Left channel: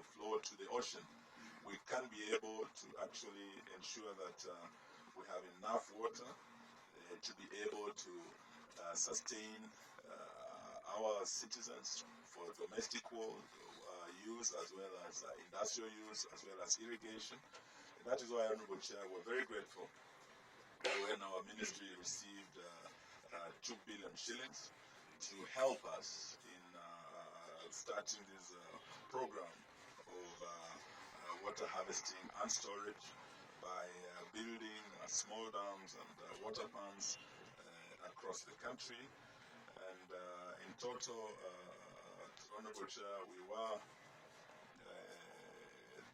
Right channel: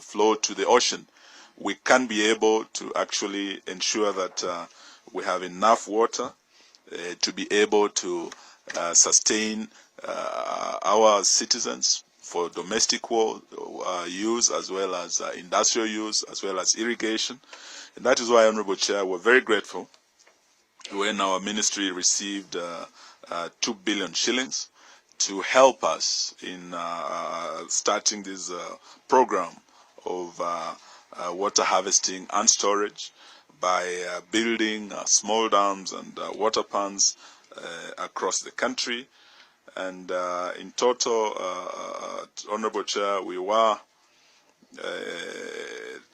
flow to the ocean, we can be able to actually ensure that we have enough water to be able to sustain our citizens for domestic use, as well as industrial use, as well as irrigation. And that is why, Honorable Chair, we're very grateful when our ministry received 2 billion shillings to help us in starting this program of water harvesting and storage by building small dams and water ponds across the country. And in total, Honorable Chair, we were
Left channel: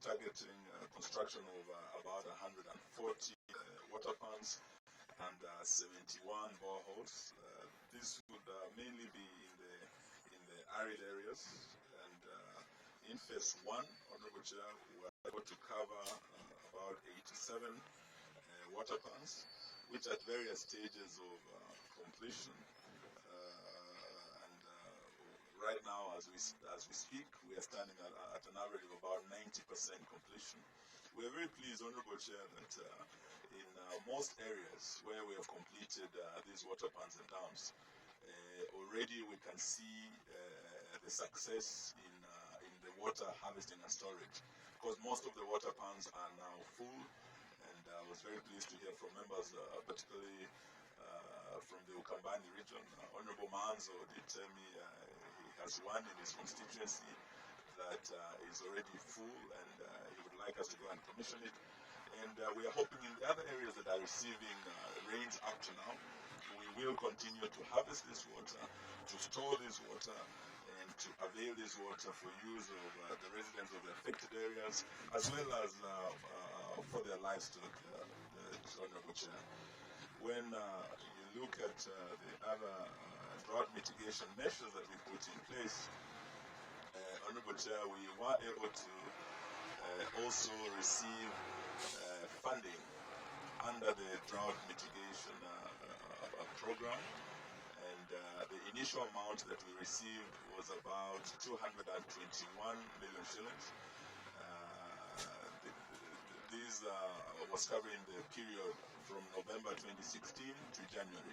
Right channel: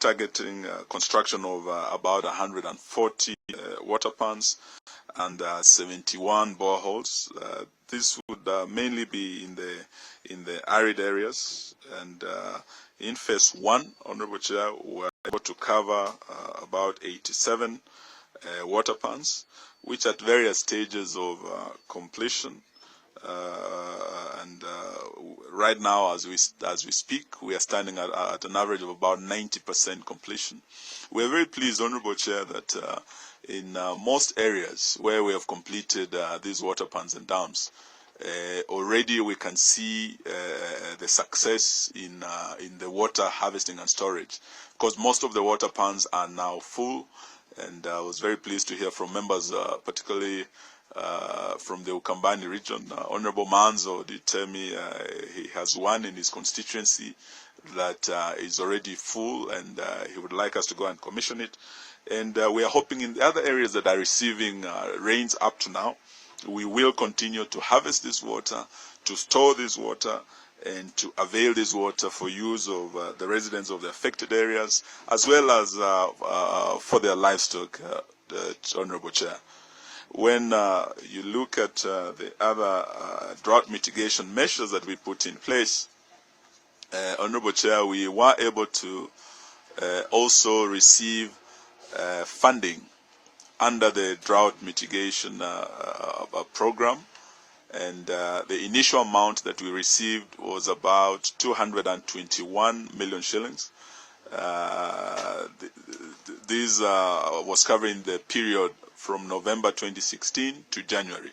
targeting construction of about 140 water ponds and 71 boreholes. This would mainly be in the arid areas, and in phase 1, Honorable Chair, we were able to cover about 87 water ponds, which at various stages of completion. Right now, as we speak, we are standing at an average of about 90% completion. We are very pleased, Honorable Chair, that in most areas where we have completed these water ponds and dams, already we can see the success in the water harvesting and storage, because most of the water ponds are now full. And I was very pleased to hear from members, particularly from the Ukambani region. Honorable Manzo did tell me he has one in his constituency that is already full, and he would like us to go and commission it. And we are hoping in the other areas that are receiving rains up to now, we will continue to harvest this water, to store this water, and to avail this water for use of the residents of the affected areas, as well as for their livestock, Honorable Chair. When you look at the other drought mitigation measures that we put in place, Honorable Chair, we were able to also receive funding under the drought mitigation program, and the initial amount that we received was about 221 million shillings. This was covering the period from November 2016 to January.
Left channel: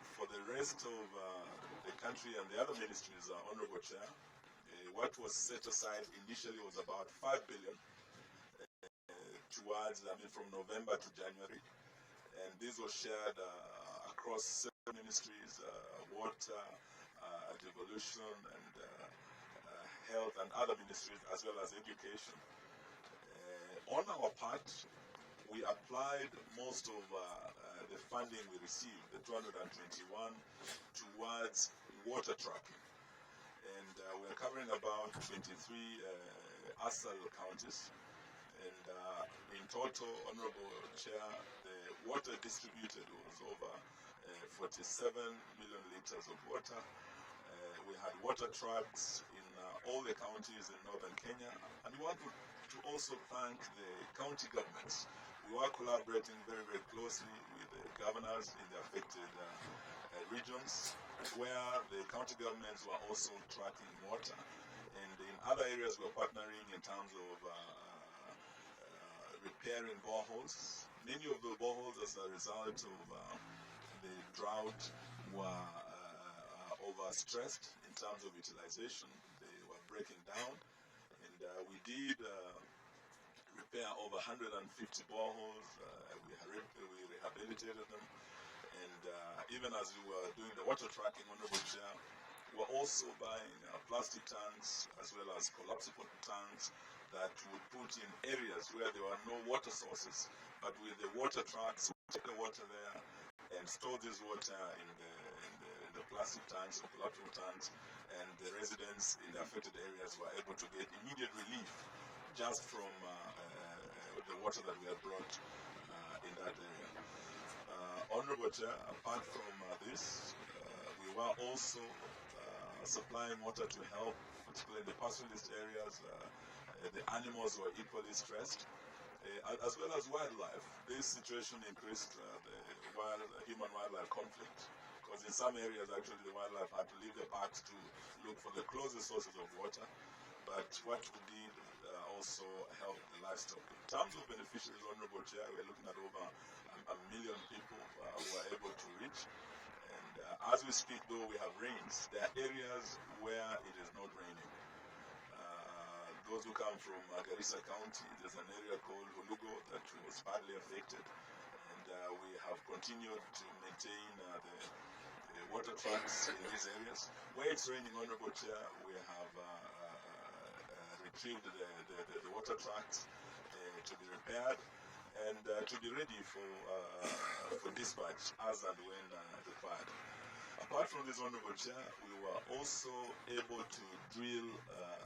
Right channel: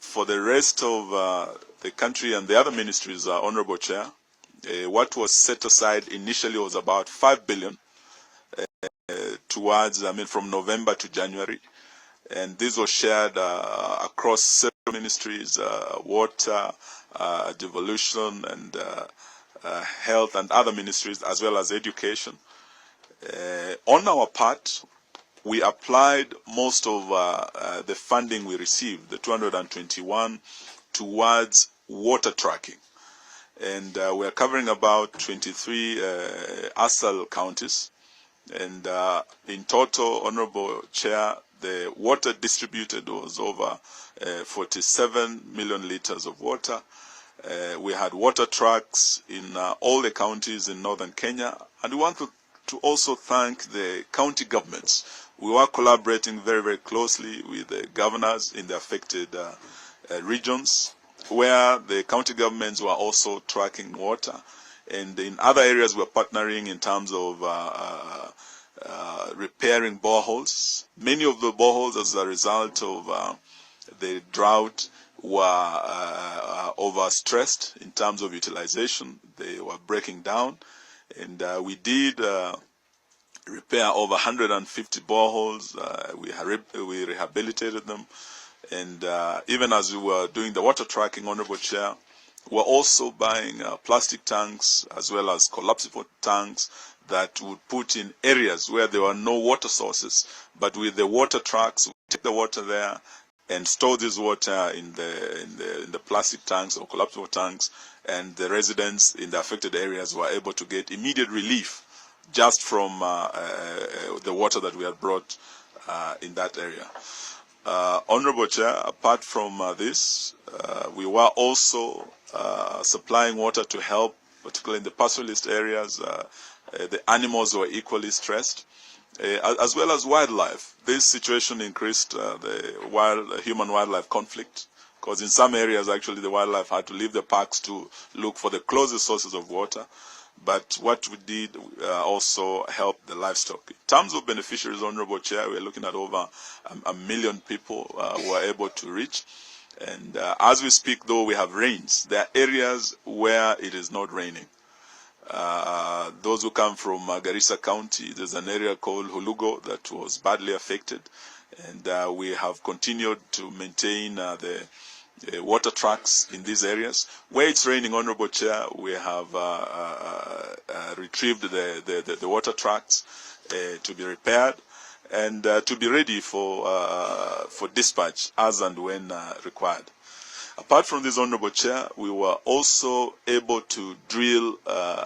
For the rest of the country and the other ministries, Honorable Chair, what was set aside initially was about 5 billion towards, from November to January. And this was shared across several ministries, water, devolution, and health, and other ministries, as well as education. On our part, we applied most of the funding we received, the 221, towards water tracking. And we are covering about 23 ASAL counties. And in total, Honorable Chair, the water distributed was over 47 million liters of water. We had water trucks in all the counties in northern Kenya. And we want to also thank the county governments. We were collaborating very, very closely with the governors in the affected regions, where the county governments were also tracking water. And in other areas, we're partnering in terms of repairing boreholes. Many of the boreholes, as a result of the drought, were overstressed in terms of utilization. They were breaking down. And we did repair over 150 boreholes. We rehabilitated them. And even as we were doing the water tracking, Honorable Chair, we're also buying plastic tanks as well as collapsible tanks that would put in areas where there were no water sources. But with the water trucks, we take the water there and store this water in the plastic tanks or collapsible tanks, and the residents in the affected areas were able to get immediate relief just from the water that we had brought in that area. Honorable Chair, apart from this, we were also supplying water to help, particularly in the pastoralist areas. The animals were equally stressed, as well as wildlife. This situation increased the human-wildlife conflict because in some areas actually the wildlife had to leave the parks to look for the closest sources of water. But what we did also helped the livestock. In terms of beneficiaries, Honorable Chair, we're looking at over a million people who are able to reach. And as we speak, though, we have rains. There are areas where it is not raining. Those who come from Garissa County, there's an area called Hulugo that was badly affected. And we have continued to maintain the water tracks in these areas. Where it's raining, Honorable Chair, we have retrieved the water tracks to be repaired and to be ready for dispatch as and when required. Apart from this, Honorable Chair, we were also able to drill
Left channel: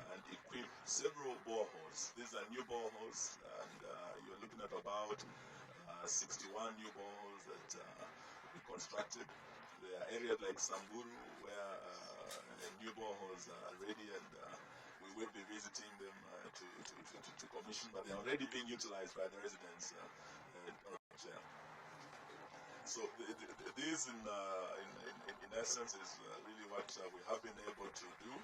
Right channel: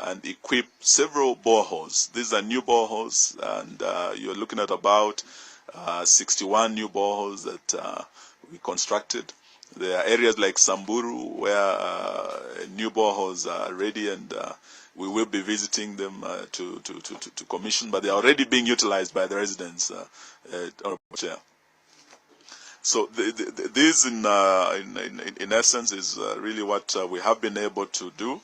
and equip several boreholes. These are new boreholes, and you're looking at about 61 new boreholes that we constructed. There are areas like Samburu where new boreholes are ready, and we will be visiting them to commission, but they are already being utilized by the residents, Honorable Chair. So this, in essence, is really what we have been able to do.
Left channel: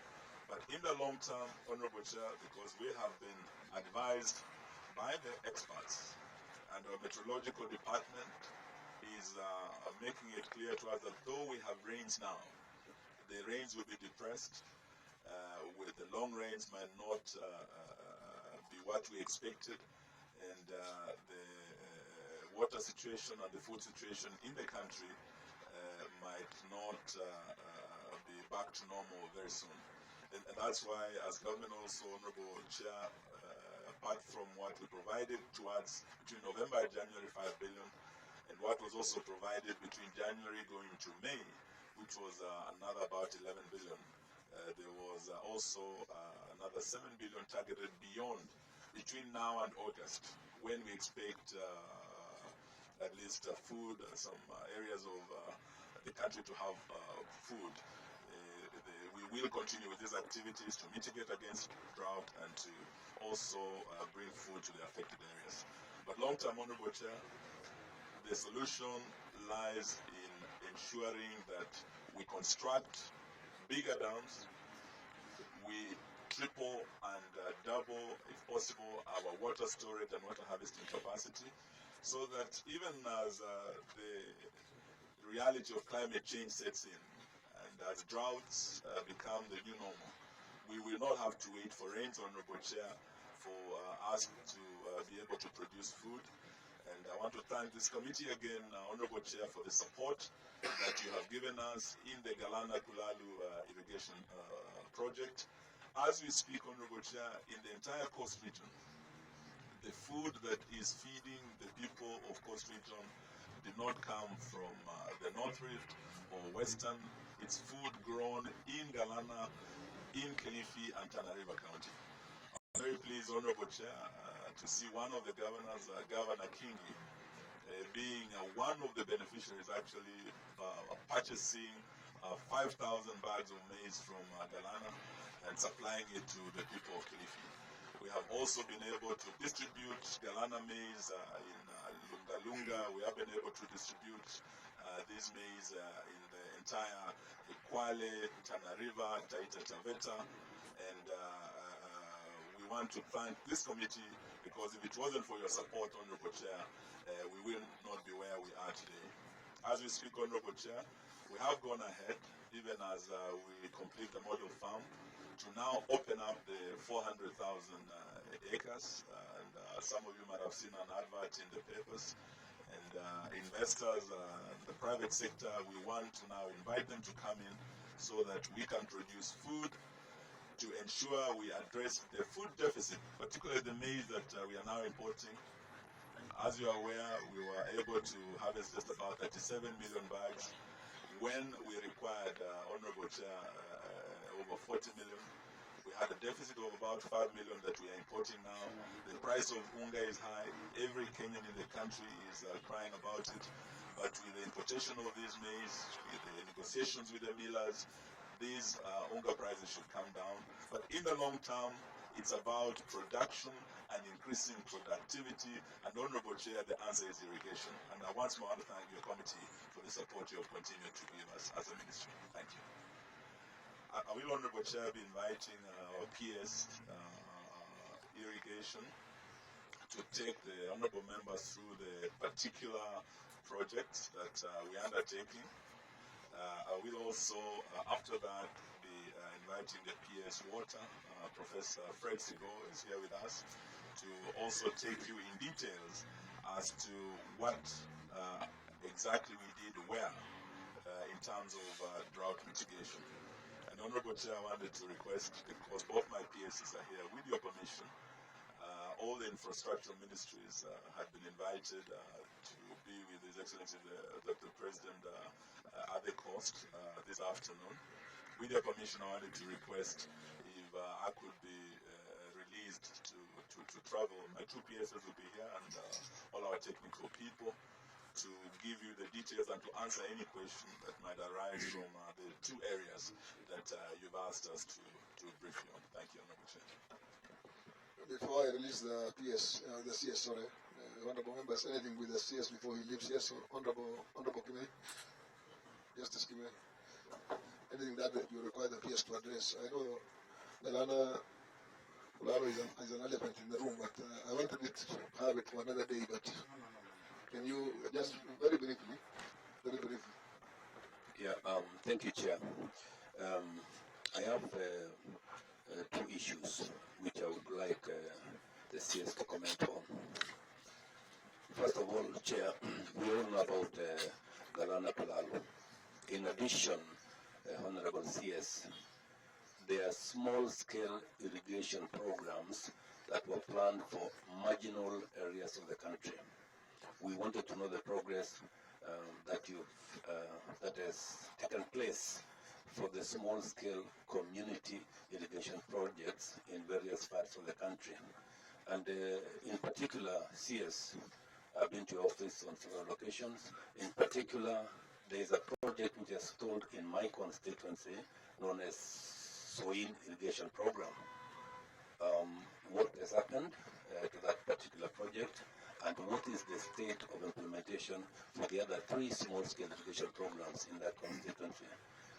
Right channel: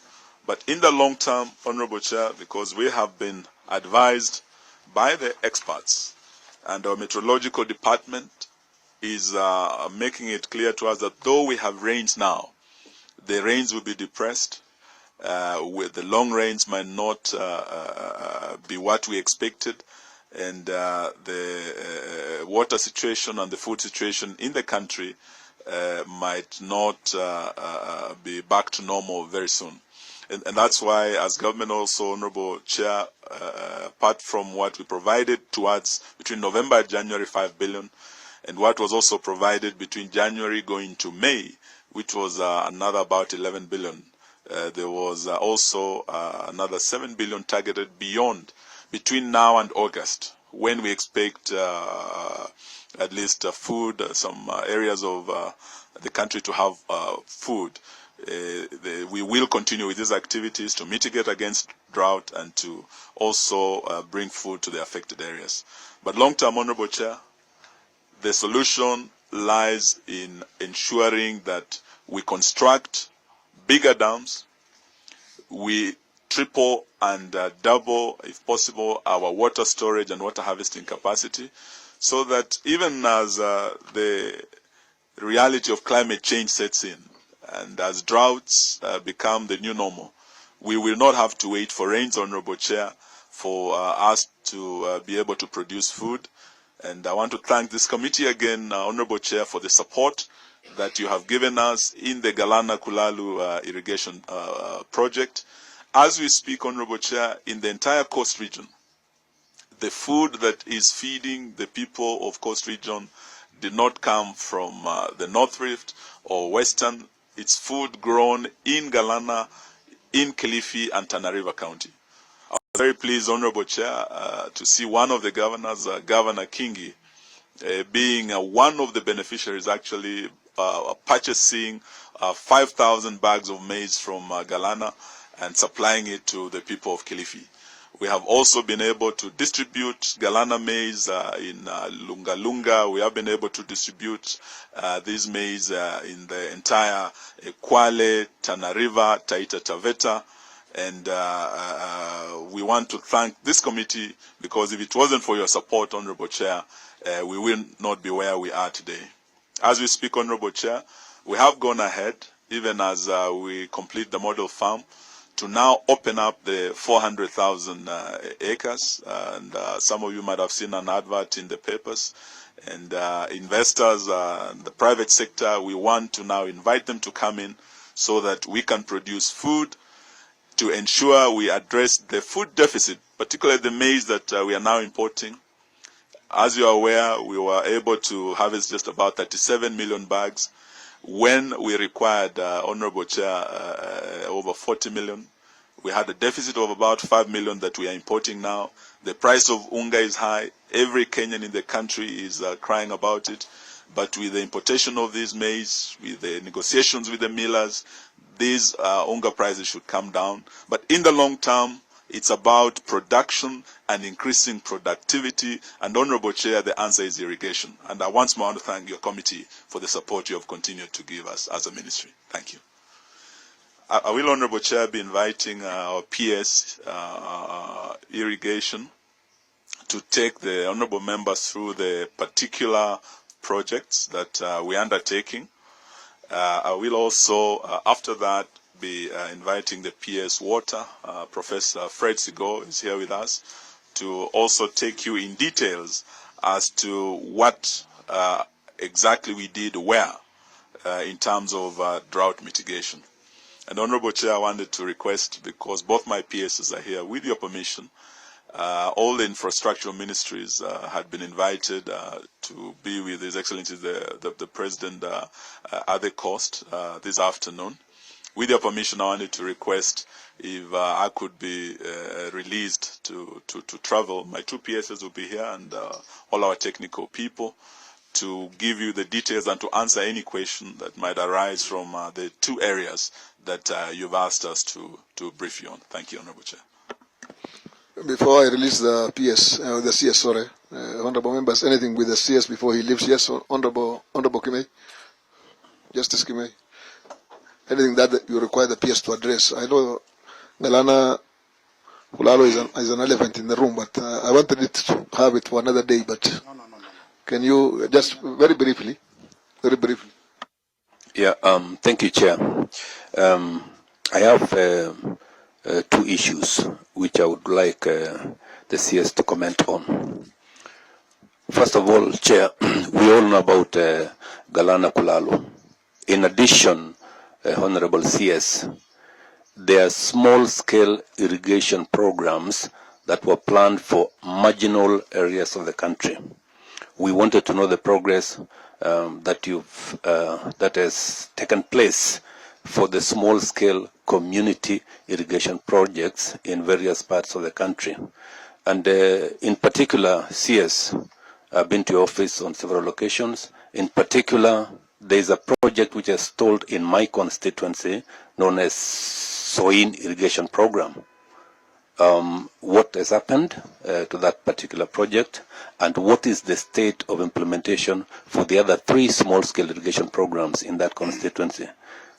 But in the long term, Honorable Chair, because we have been advised by the experts, and our meteorological department is making it clear to us that though we have rains now, the rains will be depressed. With the long rains might not be what we expected, and the water situation and the food situation in the country might not be back to normal very soon. And that's why, as government also, Honorable Chair, apart from what we provided towards between November and January, 5 billion, and what was also provided between January going to May, which was another about 11 billion, there was also another 7 billion targeted beyond, between now and August, when we expect at least food, some areas of the country to have food. We will continue with these activities to mitigate against drought and to also bring food to the affected areas. But long-term, Honorable Chair, the solution lies in ensuring that we construct bigger dams, we triple and double, if possible, our water storage and water harvesting capacity, so that even as the reality of climate change sets in, and as droughts become the new normal, we will not have to wait for rains, Honorable Chair, for us to be able to produce food. And I want to thank this committee again, Honorable Chair, for the support that you have given us in the Galana Kulalu irrigation project. As we speak, Honorable Chair, in the entire Coast Region, the food that is feeding the people of Coast Region did not come from the North Rift or Western. It's food grown in Galana, in Kilifi, and Tana River County. I was very pleased, Honorable Chair, to see one of the governors, Governor Kingi, being one of the beneficiaries actually purchasing 5,000 bags of maize from Galana and supplying it to the people of Kilifi. We have also been able to distribute Galana maize in Lunga Lunga. We have been able to distribute this maize in the entire Kwale, Tana River, Taita Taveta. And we want to thank this committee, because if it wasn't for your support, Honorable Chair, we will not be where we are today. As we speak, Honorable Chair, we have gone ahead, even as we complete the model farm, to now open up the 400,000 acres. And some of you might have seen an advert in the papers. And investors, the private sector, we want to now invite them to come in so that we can produce food to ensure we address the food deficit, particularly the maize that we are now importing. As you are aware, we were able to harvest just about 37 million bags when we required, Honorable Chair, over 40 million. We had a deficit of about 5 million that we are importing now. The price of unga is high. Every Kenyan in the country is crying about it. But with the importation of these maize, with the negotiations with the millers, these unga prices should come down. But in the long term, It's about production and increasing productivity. And Honorable Chair, the answer is irrigation. And I once more want to thank your committee for the support you have continued to give us as a ministry. Thank you. I will, Honorable Chair, be inviting our PS irrigation to take the honorable members through the particular projects that we're undertaking. I will also, after that, be inviting the PS Water. Professor Fred Sigo is here with us to also take you in details as to what exactly we did where in terms of drought mitigation. And Honorable Chair, I wanted to request, because both my PSs are here, with your permission, all the infrastructural ministries had been invited to be with His Excellency the President at the coast this afternoon. With your permission, I wanted to request if I could be released to travel. My two PSs will be here and all our technical people to give you the details and to answer any question that might arise from the two areas that you've asked us to brief you on. Thank you, Honorable Chair. Before I release the PS, the CS, sorry, honorable members, anything with the CS before he leaves? Yes, honorable Kimei, Justice Kimei. Anything that you require the PS to address? I know Galana Kulalo is an elephant in the room, but I wanted it to have it for another day. But no. Can you just very briefly? Yeah. Thank you, Chair. I have two issues which I would like the CS to comment on. First of all, Chair, we all know about Galana Kulalo. In addition, Honorable CS, there are small-scale irrigation programs that were planned for marginal areas of the country. We wanted to know the progress that has taken place for the small-scale community irrigation projects in various parts of the country. And in particular, CS, I've been to your office on several occasions. In particular, there is a project which is stalled in my constituency known as Soin Irrigation Program. What has happened to that particular project, and what is the state of implementation for the other 3 small-scale irrigation programs in that constituency?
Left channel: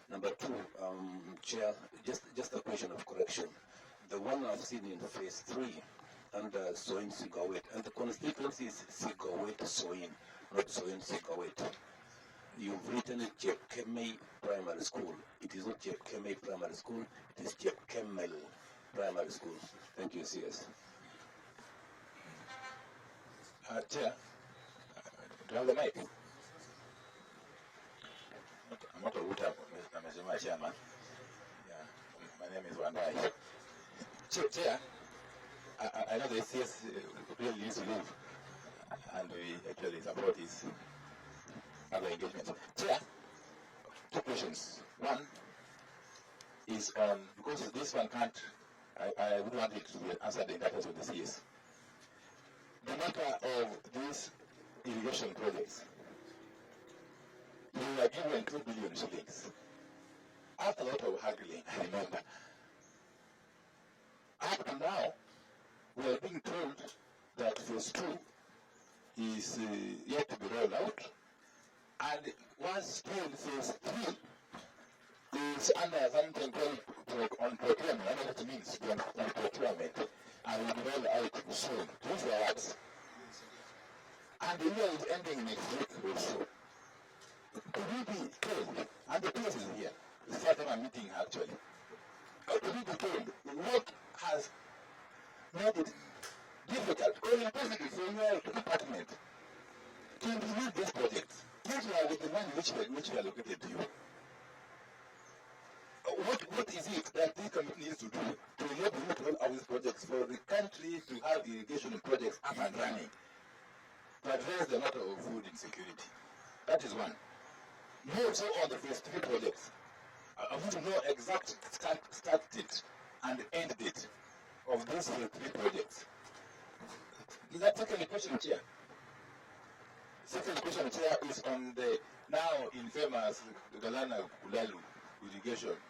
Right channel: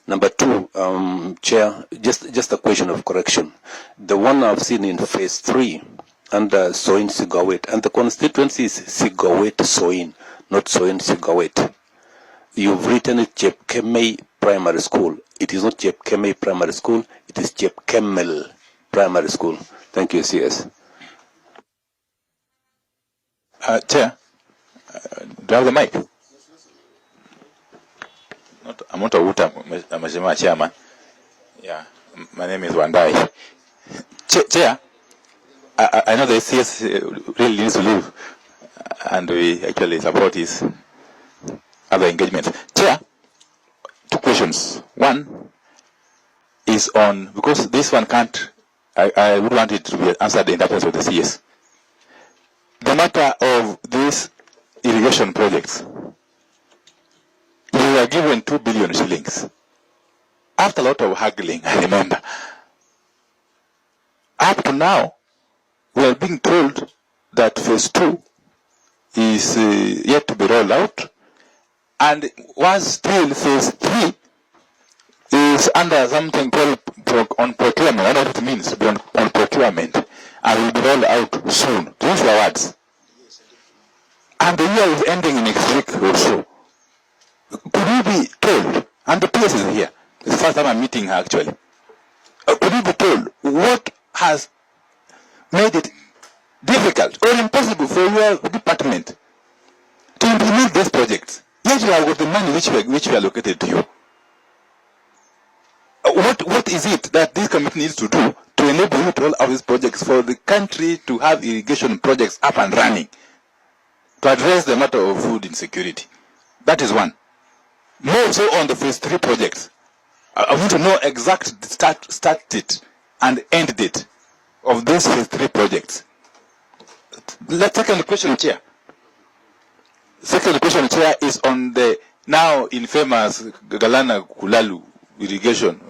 Number 2, Chair, just a question of correction. The one I've seen in phase 3 under Soin Sigawet, and the constituency is Sigawet Soin, not Soin Sigawet. You've written it Chepkemei Primary School. It is not Chepkemei Primary School, it is Chepkemel Primary School. Thank you, CS. Chair, do I have the mic? I'm not a Mheshimiwa Chairman. Yeah, my name is Wandai. Chair, I know the CS really needs to leave, and we actually support his other engagements. Chair, 2 questions. One is on, because this one can't, I would want it to be answered in the absence of the CS. The matter of these irrigation projects, we were given 2 billion shillings. After a lot of haggling, I remember. Up to now, we are being told that phase 2 is yet to be rolled out, and once still phase 3 is under something called on procurement. I don't know what it means to be on procurement, and will be rolled out soon. Those were words. And the year is ending next week or so. Could we be told, and the PS is here, it's the first time I'm meeting her actually, could we be told what has made it difficult or impossible for your department to implement these projects? Yet you have got the money which we allocated to you. What is it that this committee needs to do to enable you to roll out these projects for the country to have irrigation projects up and running to address the matter of food insecurity? That is one. More so on the phase 3 projects. I want to know exact start date and end date of these phase 3 projects. The second question, Chair. Second question, Chair, is on the now infamous Galana Kulalu irrigation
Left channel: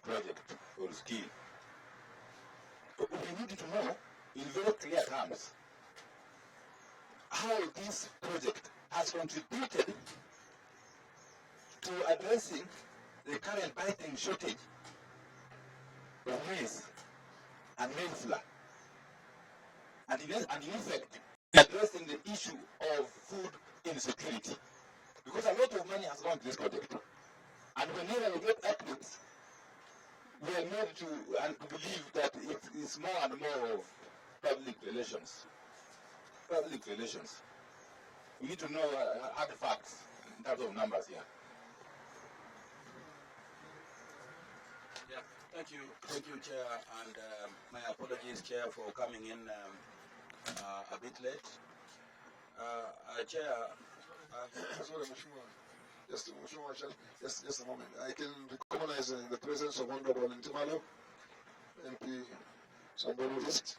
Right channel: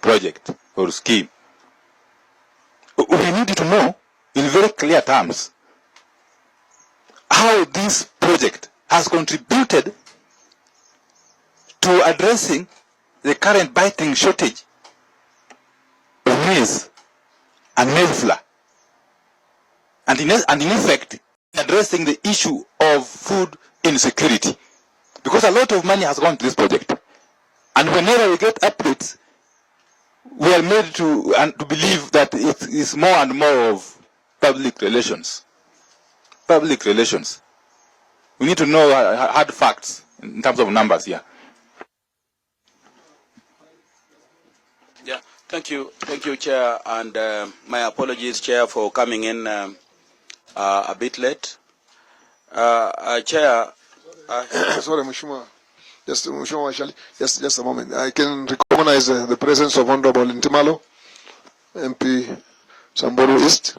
project or scheme. We we need to know in very clear terms how this project has contributed to addressing the current biting shortage of maize and maize flour, and in effect, addressing the issue of food insecurity. Because a lot of money has gone to this project. And whenever we get updates, we are made to believe that it is more and more of public relations. Public relations. We need to know hard facts in terms of numbers here. Yeah, thank you, Chair, and my apologies, Chair, for coming in a bit late. Chair. Sorry, Mheshimiwa. Just Mheshimiwa Washali. Just a moment. I can recognize the presence of Honorable Intimalo, MP Samburu East,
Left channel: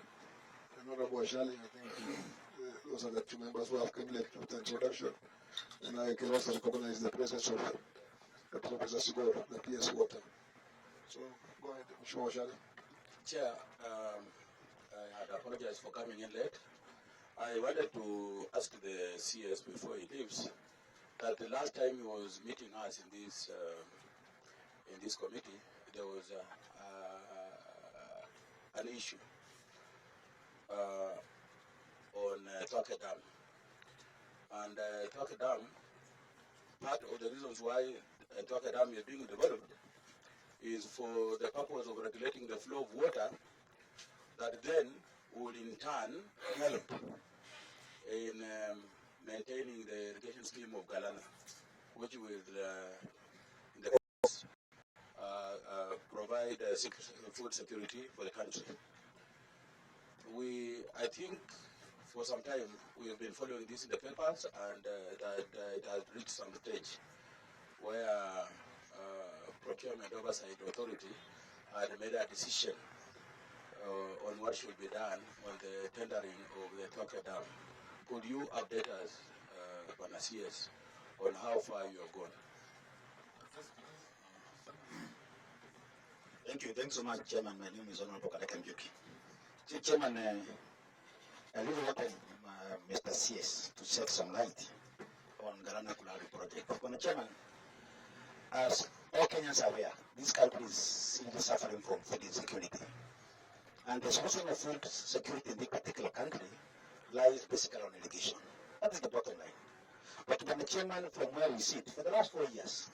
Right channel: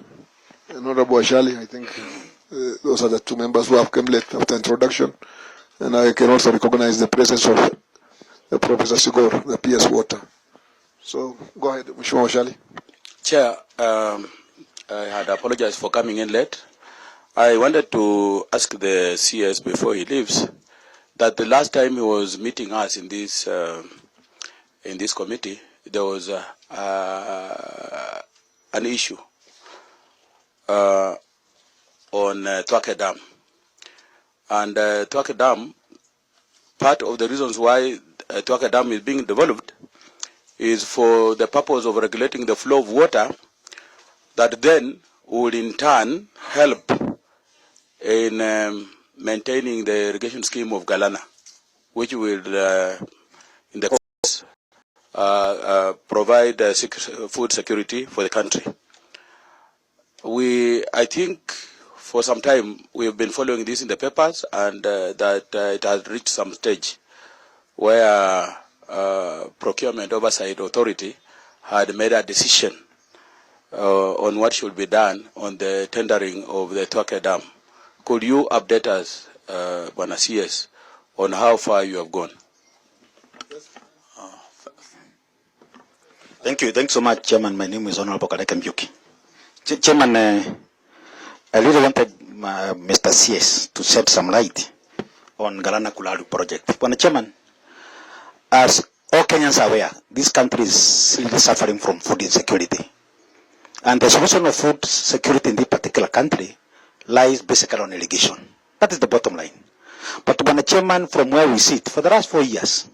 and Honorable Washali. I think those are the two members who have come late after introduction. And I can also recognize the presence of Professor Sigor, the PS Water. So go ahead, Mheshimiwa Washali. Chair, I had apologized for coming in late. I wanted to ask the CS before he leaves that the last time he was meeting us in this committee, there was an issue on Twake Dam. And Twake Dam, part of the reasons why Twake Dam is being developed is for the purpose of regulating the flow of water that then would in turn help in maintaining the irrigation scheme of Galana, which will, in the course, provide food security for the country. I think, for some time, we have been following this in the papers, and that it has reached some stage where Procurement Oversight Authority had made a decision on what should be done on the tendering of the Twake Dam. Could you update us, Bwana CS, on how far you have gone? Thank you. Thanks so much, Chairman. My name is Honorable Kadeke Mbyuki. Chairman, I really wanted Mr. CS to shed some light on Galana Kulalu project. Bwana Chairman, as all Kenyans are aware, this country is really suffering from food insecurity. And the solution of food security in this particular country lies basically on irrigation. That is the bottom line. But Bwana Chairman, from where we sit, for the last 4 years,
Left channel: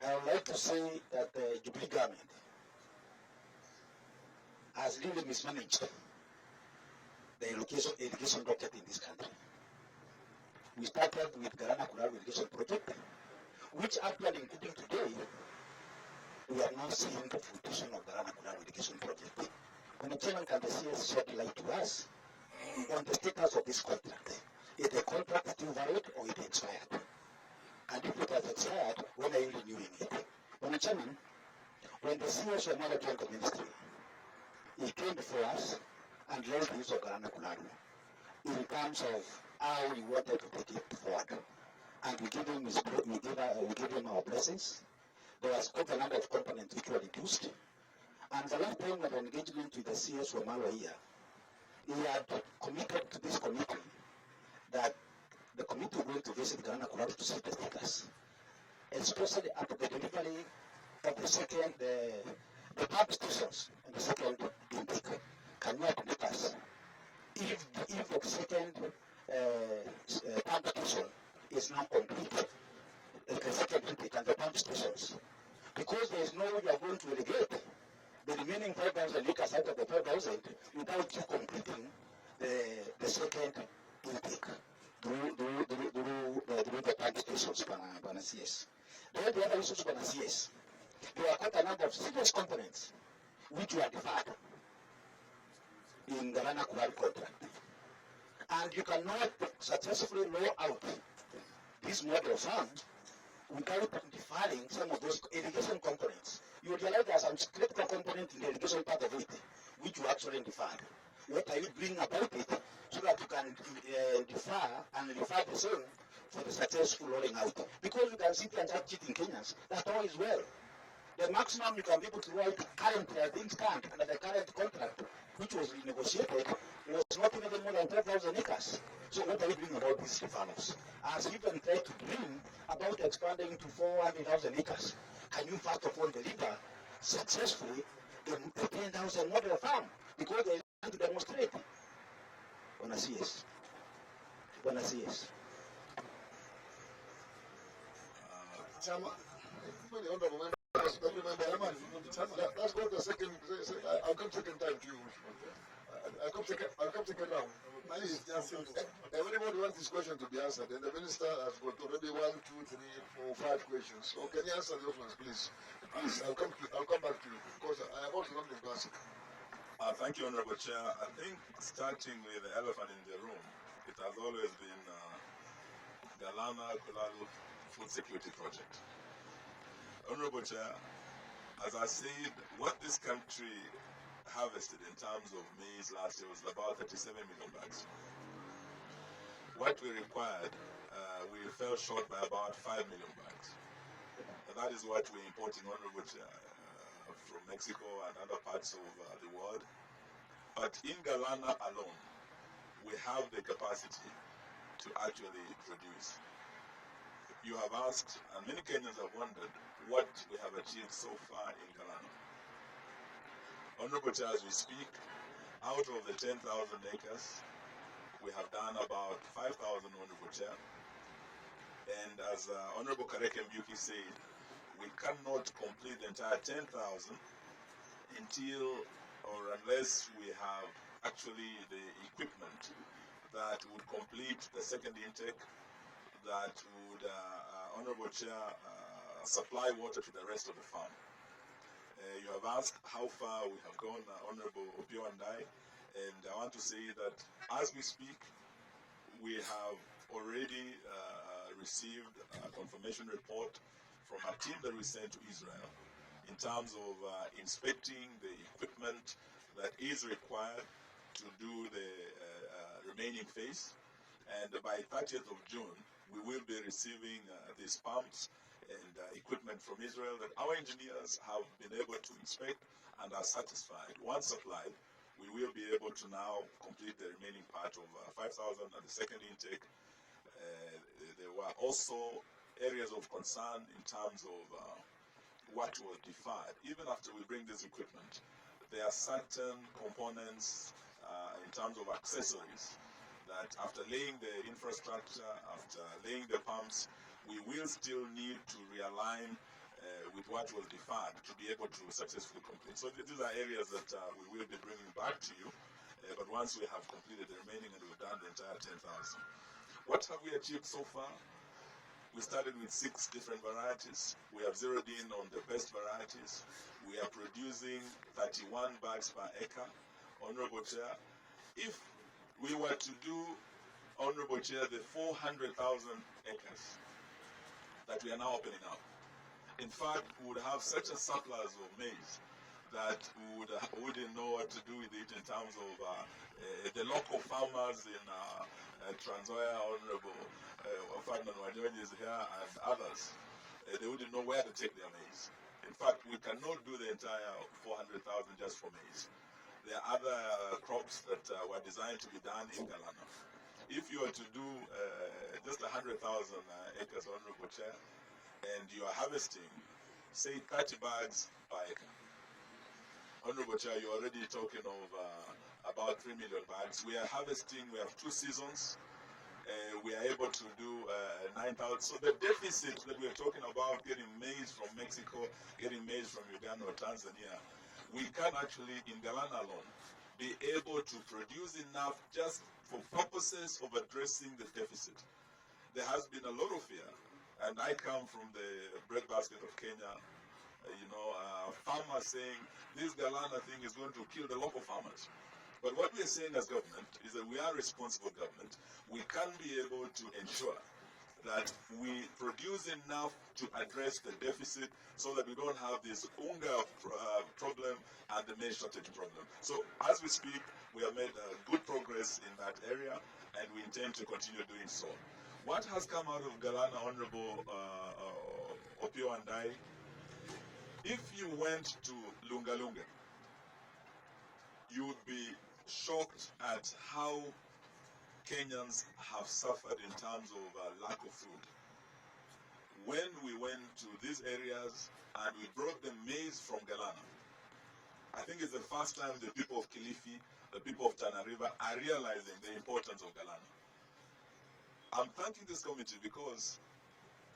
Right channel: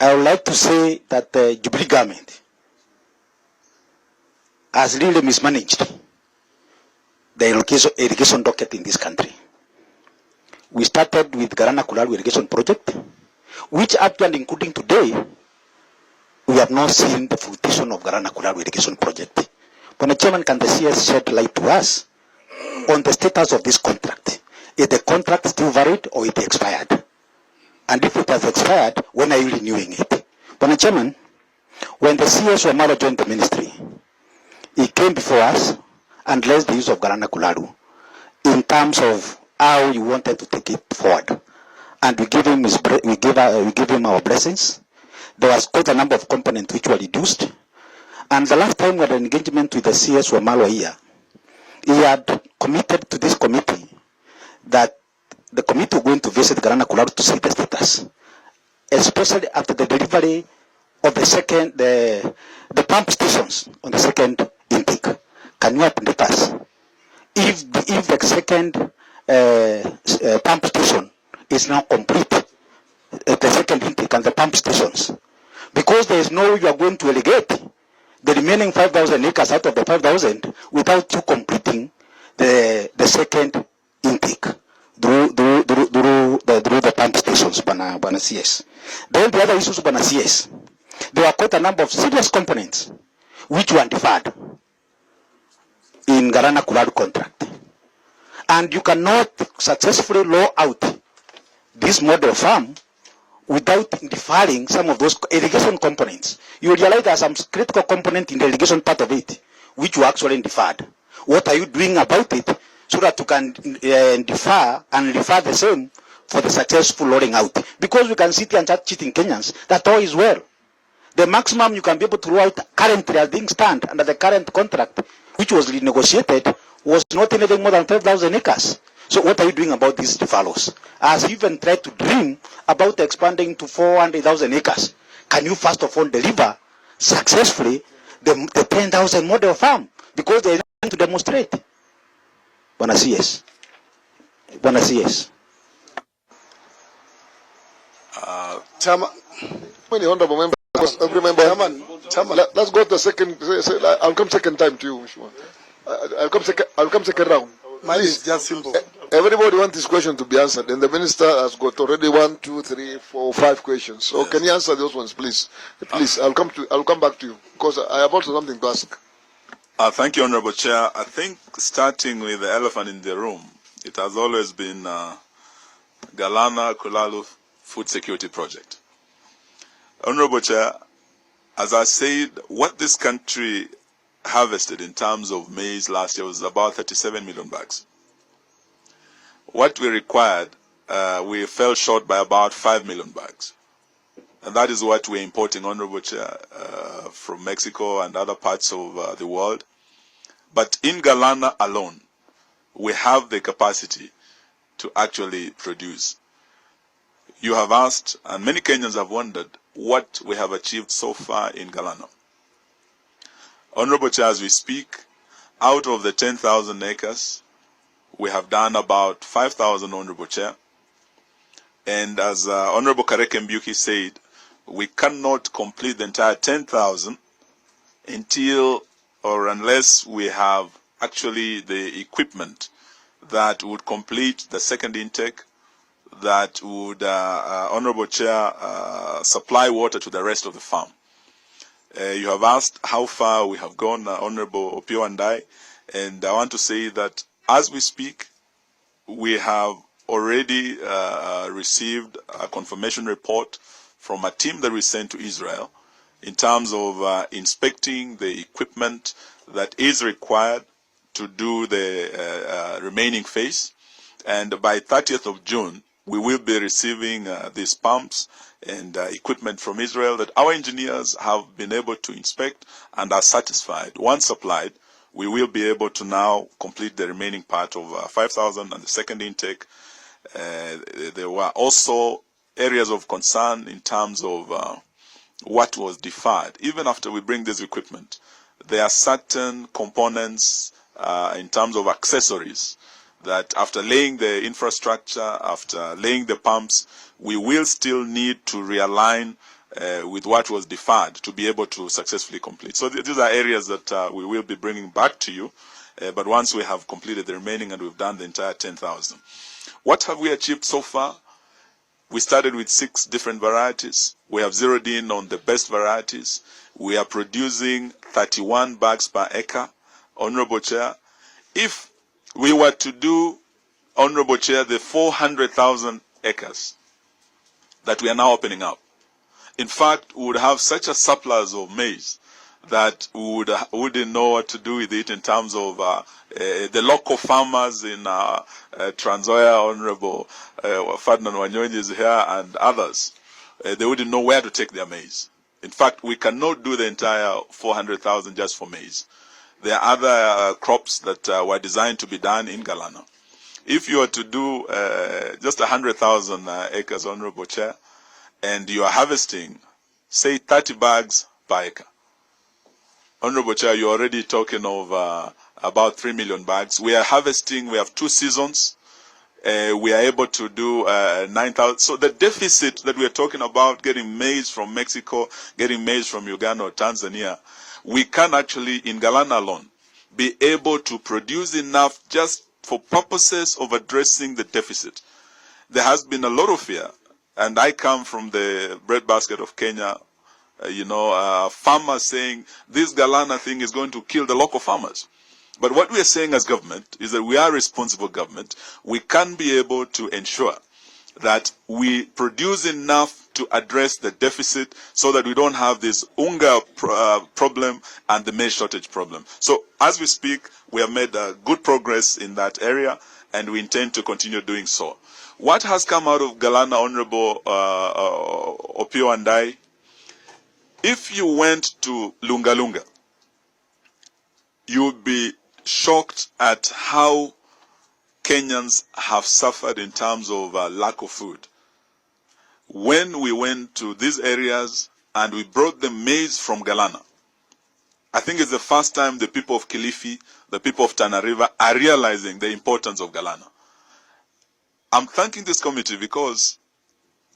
I would like to say that the Jubilee government has really mismanaged the irrigation docket in this country. We started with Galana Kulalu irrigation project, which up to and including today, we have not seen the fruition of Galana Kulalu irrigation project. Bwana Chairman, can the CS shed light to us on the status of this contract? Is the contract still valid or it expired? And if it has expired, when are you renewing it? Bwana Chairman, when the CS Wamalwa joined the ministry, he came before us and raised the use of Galana Kulalu in terms of how he wanted to take it forward. And we give him our blessings. There was quite a number of components which were reduced. And the last time we had an engagement with the CS Wamalwa here, he had committed to this committee that the committee was going to visit Galana Kulalu to see the status, especially after the delivery of the pump stations on the second intake. Can you update us if the second pump station is now complete, the second intake and the pump stations, because there is no way you are going to irrigate the remaining 5,000 acres out of the 5,000 without you completing the second intake through the pump stations, Bwana CS. Then the other issues, Bwana CS, there were quite a number of serious components which were deferred in Galana Kulalu contract. And you cannot successfully roll out this model farm without deferring some of those irrigation components. You realize there are some critical components in the irrigation part of it which were actually deferred. What are you doing about it so that you can defer and refer the same for the successful rolling out? Because we can sit here and start cheating Kenyans that all is well. The maximum you can be able to roll out currently as things stand under the current contract, which was renegotiated, was not anything more than 12,000 acres. So what are you doing about these devalues? As you even tried to dream about expanding to 400,000 acres, can you first of all deliver successfully the 10,000 model farm? Because they need to demonstrate. Water CS. Water CS. Chairman, many honorable members. Every member. Chairman. Let's go to the second. I'll come second time to you, Mheshimiwa. I'll come second round. Mine is just simple. Everybody wants this question to be answered, and the minister has got already 1, 2, 3, 4, 5 questions. So yes. Can you answer those ones, please? Please, I'll come back to you because I have also something to ask. Thank you, Honorable Chair. I think starting with the elephant in the room, it has always been Galana Kulalu Food Security Project. Honorable Chair, as I said, what this country harvested in terms of maize last year was about 37 million bags. What we required, we fell short by about 5 million bags. And that is what we're importing, Honorable Chair, from Mexico and other parts of the world. But in Galana alone, we have the capacity to actually produce. You have asked, and many Kenyans have wondered, what we have achieved so far in Galana. Honorable Chair, as we speak, out of the 10,000 acres, we have done about 5,000, Honorable Chair. And as Honorable Kareke Mbuki said, we cannot complete the entire 10,000 until or unless we have actually the equipment that would complete the second intake, that would, Honorable Chair, supply water to the rest of the farm. You have asked how far we have gone, Honorable Opio and I want to say that as we speak, we have already received a confirmation report from a team that we sent to Israel in terms of inspecting the equipment that is required to do the remaining phase. And by 30th of June, we will be receiving these pumps and equipment from Israel that our engineers have been able to inspect and are satisfied. Once supplied, we will be able to now complete the remaining part of 5,000 and the second intake. There were also areas of concern in terms of what was deferred. Even after we bring this equipment, there are certain components in terms of accessories that after laying the infrastructure, after laying the pumps, we will still need to realign with what was deferred to be able to successfully complete. So these are areas that we will be bringing back to you, but once we have completed the remaining and we've done the entire 10,000. What have we achieved so far? We started with 6 different varieties. We have zeroed in on the best varieties. We are producing 31 bags per acre. Honorable Chair, if we were to do, Honorable Chair, the 400,000 acres that we are now opening up, in fact, we would have such a surplus of maize that we wouldn't know what to do with it in terms of the local farmers in Trans Nzoia, Honorable Ferdinand Wanyonyi is here, and others. They wouldn't know where to take their maize. In fact, we cannot do the entire 400,000 just for maize. There are other crops that were designed to be done in Galana. If you are to do just 100,000 acres, Honorable Chair, and you are harvesting, say, 30 bags per acre, Honorable Chair, you're already talking of about 3 million bags. We are harvesting, we have 2 seasons. We are able to do 9,000. So the deficit that we are talking about, getting maize from Mexico, getting maize from Uganda or Tanzania, we can actually, in Galana alone, be able to produce enough just for purposes of addressing the deficit. There has been a lot of fear, and I come from the breadbasket of Kenya, farmers saying this Galana thing is going to kill the local farmers. But what we are saying as government is that we are a responsible government. We can be able to ensure that we produce enough to address the deficit so that we don't have this unga problem and the maize shortage problem. So as we speak, we have made good progress in that area, and we intend to continue doing so. What has come out of Galana, Honorable Opio and I, If you went to Lunga Lunga, you would be shocked at how Kenyans have suffered in terms of lack of food. When we went to these areas and we brought them maize from Galana, I think it's the first time the people of Kilifi, the people of Tana River are realizing the importance of Galana. I'm thanking this committee because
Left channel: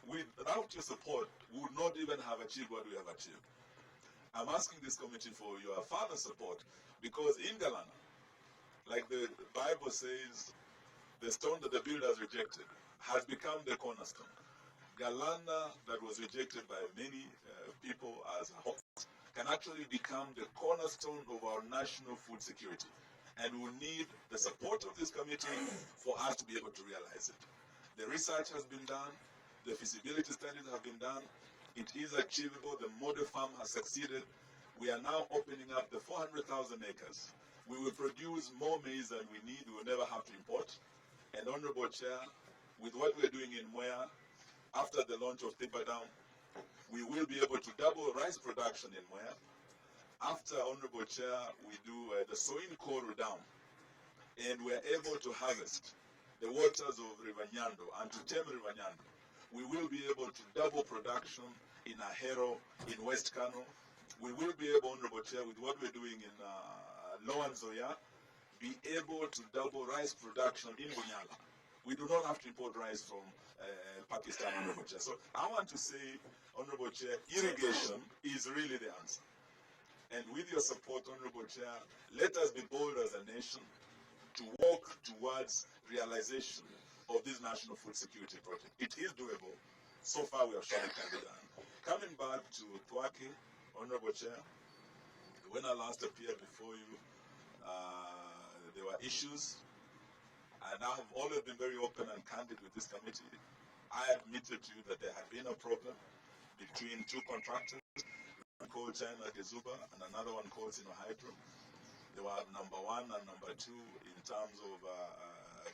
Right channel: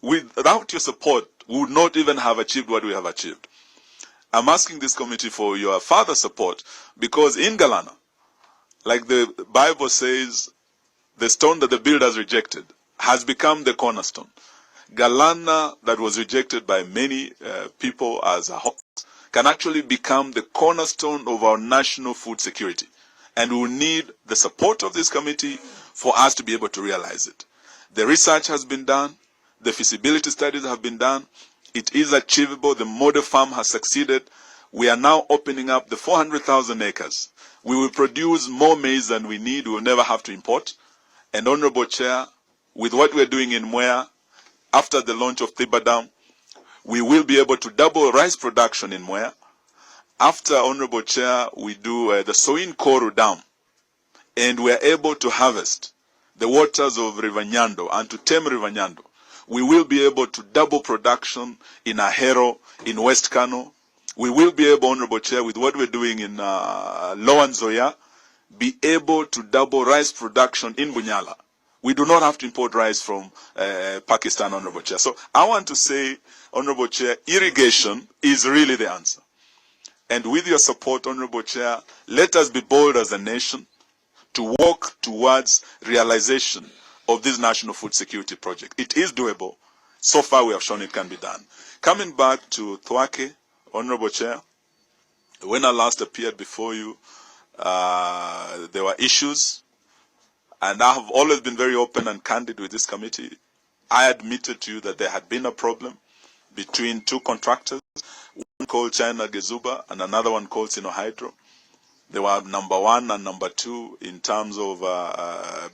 without your support, we would not even have achieved what we have achieved. I'm asking this committee for your further support because in Galana, like the Bible says, the stone that the builders rejected has become the cornerstone. Galana, that was rejected by many people as a hoax, can actually become the cornerstone of our national food security. And we will need the support of this committee for us to be able to realize it. The research has been done. The feasibility studies have been done. It is achievable. The model farm has succeeded. We are now opening up the 400,000 acres. We will produce more maize than we need. We will never have to import. And Honorable Chair, with what we're doing in Mwea, after the launch of Thiba Dam, we will be able to double rice production in Mwea. After, Honorable Chair, we do the Soin Koru Dam, and we are able to harvest the waters of River Nyando and to tame River Nyando. We will be able to double production in Ahero, in West Kano. We will be able, Honorable Chair, with what we're doing in Lower Nzoia, be able to double rice production in Bunyala. We do not have to import rice from Pakistan, Honorable Chair. So I want to say, Honorable Chair, irrigation is really the answer. And with your support, Honorable Chair, let us be bold as a nation to walk towards realization of this national food security project. It is doable. So far, we have shown it can be done. Coming back to Thwake, Honorable Chair, when I last appeared before you, there were issues, and I have always been very open and candid with this committee. I admitted to you that there had been a problem between two contractors, one called China Gezuba and another one called Sinohydro. They were number one and number two in terms of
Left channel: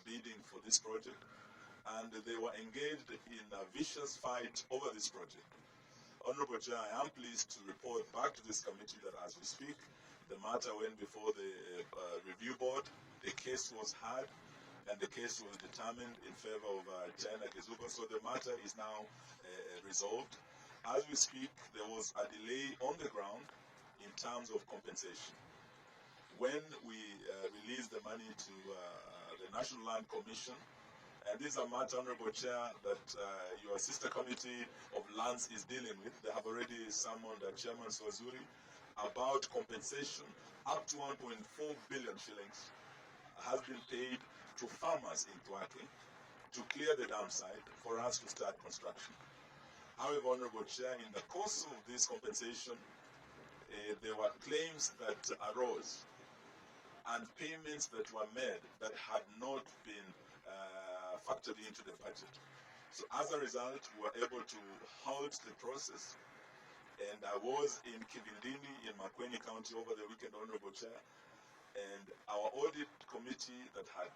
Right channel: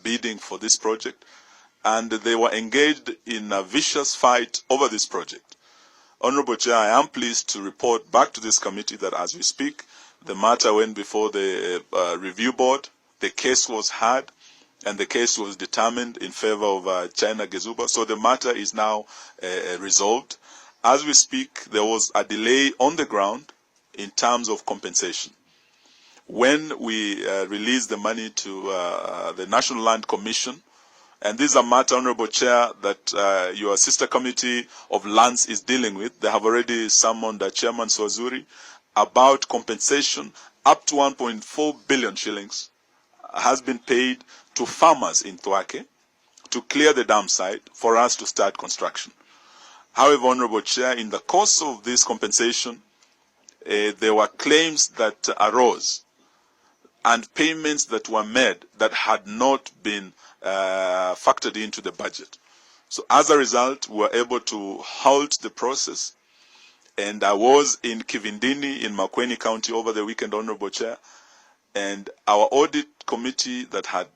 bidding for this project, and they were engaged in a vicious fight over this project. Honorable Chair, I am pleased to report back to this committee that as we speak, the matter went before the review board, the case was heard, and the case was determined in favor of China Gezuba. So the matter is now resolved. As we speak, there was a delay on the ground in terms of compensation. When we released the money to the National Land Commission, and this is a matter, Honorable Chair, that your sister committee of lands is dealing with. They have already summoned Chairman Swazuri about compensation. Up to 1.4 billion shillings has been paid to farmers in Thwake to clear the dam site for us to start construction. However, Honorable Chair, in the course of this compensation, there were claims that arose and payments that were made that had not been factored into the budget. So as a result, we were able to halt the process. And I was in Kivindini in Makueni County over the weekend, Honorable Chair, and our audit committee that had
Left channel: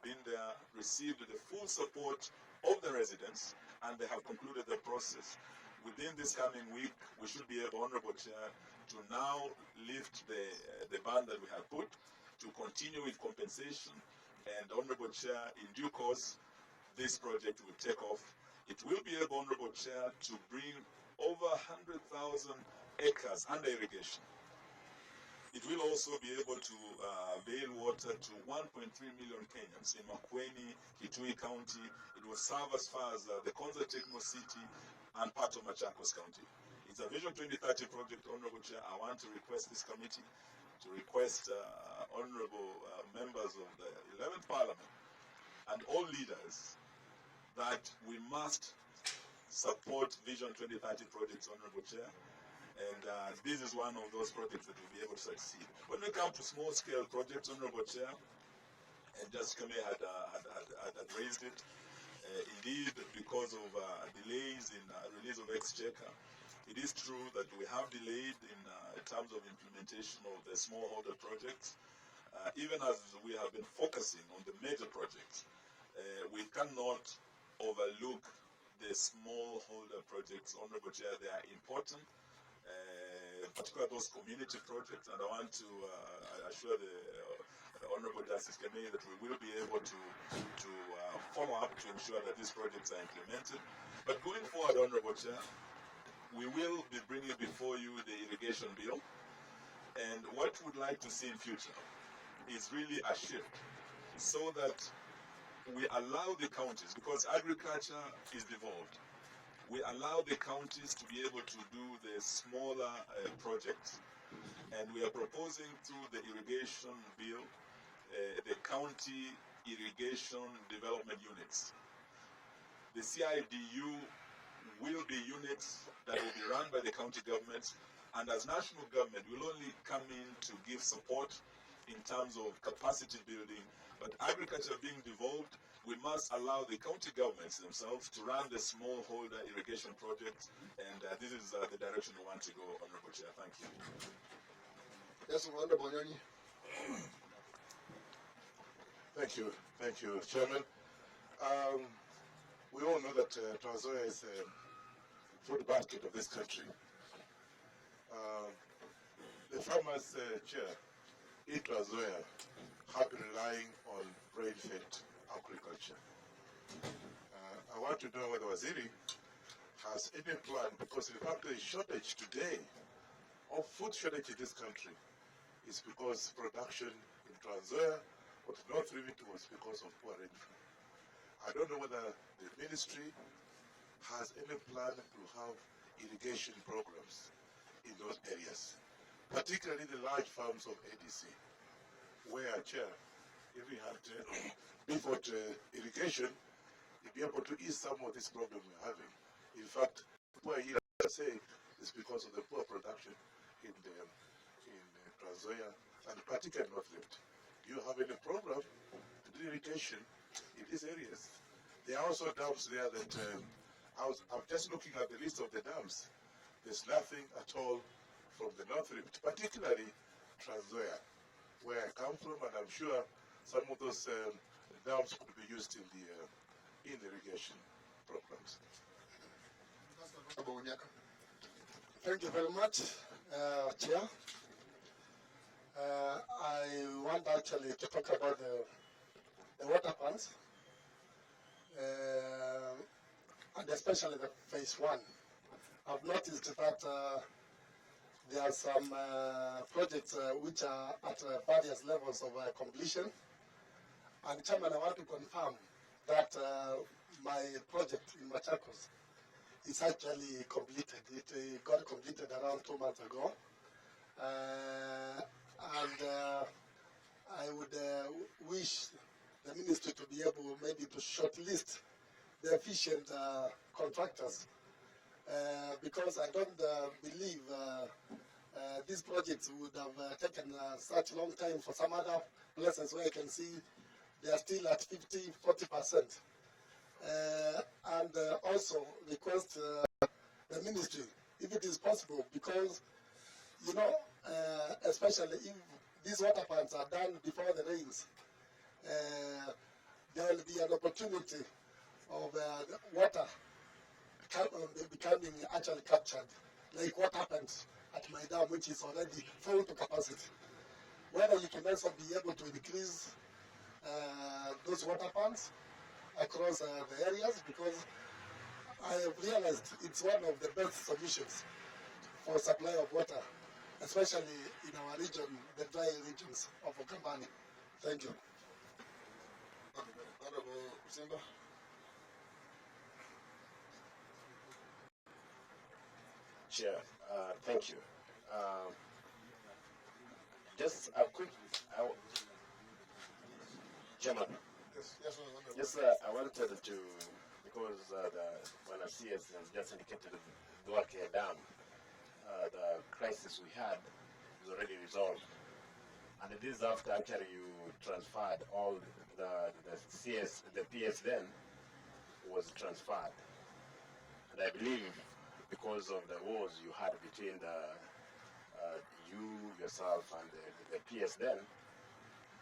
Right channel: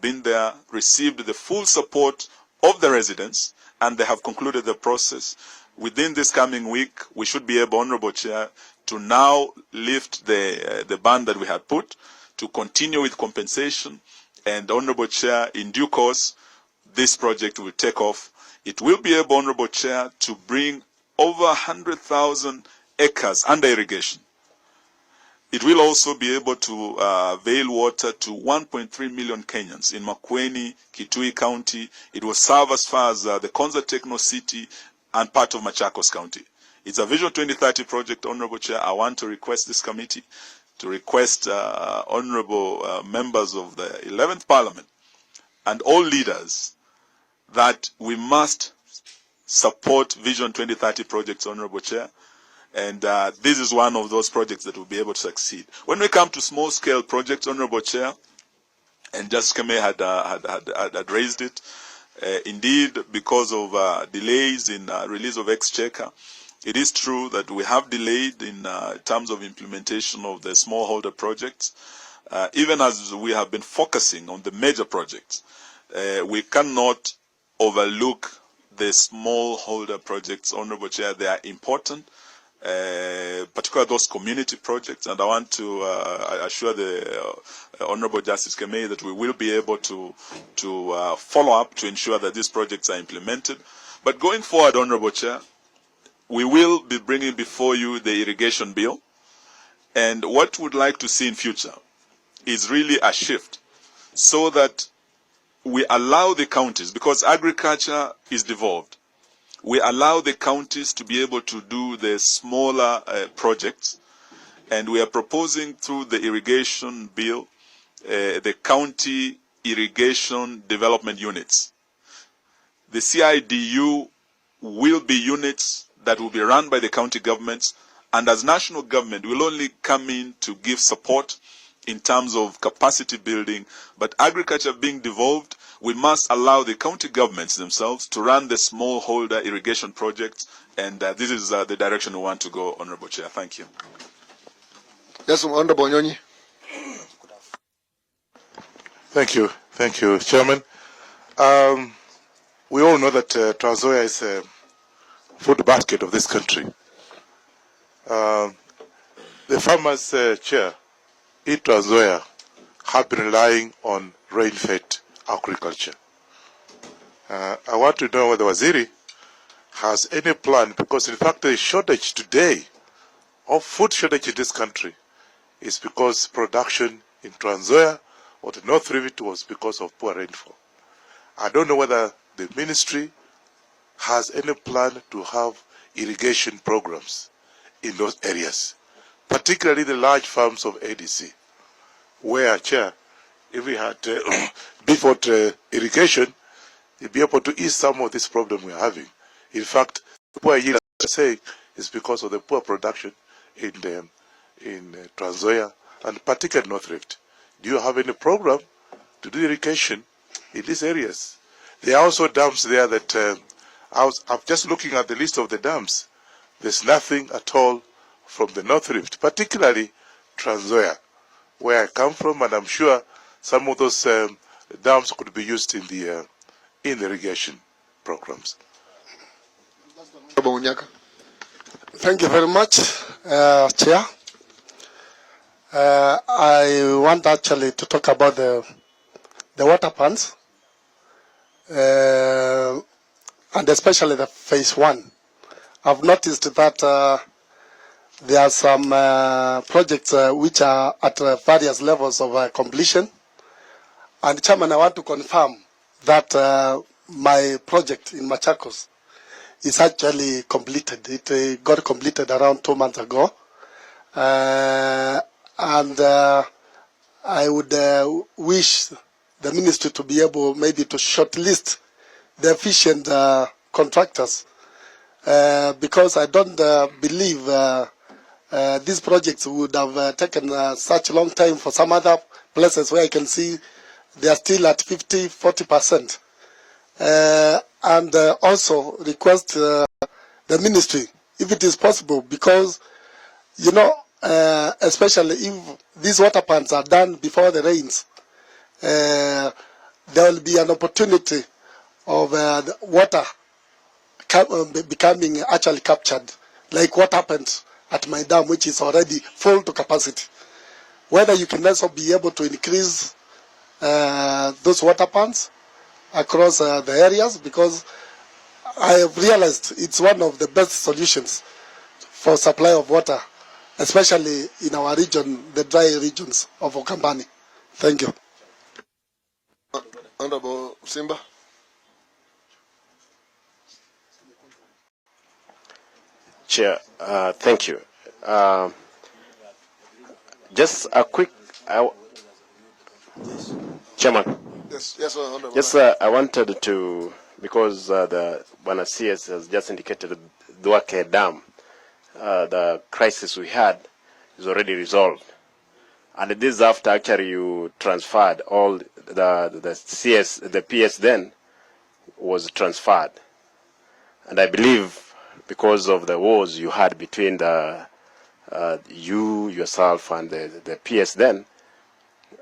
been there received the full support of the residents, and they have concluded the process. Within this coming week, we should be able, Honorable Chair, to now lift the ban that we had put, to continue with compensation, and Honorable Chair, in due course, this project will take off. It will be able, Honorable Chair, to bring over 100,000 acres under irrigation. It will also be able to avail water to 1.3 million Kenyans in Makueni, Kitui County. It will serve as far as the Konza Techno City and part of Machakos County. It's a Vision 2030 project, Honorable Chair. I want to request this committee to request honorable members of the 11th Parliament and all leaders that we must support Vision 2030 projects, Honorable Chair. And this is one of those projects that will be able to succeed. When we come to small-scale projects, Honorable Chair, and Justice Keme had raised it, indeed, because of delays in release of Exchequer, it is true that we have delayed in terms of implementation of the smallholder projects. Even as we have been focusing on the major projects, we cannot overlook the smallholder projects, Honorable Chair. They are important. particularly those community projects, and I want to assure the Honorable Justice Kemei that we will be able to follow up to ensure that these projects are implemented. But going forward, Honorable Chair, we will be bringing before you the irrigation bill, and what we'd like to see in future is really a shift so that we allow the counties, because agriculture is devolved, we allow the counties to be able to do the smaller projects, and we are proposing through the irrigation bill the county irrigation development units. The CIDU will be units that will be run by the county governments, and as national government will only come in to give support in terms of capacity building. But agriculture being devolved, we must allow the county governments themselves to run the smallholder irrigation projects, and this is the direction we want to go, Honorable Chair. Thank you. Yes, Honorable Nyonyi. Thank you, Chairman. We all know that Trans Nzoia is a food basket of this country. The farmers, Chair, in Trans Nzoia have been relying on rain-fed agriculture. I want to know whether Waziri has any plan, because in fact the shortage today of food shortage in this country is because production in Trans Nzoia or the North Rift was because of poor rainfall. I don't know whether the ministry has any plan to have irrigation programs in those areas, particularly the large farms of ADC, where, Chair, if we had before irrigation, you'd be able to ease some of this problem we're having. In fact, the poor yield, as I say, is because of the poor production in Trans Nzoia and particularly North Rift. Do you have any program to do irrigation in these areas? There are also dams there that I'm just looking at the list of the dams. There's nothing at all from the North Rift, particularly Trans Nzoia, where I come from, and I'm sure some of those dams could be used in the irrigation programs. Thank you very much, Chair. I want actually to talk about the water plants, and especially the phase 1. I've noticed that there are some projects which are at various levels of completion. And Chairman, I want to confirm that my project in Machakos is actually completed. It got completed around 2 months ago. And I would wish the ministry to be able maybe to shortlist the efficient contractors, because I don't believe these projects would have taken such a long time for some other places where I can see they are still at 50–40%. And also request the ministry, if it is possible, because, you know, especially if these water plants are done before the rains, there will be an opportunity of the water becoming actually captured, like what happened at my dam, which is already full to capacity. Whether you can also be able to increase those water plants across the areas, because I have realized it's one of the best solutions for supply of water, especially in our region, the dry regions of Okambani. Thank you. Honorable Simba. Chair, thank you. Just a quick, Chairman. Yes, Honorable. Yes, I wanted to, because the Water CS has just indicated the Duake Dam, the crisis we had is already resolved. And this is after actually you transferred all the CS, the PS then was transferred. And I believe because of the wars you had between you, yourself, and the PS then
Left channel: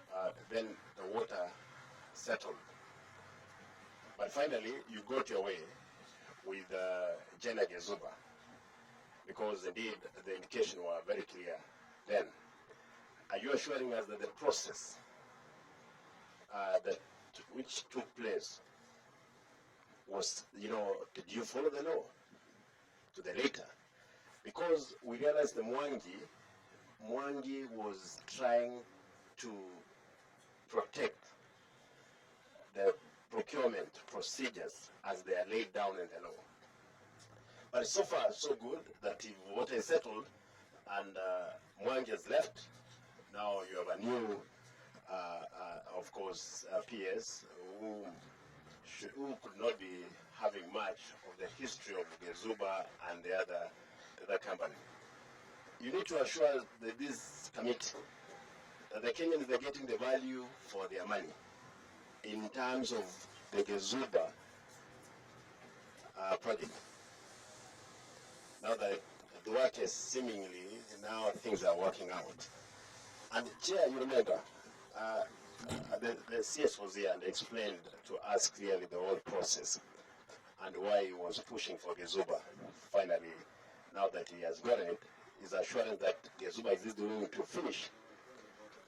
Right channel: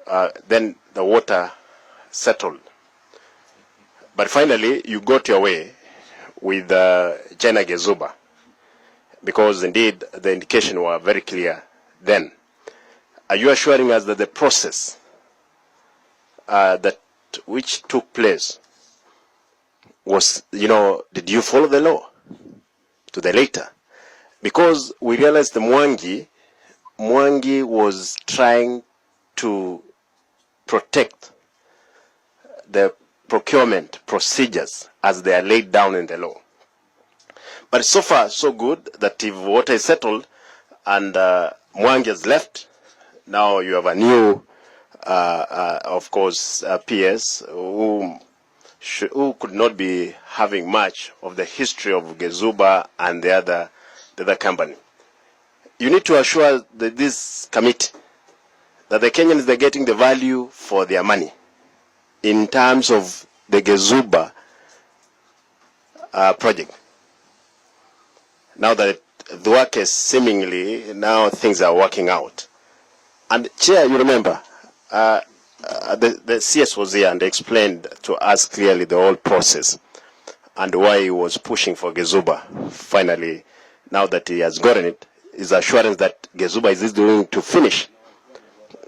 the water settled. But finally, you got your way with China Gezuba. because indeed the indication were very clear then. Are you assuring us that the process which took place was, did you follow the law to the letter? Because we realized the Mwangi was trying to protect the procurement procedures as they are laid down in the law. But so far, so good that if water is settled and Mwangi has left, now you have a new, of course, PS who could not be having much of the history of Gezuba and the other company. You need to assure this committee that the Kenyans, they're getting the value for their money in terms of the Gezuba project. Now that the work is seemingly, now things are working out. And Chair, you remember, the CS was here and explained to us clearly the whole process and why he was pushing for Gezuba. Finally, now that he has gotten it, his assurance that Gezuba is going to finish.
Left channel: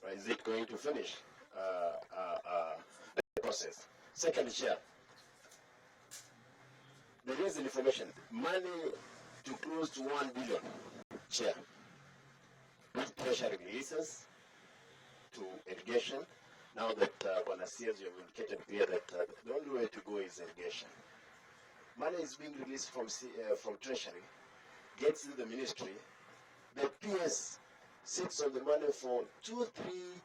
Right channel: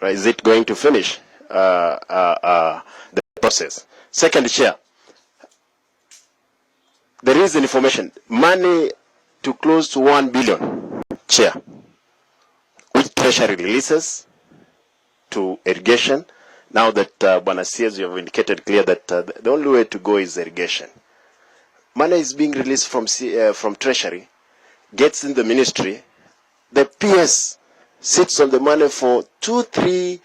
Is it going to finish the process? Second, Chair, there is information, money to close to 1 billion, Chair, which Treasury releases to irrigation. Now that Bwana CS, you have indicated clear that the only way to go is irrigation. Money is being released from Treasury, gets in the ministry. The PS sits on the money for 2-3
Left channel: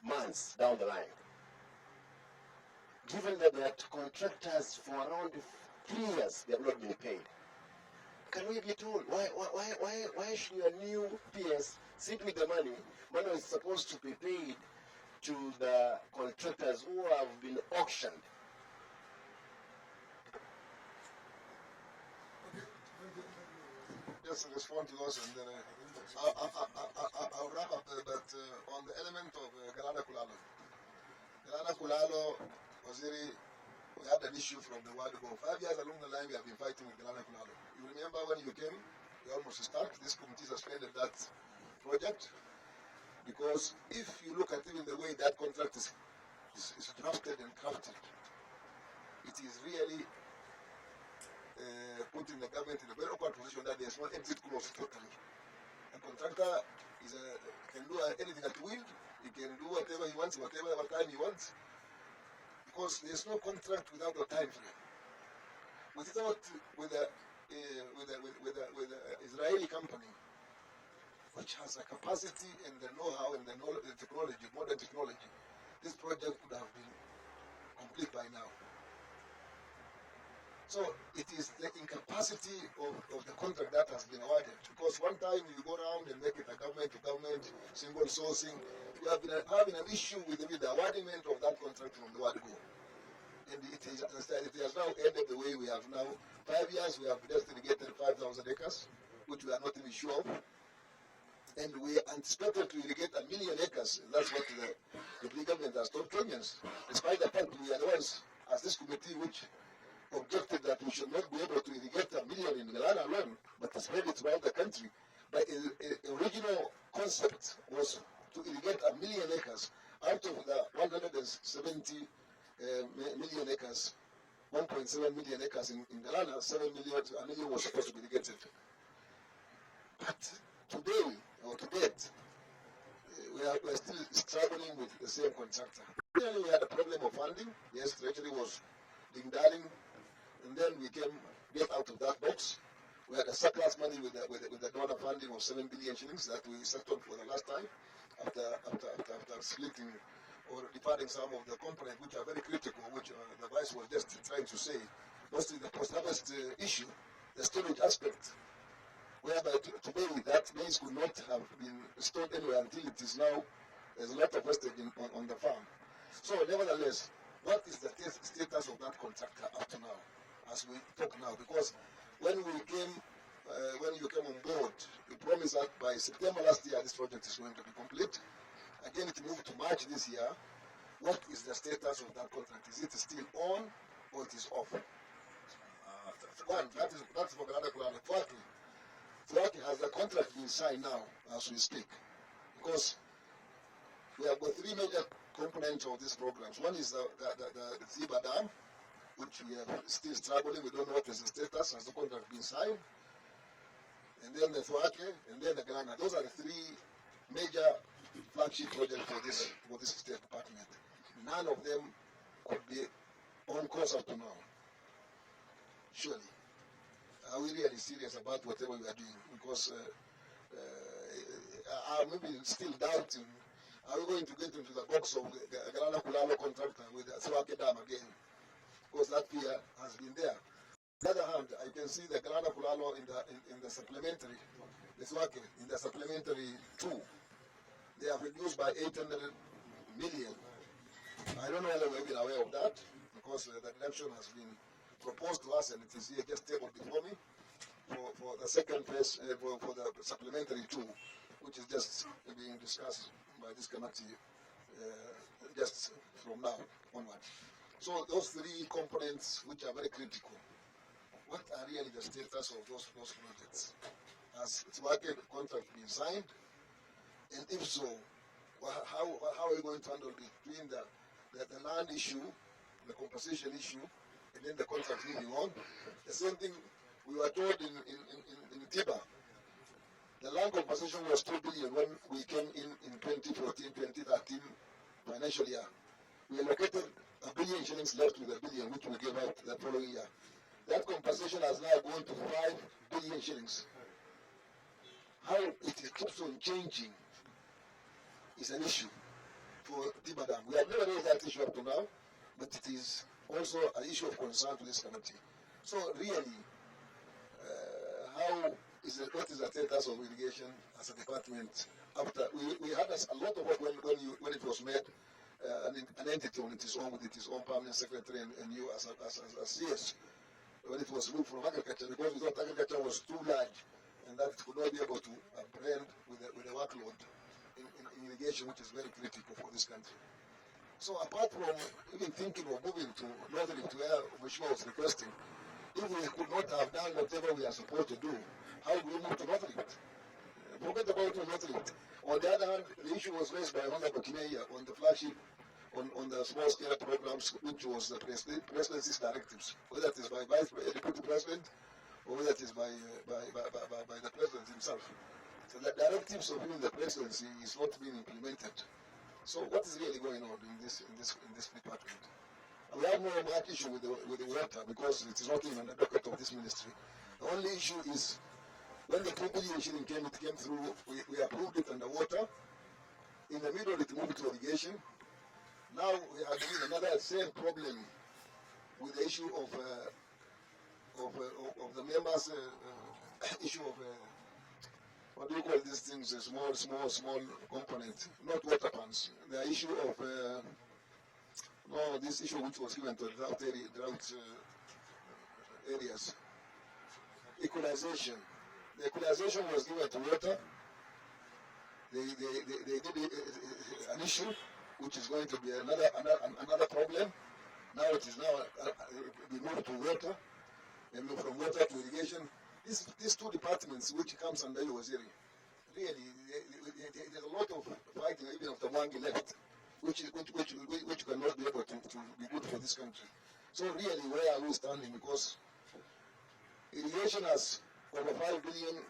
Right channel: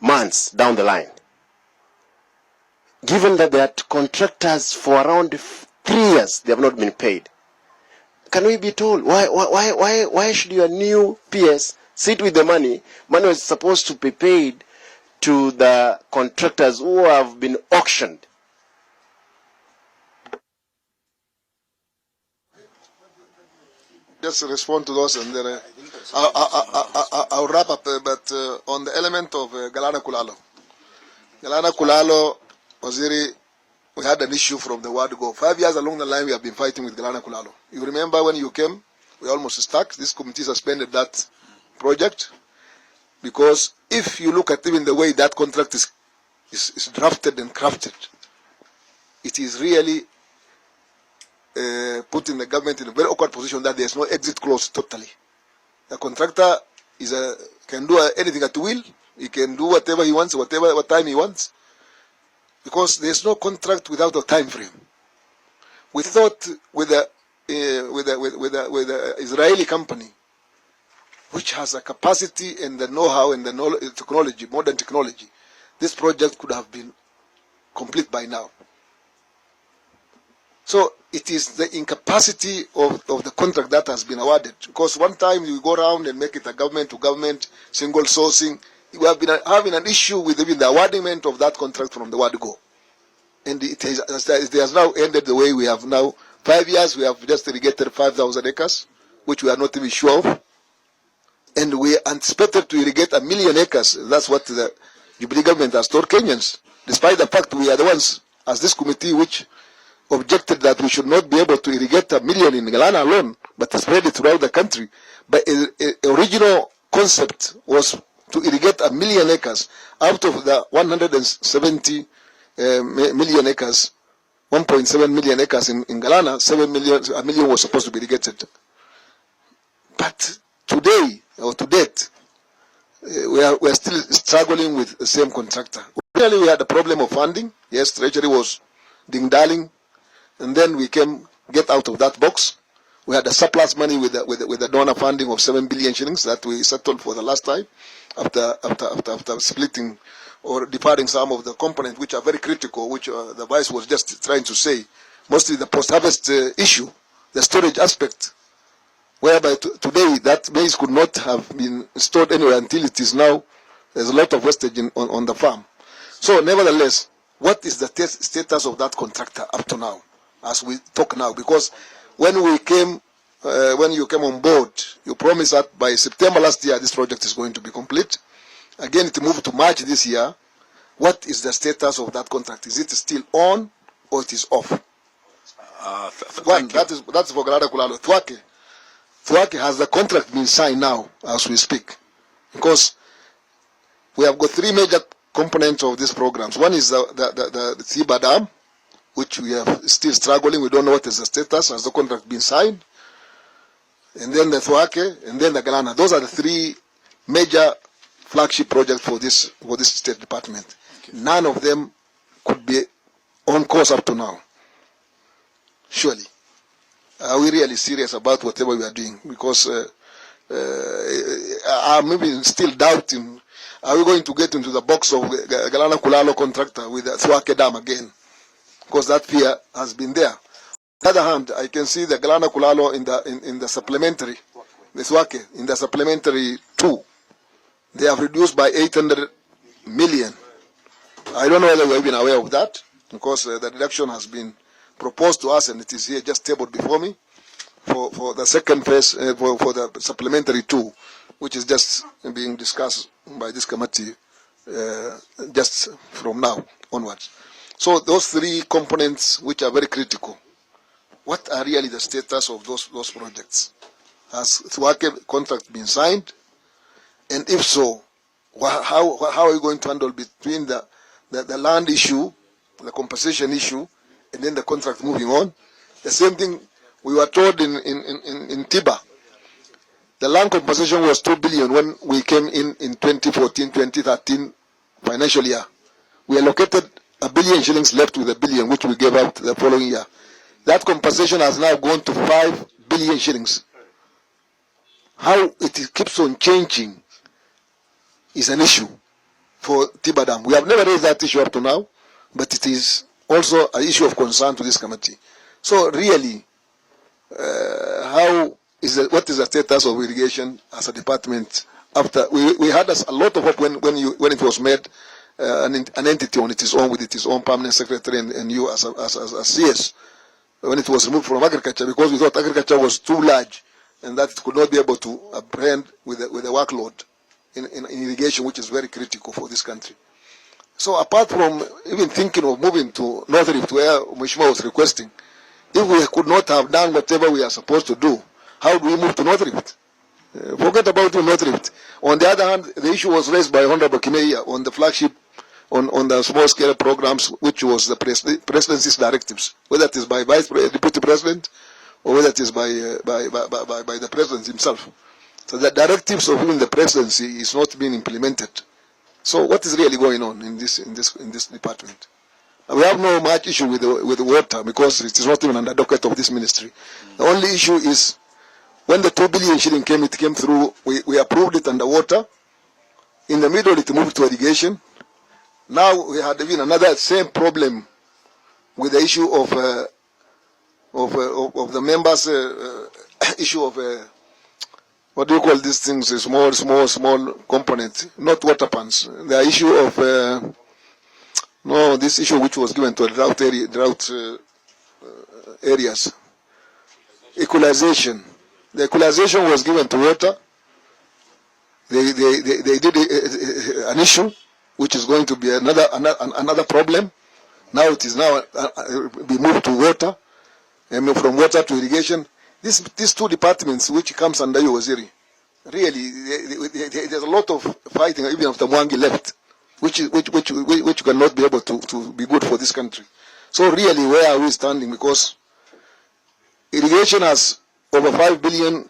months down the line. Given that they are contractors for around 3 years, they have not been paid. Can we be told why should your new PS sit with the money? Money was supposed to be paid to the contractors who have been auctioned. Just respond to those, and then I'll wrap up. But on the element of Galana Kulalo, Waziri, we had an issue from the word go. 5 years along the line, we have been fighting with Galana Kulalo. You remember when you came, we almost stuck. This committee suspended that project because if you look at even the way that contract is drafted and crafted, it is really putting the government in a very awkward position that there's no exit clause totally. The contractor can do anything at will. He can do whatever he wants, what time he wants, because there's no contract without a time frame. We thought with the Israeli company, which has a capacity and the know-how and the technology, modern technology, this project could have been complete by now. So it is the incapacity of the contract that has been awarded. Because one time you go around and make it a government-to-government, single sourcing, we have been having an issue with even the awardment of that contract from the word go. And it has now ended the way we have now. 5 years, we have just irrigated 5,000 acres, which we are not even sure of. And we anticipated to irrigate 1 million acres. That's what the Jubilee government has told Kenyans, despite the fact we are the ones, as this committee, which objected that we should not be able to irrigate 1 million in Galana alone, but spread it throughout the country. But the original concept was to irrigate 1 million acres out of the 170 million acres, 1.7 million acres in Galana. 1 million was supposed to be irrigated. But today, or to date, we are still struggling with the same contractor. Really, we had a problem of funding. Yes, Treasury was ding-darling. And then we get out of that box. We had a surplus money with the donor funding of 7 billion shillings that we settled for the last time after splitting or departing some of the components which are very critical, which the Vice was just trying to say. Mostly the post-harvest issue, the storage aspect, whereby today that maize could not have been stored anywhere until it is now. There's a lot of wastage on the farm. So nevertheless, what is the status of that contractor up to now? As we talk now, because when you came on board, you promised that by September last year this project is going to be complete. Again, it moved to March this year. What is the status of that contract? Is it still on or it is off? One, that's for Galana Kulalo. Twake, Thwake, has the contract been signed now as we speak? Because we have got three major components of these programs. One is the Thiba Dam, which we are still struggling. We don't know what is the status. Has the contract been signed? And then the Thwake, and then the Galana. Those are the three major flagship projects for this State Department. None of them could be on course up to now. Surely. Are we really serious about whatever we are doing? Because I'm maybe still doubting, are we going to get into the box of Galana Kulalo contractor with the Thwake Dam again? Because that fear has been there. On the other hand, I can see the Galana Kulalo in the supplementary, the Thwake, in the supplementary 2. They have reduced by 800 million. I don't know whether we have been aware of that, because the reduction has been proposed to us and it is here just tabled before me for the second phase, for the supplementary 2, which is just being discussed by this committee just from now onwards. So those three components, which are very critical, what are really the status of those projects? Has Thwake contract been signed? And if so, how are you going to handle between the land issue, the compensation issue, and then the contract moving on? The same thing we were told in Tiba. The land compensation was 2 billion when we came in 2014-2013 financial year. We allocated 1 billion shillings left with 1 billion, which we gave out the following year. That compensation has now gone to 5 billion shillings. How it keeps on changing is an issue for Tiba Dam. We have never raised that issue up to now, but it is also an issue of concern to this committee. So really, what is the status of irrigation as a department? After we had a lot of hope when it was made an entity on its own with its own permanent secretary and you as CS, when it was removed from agriculture, because we thought agriculture was too large and that it could not be able to apprehend with the workload in irrigation, which is very critical for this country. So apart from even thinking of moving to North Rift, where Mheshimiwa was requesting, if we could not have done whatever we are supposed to do, how do we move to North Rift? Forget about North Rift. On the other hand, the issue was raised by Honorable Kimeia on the flagship, on the small-scale programs, which was the presidency's directives, whether it is by Deputy President or whether it is by the President himself. So the directives of even the presidency is not being implemented. So what is really going on in this department? We have no much issue with the water, because it is not even under docket of this ministry. The only issue is when the 2 billion shilling came, it came through. We approved it under water. In the middle, it moved to irrigation. Now we had even another same problem with the issue of the members' issue of what do you call these things? A small component, not water pans. The issue of this issue which was given to drought areas. Equalization. The equalization was given to water. They did an issue which is going to be another problem. Now it is be moved to water, and from water to irrigation. These two departments, which comes under you, Waziri, really, there's a lot of fighting even after Mwangi left, which cannot be able to be good for this country. So really, where are we standing? Because irrigation has over 5 billion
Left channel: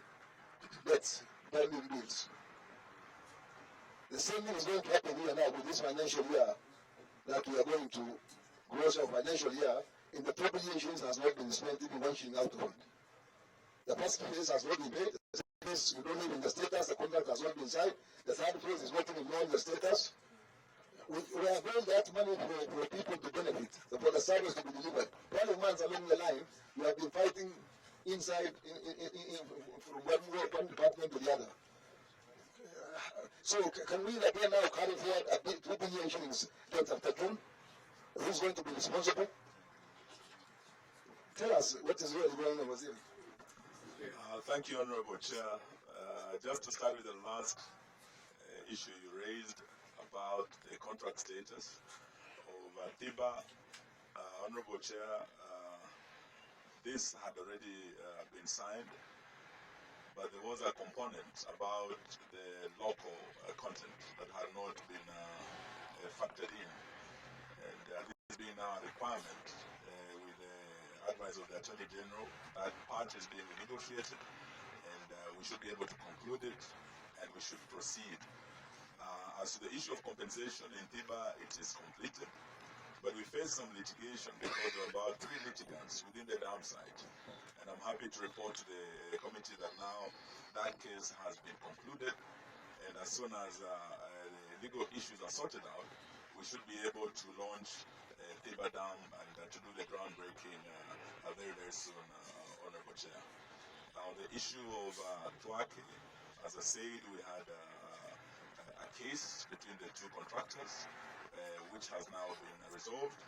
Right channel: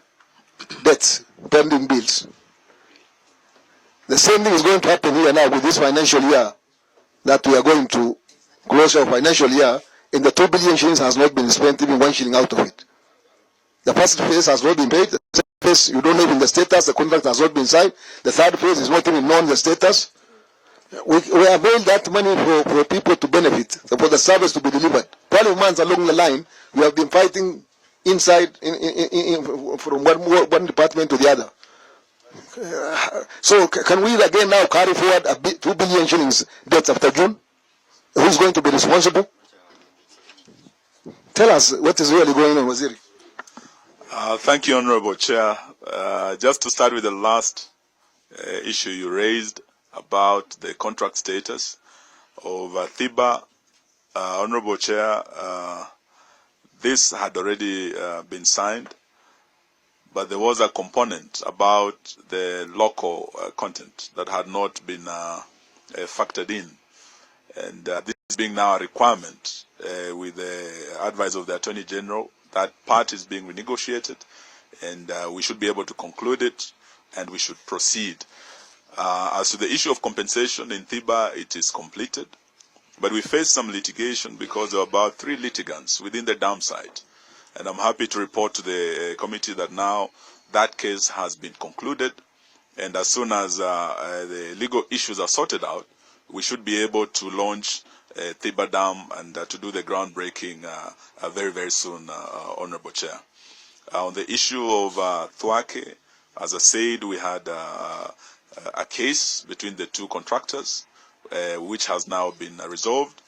debts, pending bills. The same thing is going to happen here now with this financial year, that we are going to close our financial year, and the 2 billion shillings has not been spent, even 1 shilling out of it. The first phase has not been paid. The second phase, you don't know even the status. The contract has not been signed. The third phase is not even known the status. We avail that money for people to benefit, for the service to be delivered. 12 months along the line, we have been fighting inside, from one department to the other. So can we again now carry forward 2 billion shillings debts after June? Who's going to be responsible? Tell us what is really going on, Waziri. Thank you, Honorable Chair. Just to start with the last issue you raised about the contract status of Thiba, Honorable Chair, this had already been signed, but there was a component about the local content that had not been factored in. And this being now a requirement with the advice of the Attorney General, that part is being renegotiated, and we should be able to conclude it, and we should proceed. As to the issue of compensation in Thiba, it is completed, but we faced some litigation because there were about 3 litigants within the dam site. And I'm happy to report to the committee that now that case has been concluded, and as soon as the legal issues are sorted out, we should be able to launch Thiba Dam and to do the groundbreaking very, very soon, Honorable Chair. On the issue of Thwake, as I said, we had a case between the 2 contractors, which has now been resolved,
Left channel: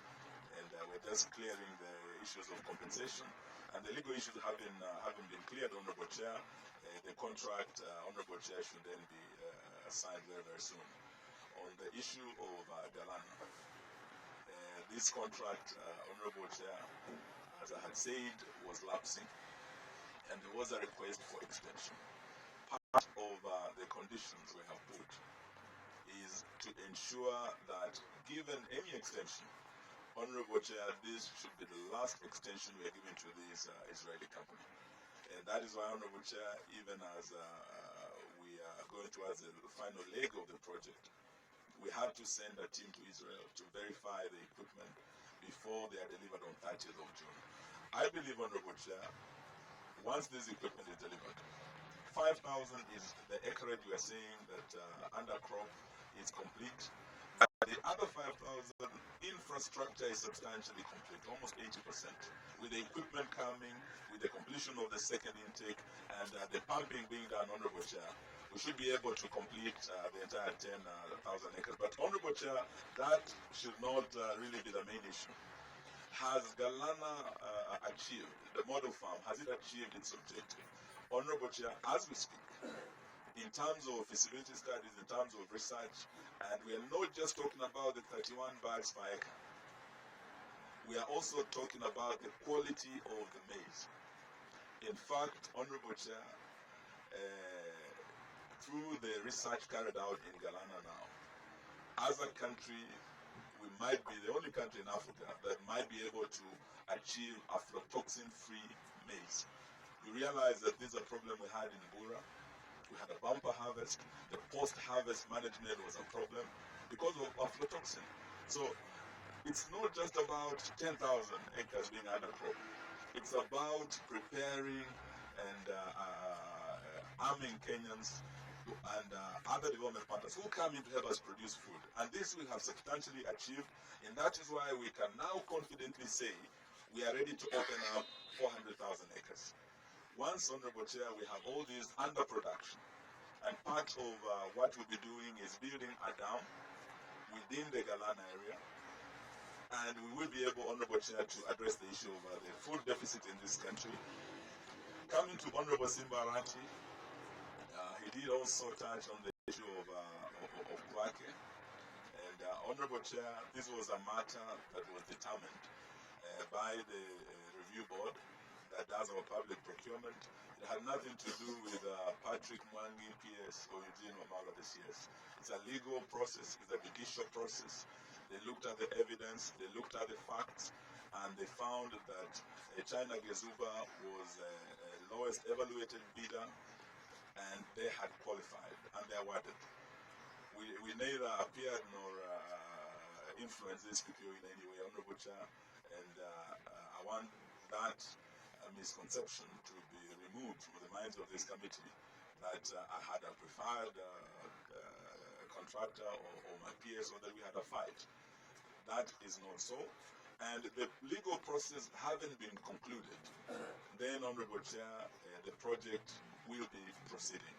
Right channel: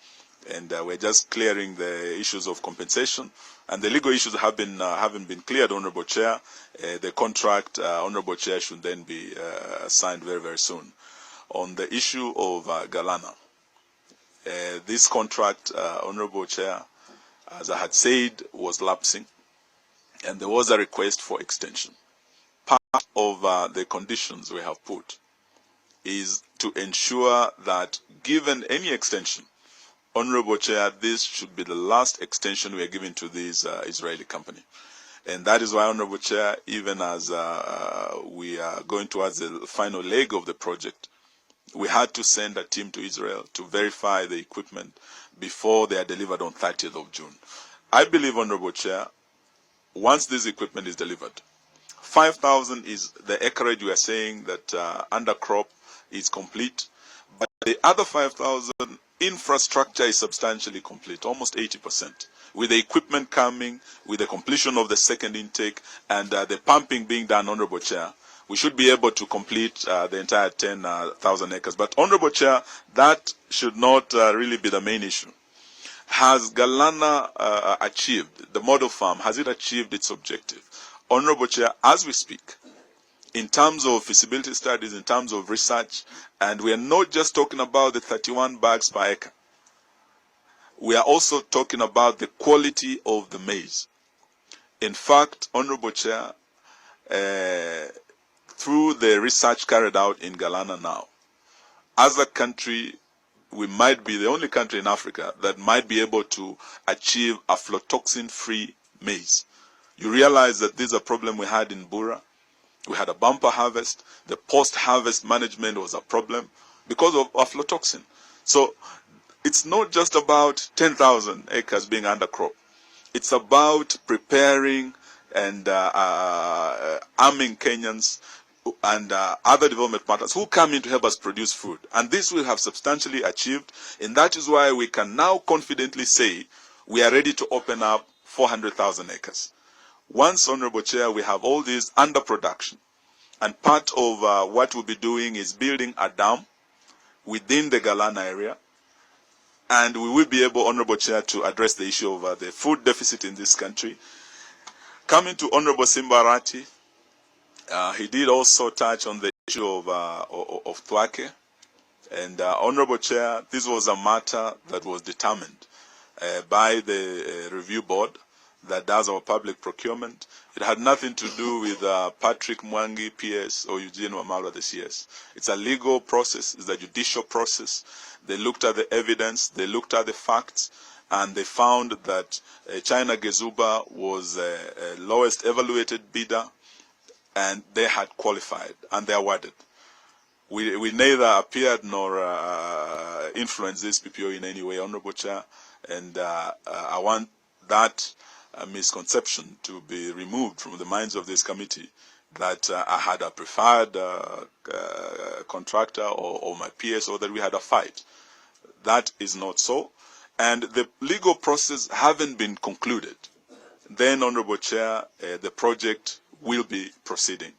and we're just clearing the issues of compensation. And the legal issues have been haven't been cleared, Honorable Chair. The contract, Honorable Chair, should then be signed very, very soon. On the issue of Galana, this contract, Honorable Chair, as I had said, was lapsing, and there was a request for extension. Part of the conditions we have put is to ensure that given any extension, Honorable Chair, this should be the last extension we are giving to this Israeli company. And that is why, Honorable Chair, even as we are going towards the final leg of the project, we had to send a team to Israel to verify the equipment before they are delivered on 30th of June. I believe, Honorable Chair, once this equipment is delivered, 5,000 is the acreage we are saying that undercrop is complete, but the other 5,000 infrastructure is substantially complete, almost 80%, with the equipment coming, with the completion of the second intake, and the pumping being done, Honorable Chair. We should be able to complete the entire 10,000 acres. But, Honorable Chair, that should not really be the main issue. Has Galana achieved, the model farm, has it achieved its objective? Honorable Chair, as we speak, in terms of feasibility studies, in terms of research, and we are not just talking about the 31 bags per acre. We are also talking about the quality of the maize. In fact, Honorable Chair, through the research carried out in Galana now, as a country, we might be the only country in Africa that might be able to achieve aflatoxin-free maize. You realize that this is a problem we had in Bura. We had a bumper harvest. The post-harvest management was a problem because of aflatoxin. So it's not just about 10,000 acres being undercrop. It's about preparing and arming Kenyans and other development partners who come in to help us produce food. And this we have substantially achieved, and that is why we can now confidently say we are ready to open up 400,000 acres. Once, Honorable Chair, we have all these under production, and part of what we'll be doing is building a dam within the Galana area, and we will be able, Honorable Chair, to address the issue of the food deficit in this country. Coming to Honorable Simbarati, he did also touch on the issue of Thwake, and Honorable Chair, this was a matter that was determined by the review board that does our public procurement. It had nothing to do with Patrick Mwangi, PS, or Eugene Wamalwa, the CS. It's a legal process, it's a judicial process. They looked at the evidence, they looked at the facts, and they found that China Gezuba was the lowest evaluated bidder, and they had qualified, and they awarded. We neither appeared nor influenced this PPO in any way, Honorable Chair, and I want that misconception to be removed from the minds of this committee that I had a preferred contractor or my PS, or that we had a fight. That is not so. And the legal process haven't been concluded. Then, Honorable Chair, the project will be proceeding.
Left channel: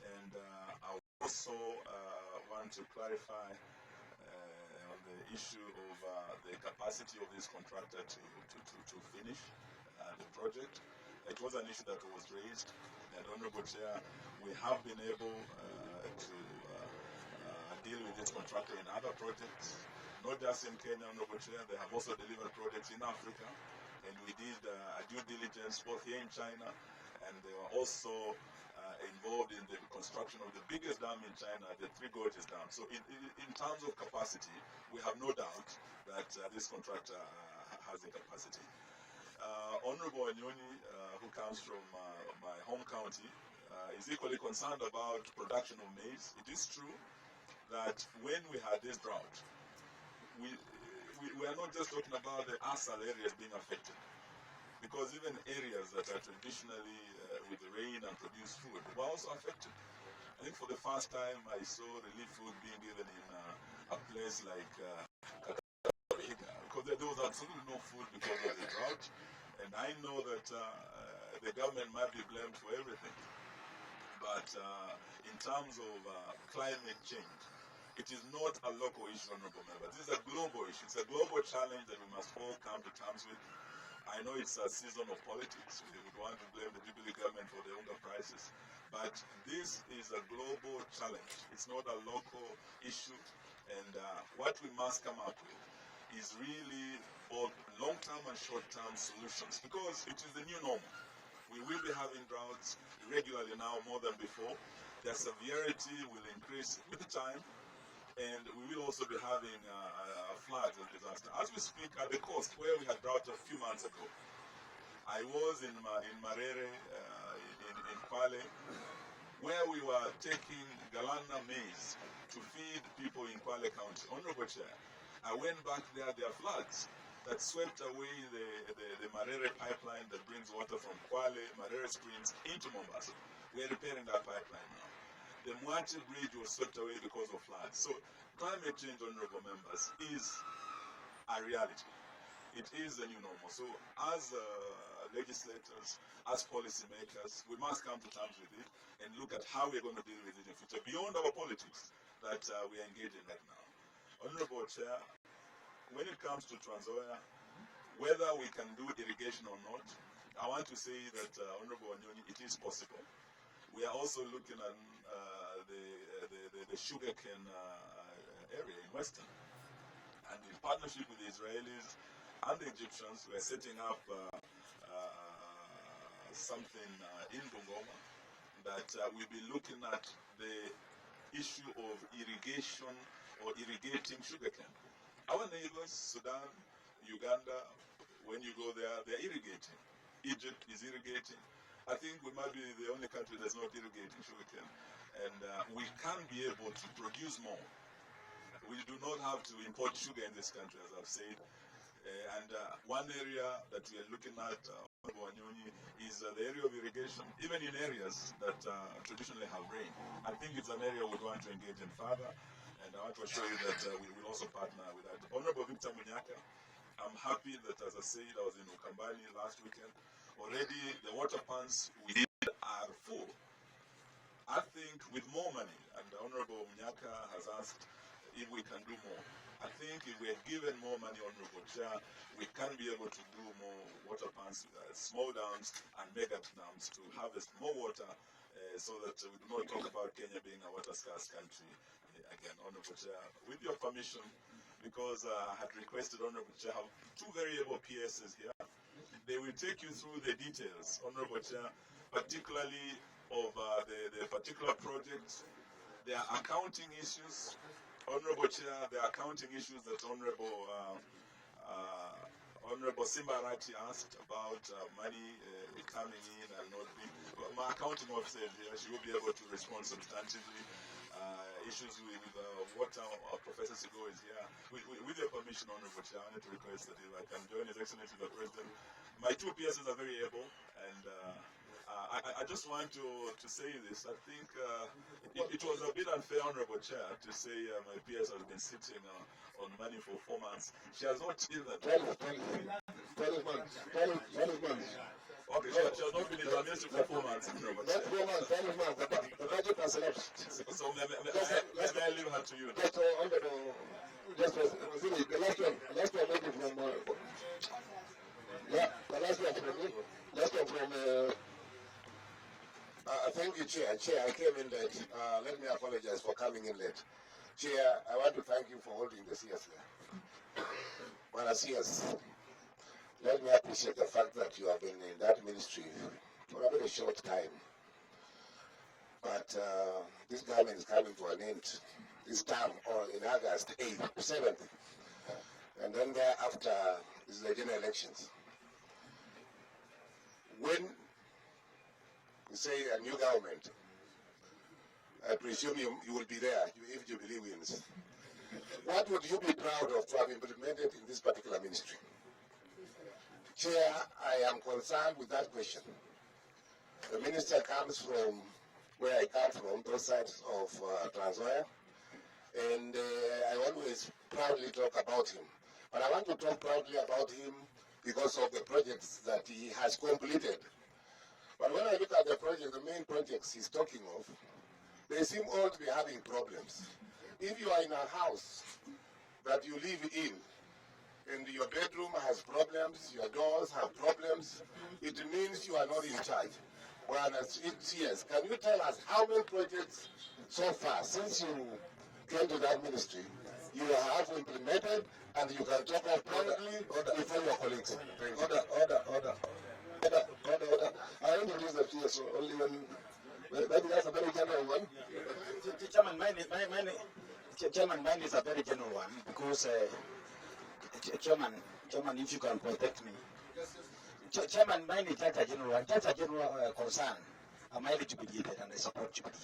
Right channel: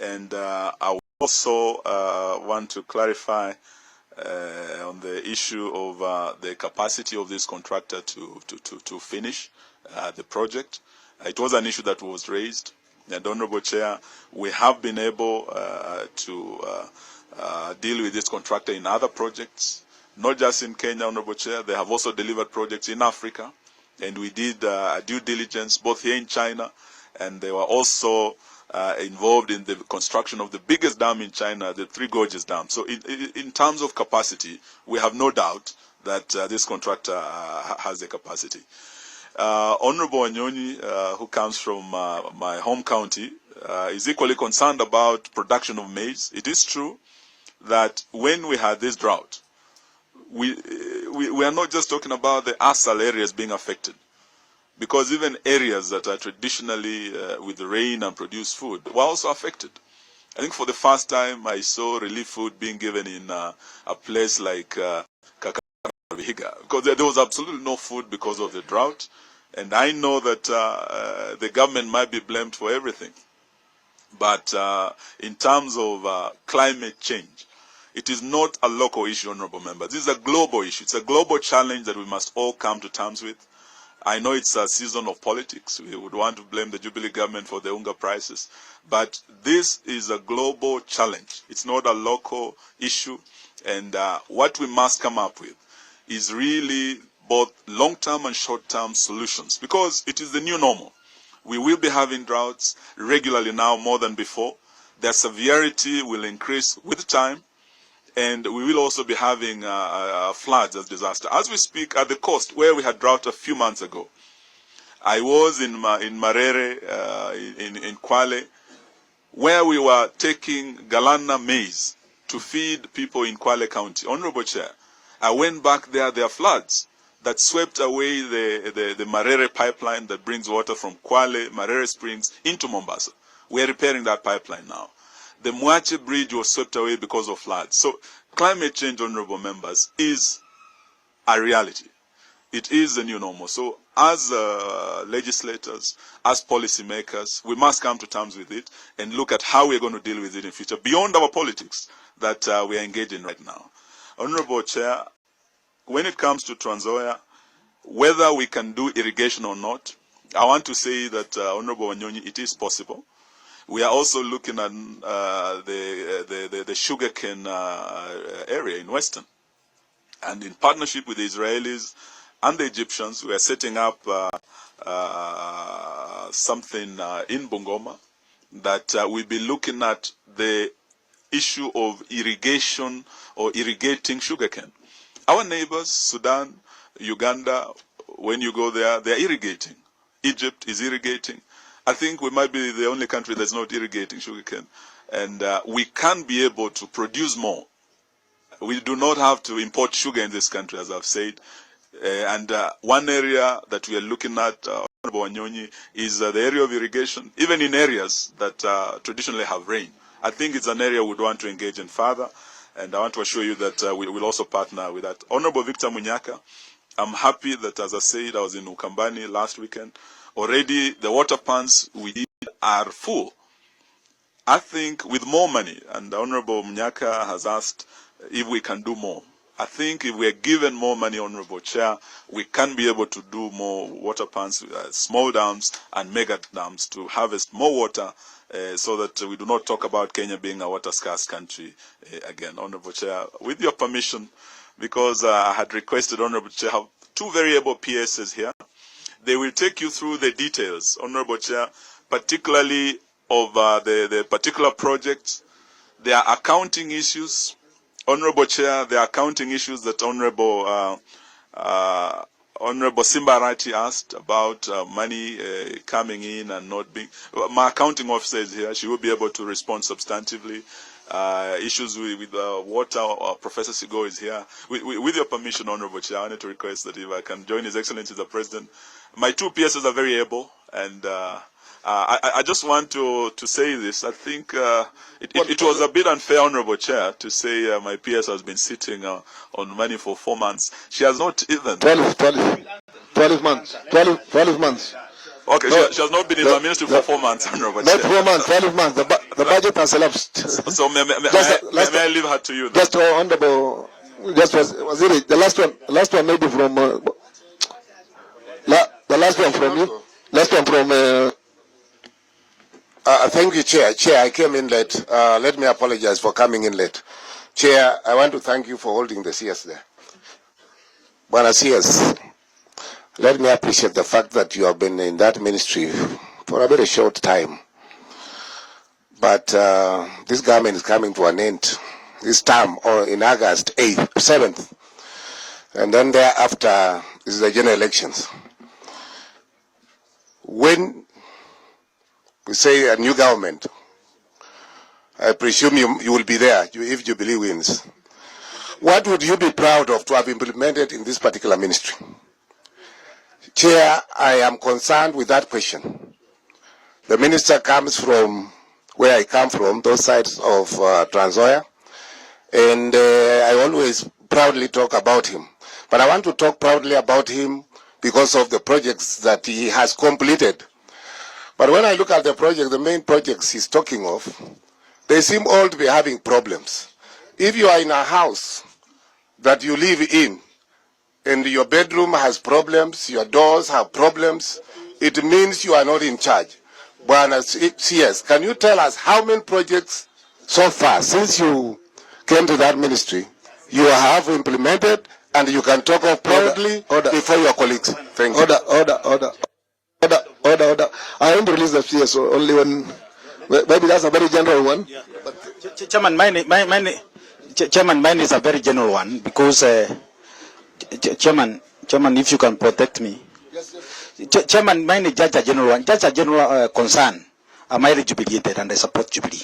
And I also want to clarify on the issue of the capacity of this contractor to finish the project. It was an issue that was raised, and Honorable Chair, we have been able to deal with this contractor in other projects, not just in Kenya, Honorable Chair. They have also delivered projects in Africa, and we did due diligence both here in China and they were also involved in the construction of the biggest dam in China, the Three Gorges Dam. So in terms of capacity, we have no doubt that this contractor has the capacity. Honorable Wanyonyi, who comes from my home county, is equally concerned about production of maize. It is true that when we had this drought, we are not just talking about the ASAL areas being affected, because even areas that are traditionally with the rain and produce food were also affected. I think for the first time I saw relief food being given in a place like Kakamega, because there was absolutely no food because of the drought. And I know that the government might be blamed for everything. But in terms of climate change, it is not a local issue, honorable members. This is a global issue. It's a global challenge that we must all come to terms with. I know it's a season of politics. We would want to blame the Jubilee government for the hunger prices. But this is a global challenge. It's not a local issue. And what we must come up with is really both long-term and short-term solutions, because it is the new normal. We will be having droughts regularly now more than before. Their severity will increase with time, and we will also be having floods as disaster. As we speak, at the coast where we had drought a few months ago, I was in Marere, in Kwale, where we were taking Galana maize to feed people in Kwale County. Honorable Chair, I went back there are floods that swept away the Marere pipeline that brings water from Kwale, Marere Springs into Mombasa. We are repairing that pipeline now. The Mwache Bridge was swept away because of floods. So climate change, honorable members, is a reality. It is the new normal. So as legislators, as policymakers, we must come to terms with it and look at how we're going to deal with it in future, beyond our politics that we are engaged in right now. Honorable Chair, when it comes to Trans Nzoia, whether we can do irrigation or not, I want to say that, Honorable Wanyonyi, it is possible. We are also looking at the sugarcane area in Western. And in partnership with the Israelis and the Egyptians, we are setting up something in Bungoma that we'll be looking at the issue of irrigation or irrigating sugarcane. Our neighbors, Sudan, Uganda, when you go there, they're irrigating. Egypt is irrigating. I think we might be the only country that's not irrigating sugarcane. And we can be able to produce more. We do not have to import sugar in this country, as I've said. And one area that we are looking at, Honorable Wanyonyi, is the area of irrigation, even in areas that traditionally have rain. I think it's an area we'd want to engage in further, and I want to assure you that we will also partner with that. Honorable Victor Munyaka, I'm happy that, as I said, I was in Ukambani last weekend. Already the water pans we did are full. I think with more money, and Honorable Munyaka has asked if we can do more. I think if we are given more money, Honorable Chair, we can be able to do more water pans, small dams and mega dams to harvest more water so that we do not talk about Kenya being a water scarce country again. Honorable Chair, with your permission, because I had requested, Honorable Chair, have two very able PSs here. They will take you through the details, Honorable Chair, particularly of the particular projects. There are accounting issues, Honorable Chair, there are accounting issues that Honorable Simbarati asked about money coming in and not being. My accounting officer is here. She will be able to respond substantively. Issues with water, Professor Sigo is here. With your permission, Honorable Chair, I wanted to request that if I can join His Excellency the President. My two PSs are very able, and I just want to say this. I think it was a bit unfair, Honorable Chair, to say my PS has been sitting on money for 4 months. She has not even... 12 months. 12 months. Okay, No, she has not been in the ministry for 4 months, Honorable not Chair. 4 months, 12 months. The budget has elapsed. So may I leave her to you then? Just Honorable, just was it the last one maybe from the last one from you? Last one from thank you, Chair. Chair, I came in late. Let me apologize for coming in late. Chair, I want to thank you for holding the CS there. Bwana CS, let me appreciate the fact that you have been in that ministry for a very short time. But this government is coming to an end this term, or in August 8th, 7th. And then thereafter is the general elections. When we say a new government, I presume you will be there if Jubilee wins. What would you be proud of to have implemented in this particular ministry? Chair, I am concerned with that question. The minister comes from where I come from, those sides of Trans-Nzoia, and I always proudly talk about him. But I want to talk proudly about him because of the projects that he has completed. But when I look at the project, the main projects he's talking of, they seem all to be having problems. If you are in a house that you live in, and your bedroom has problems, your doors have problems, it means you are not in charge. Bwana CS, can you tell us how many projects so far, since you came to that ministry, you have implemented, and you can talk of proudly before your colleagues? Thank you. Order. I want to release the CS only when, maybe that's a very general one. Yeah. Chairman, mine is a very general one because, Chairman, if you can protect me. Yes. Chairman, mine is just a general one, just a general concern. Am I jubilated and I support Jubilee?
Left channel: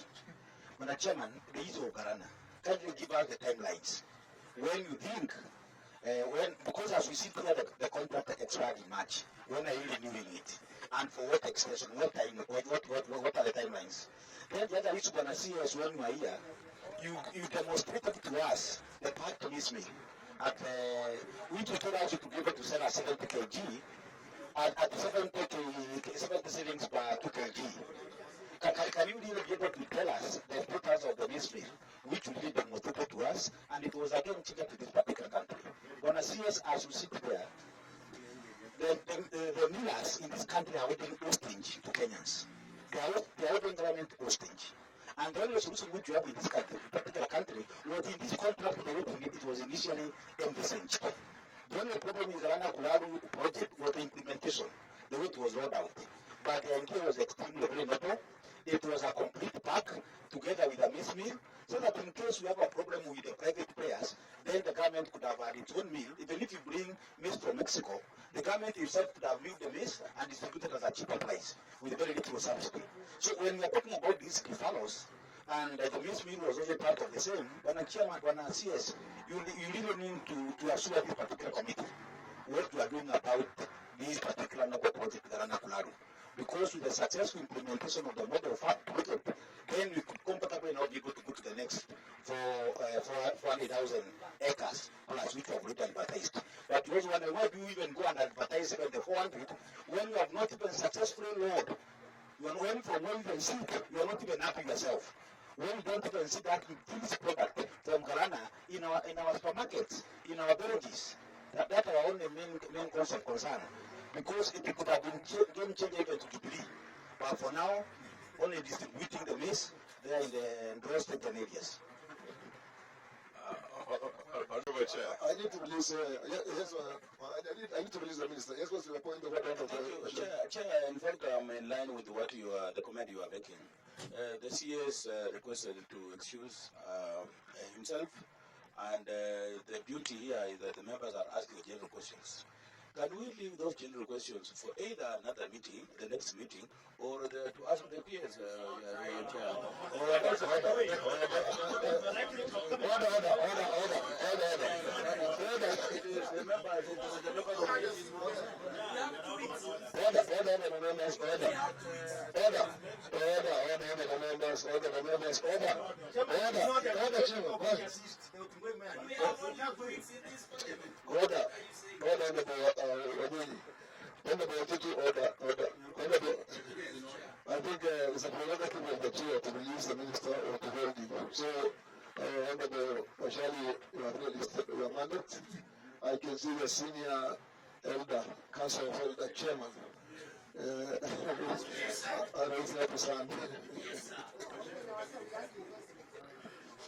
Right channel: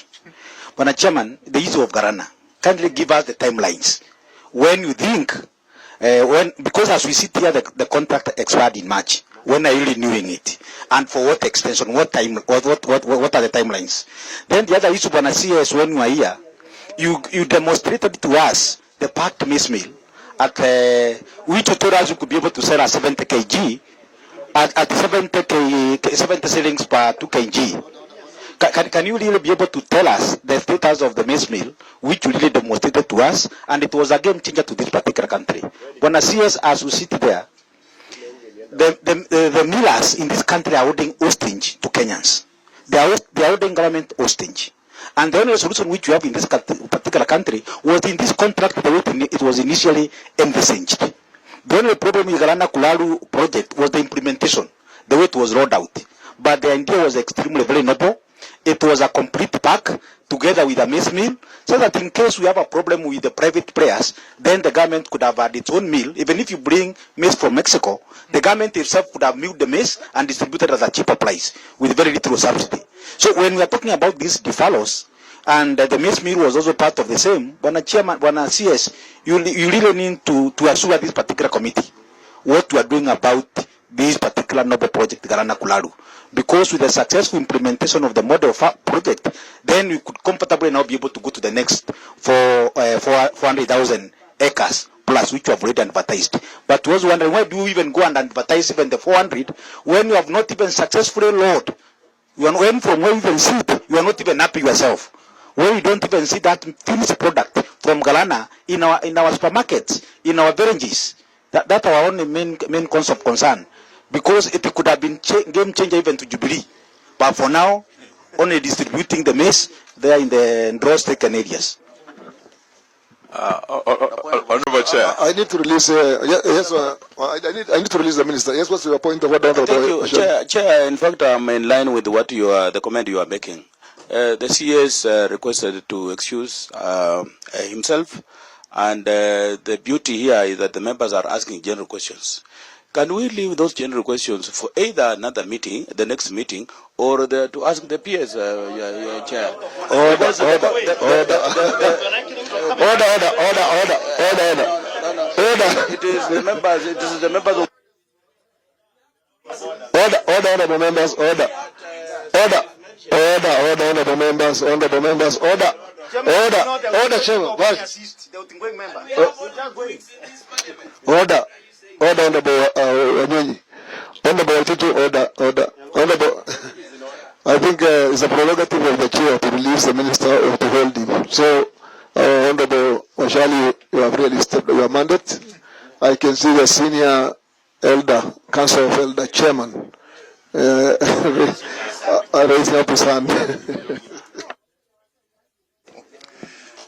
But Chairman, the issue of Garana, kindly give us the timelines. When you think, because as we sit here, the contract expired in March. When are you renewing it? And for what extension? What time? What are the timelines? Then the other issue, Bwana CS, when you are here, you demonstrated to us the packed maize meal at which you told us you could be able to sell at 70 kg at 70 shillings per 2 kg. Can you really be able to tell us the status of the maize meal, which you really demonstrated to us, and it was a game changer to this particular country? Bwana CS, as we sit there, the millers in this country are holding hostage to Kenyans. They are holding government hostage. And the only solution which you have in this particular country was in this contract the way it was initially envisaged. The only problem with the Galana Kulalu project was the implementation, the way it was rolled out. But the idea was extremely very noble. It was a complete pack together with a maize meal, so that in case we have a problem with the private players, then the government could have had its own meal. Even if you bring maize from Mexico, the government itself could have milled the maize and distributed at a cheaper price with very little subsidy. So when we are talking about these deferrals, and the maize meal was also part of the same, Bwana Chairman, Bwana CS, you really need to assure this particular committee what we are doing about this particular noble project, Galana Kulalu. Because with the successful implementation of the model project, then we could comfortably now be able to go to the next 400,000 acres plus, which we have already advertised. But was wondering, why do you even go and advertise even the 400 when you have not even successfully loaded? When from where you even see it, you are not even happy yourself. When you don't even see that finished product from Galana in our supermarkets, in our villages, that's our only main cause of concern. Because it could have been game changer even to Jubilee. But for now, only distributing the maize there in the drought-stricken areas. Honorable Chair. I need to release. I need to release the minister. Yes, what's your point of order? Thank you, Chair. In fact, I'm in line with what the comment you are making. The CS requested to excuse himself, and the beauty here is that the members are asking general questions. Can we leave those general questions for either another meeting, the next meeting, or to ask the PS, Chair? Order. It is the members. It is the members of. Order, members. Order, Chairman. Order. Honorable Honorable. I think it's a prerogative of the chair to release the minister or to hold him. So, Honorable Washali, you have really stepped your mandate. I can see the senior elder, Council of Elder Chairman, raising up his hand.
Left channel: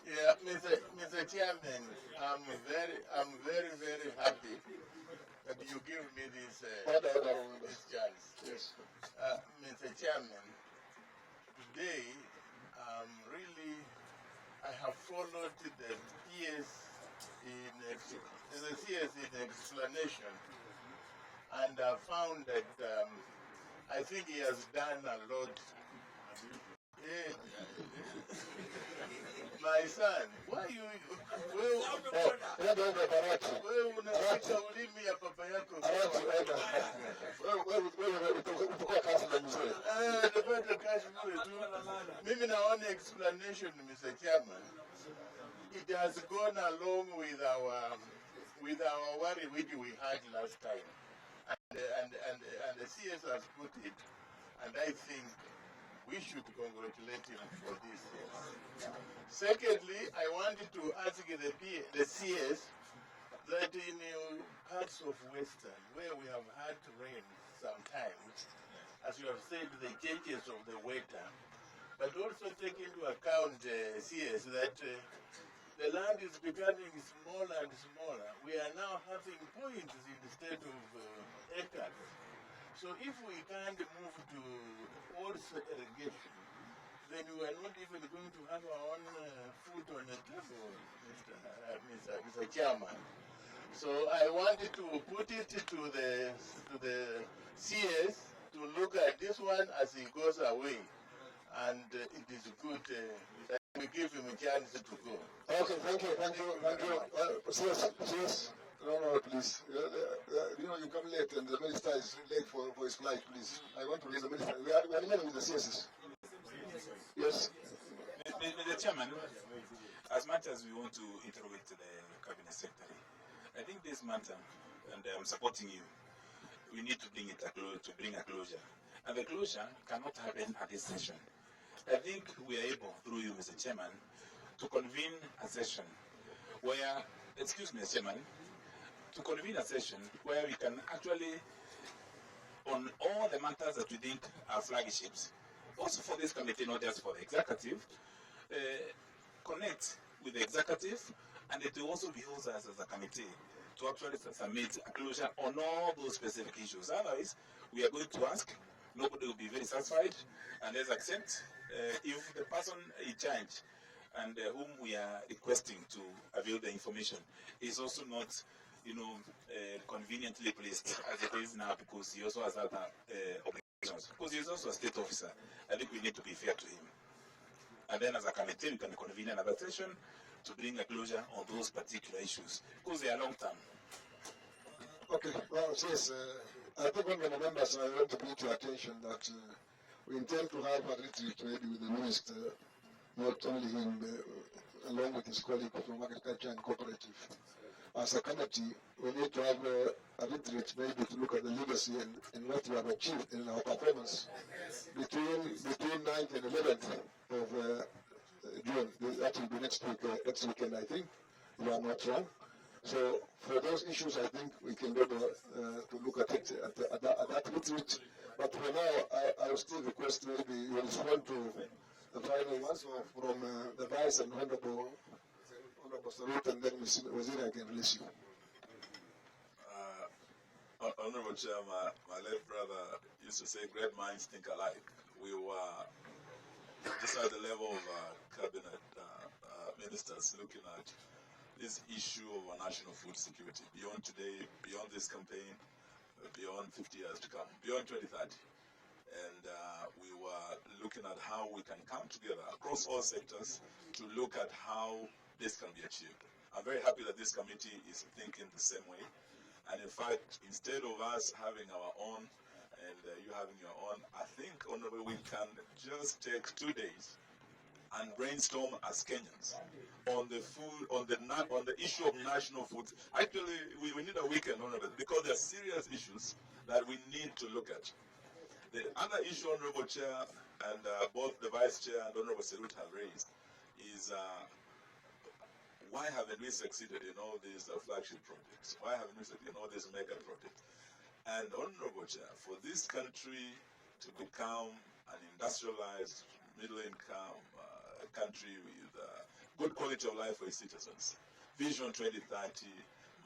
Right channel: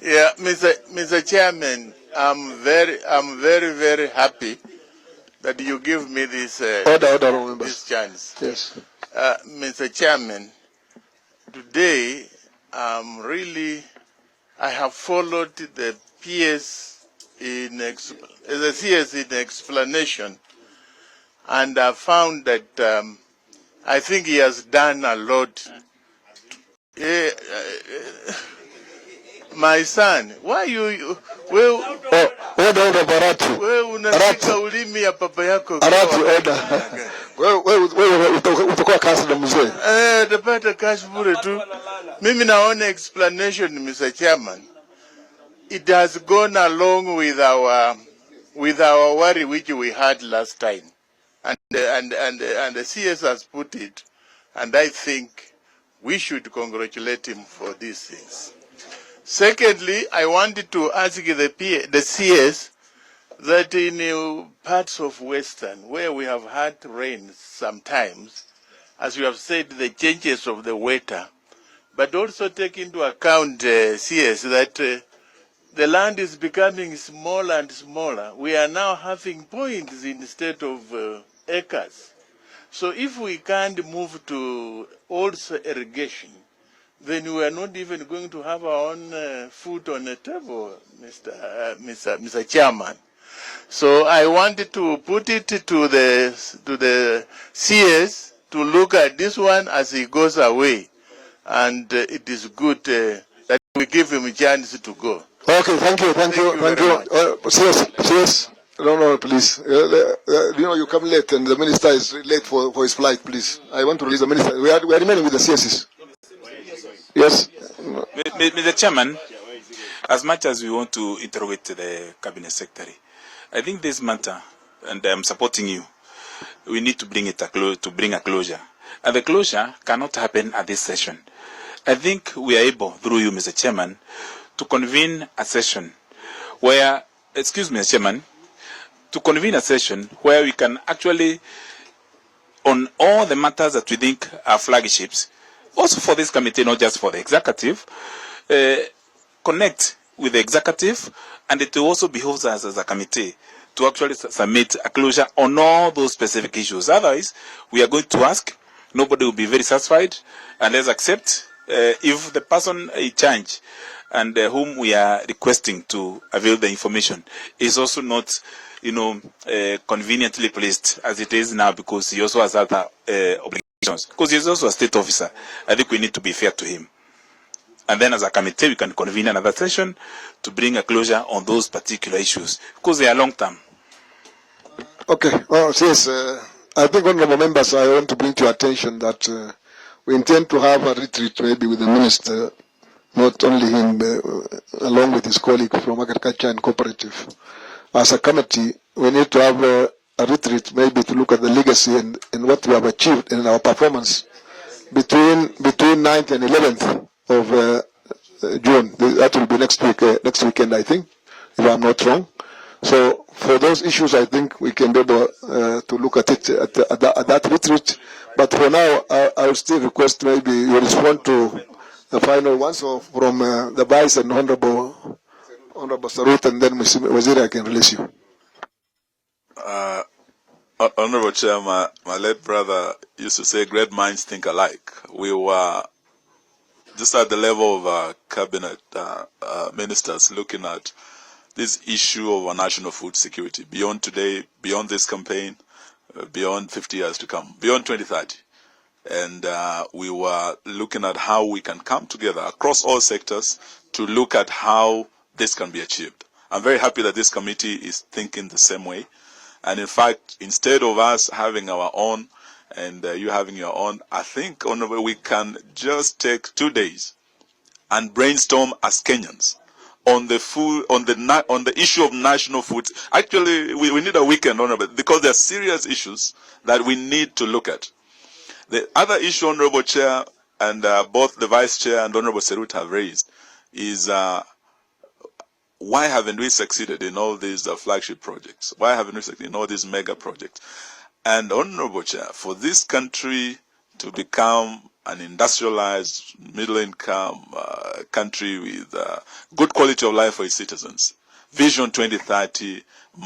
Yeah, Mr. Chairman, I'm very happy that you give me this this chance. Yes. Mr. Chairman, today I have followed the PS the CS in explanation, and I found that I think he has done a lot. My son, why you wewe unashika ulimi ya papa yako? Wewe utakuwa kazi na mzee. Utapata kazi bure tu. Mimi naona explanation, Mr. Chairman. It has gone along with our worry which we had last time, and the CS has put it, and I think we should congratulate him for these things. Secondly, I wanted to ask the CS that in parts of Western, where we have had rain sometimes, as you have said, the changes of the weather, but also take into account, CS, that the land is becoming smaller and smaller. We are now having points instead of acres. So if we can't move to also irrigation, then we are not even going to have our own food on the table, Mr. Chairman. So I wanted to put it to the CS to look at this one as he goes away, and it is good that we give him a chance to go. Okay, thank you. CS. No, please. You come late, and the minister is late for his flight. Please, I want to release the minister. We are remaining with the CSs. Yes. Mr. Chairman, as much as we want to interrogate the Cabinet Secretary, I think this matter, and I'm supporting you, we need to bring a closure. And the closure cannot happen at this session. I think we are able, through you, Mr. Chairman, to convene a session where, excuse me, Mr. Chairman, to convene a session where we can actually, on all the matters that we think are flagships, also for this committee, not just for the executive, connect with the executive, and it also behoves us as a committee to actually submit a closure on all those specific issues. Otherwise, we are going to ask, nobody will be very satisfied, and let's accept if the person in charge and whom we are requesting to avail the information is also not, conveniently placed as it is now, because he also has other obligations, because he is also a state officer. I think we need to be fair to him. And then as a committee, we can convene another session to bring a closure on those particular issues, because they are long-term. Okay. Well, yes, I think, honorable members, I want to bring to your attention that we intend to have a retreat maybe with the minister, not only him, along with his colleague from Agriculture and Cooperative. As a committee, we need to have a retreat maybe to look at the legacy and what we have achieved in our performance between 9th and 11th of June. That will be next weekend, I think, if I'm not wrong. So for those issues, I think we can be able to look at it at that retreat. But for now, I will still request maybe you respond to the final ones from the Vice and Honorable Sarut, and then Waziri, I can release you. Honorable Chair, my late brother used to say great minds think alike. We were just at the level of cabinet ministers looking at this issue of our national food security beyond today, beyond this campaign, beyond 50 years to come, beyond 2030. And we were looking at how we can come together across all sectors to look at how this can be achieved. I'm very happy that this committee is thinking the same way. And in fact, instead of us having our own and you having your own, I think, Honorable, we can just take 2 days and brainstorm as Kenyans on the food, on the issue of national food. Actually, we need a weekend, Honorable, because there are serious issues that we need to look at. The other issue, Honorable Chair, and both the Vice Chair and Honorable Serut have raised, is why haven't we succeeded in all these flagship projects? Why haven't we succeeded in all these mega projects? And Honorable Chair, for this country to become an industrialized, middle-income country with good quality of life for its citizens, Vision 2030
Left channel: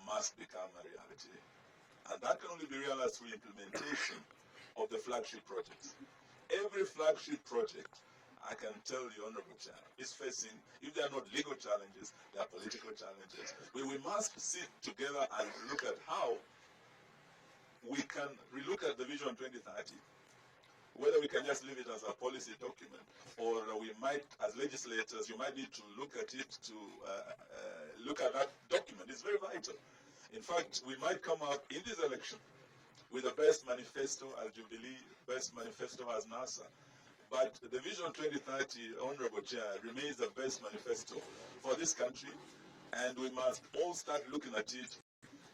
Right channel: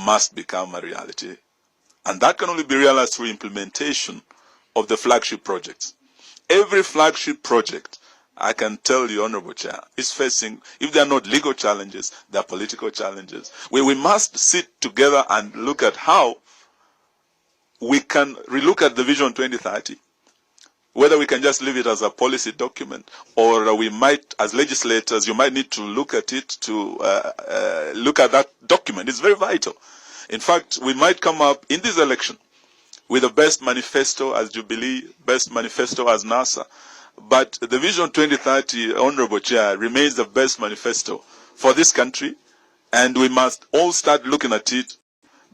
must become a reality. And that can only be realized through implementation of the flagship projects. Every flagship project, I can tell you, Honorable Chair, is facing, if they are not legal challenges, they are political challenges. We must sit together and look at how we can relook at the Vision 2030, whether we can just leave it as a policy document, or we might, as legislators, you might need to look at it to look at that document. It's very vital. In fact, we might come up in this election with the best manifesto as Jubilee, best manifesto as NASA. But the Vision 2030, Honorable Chair, remains the best manifesto for this country, and we must all start looking at it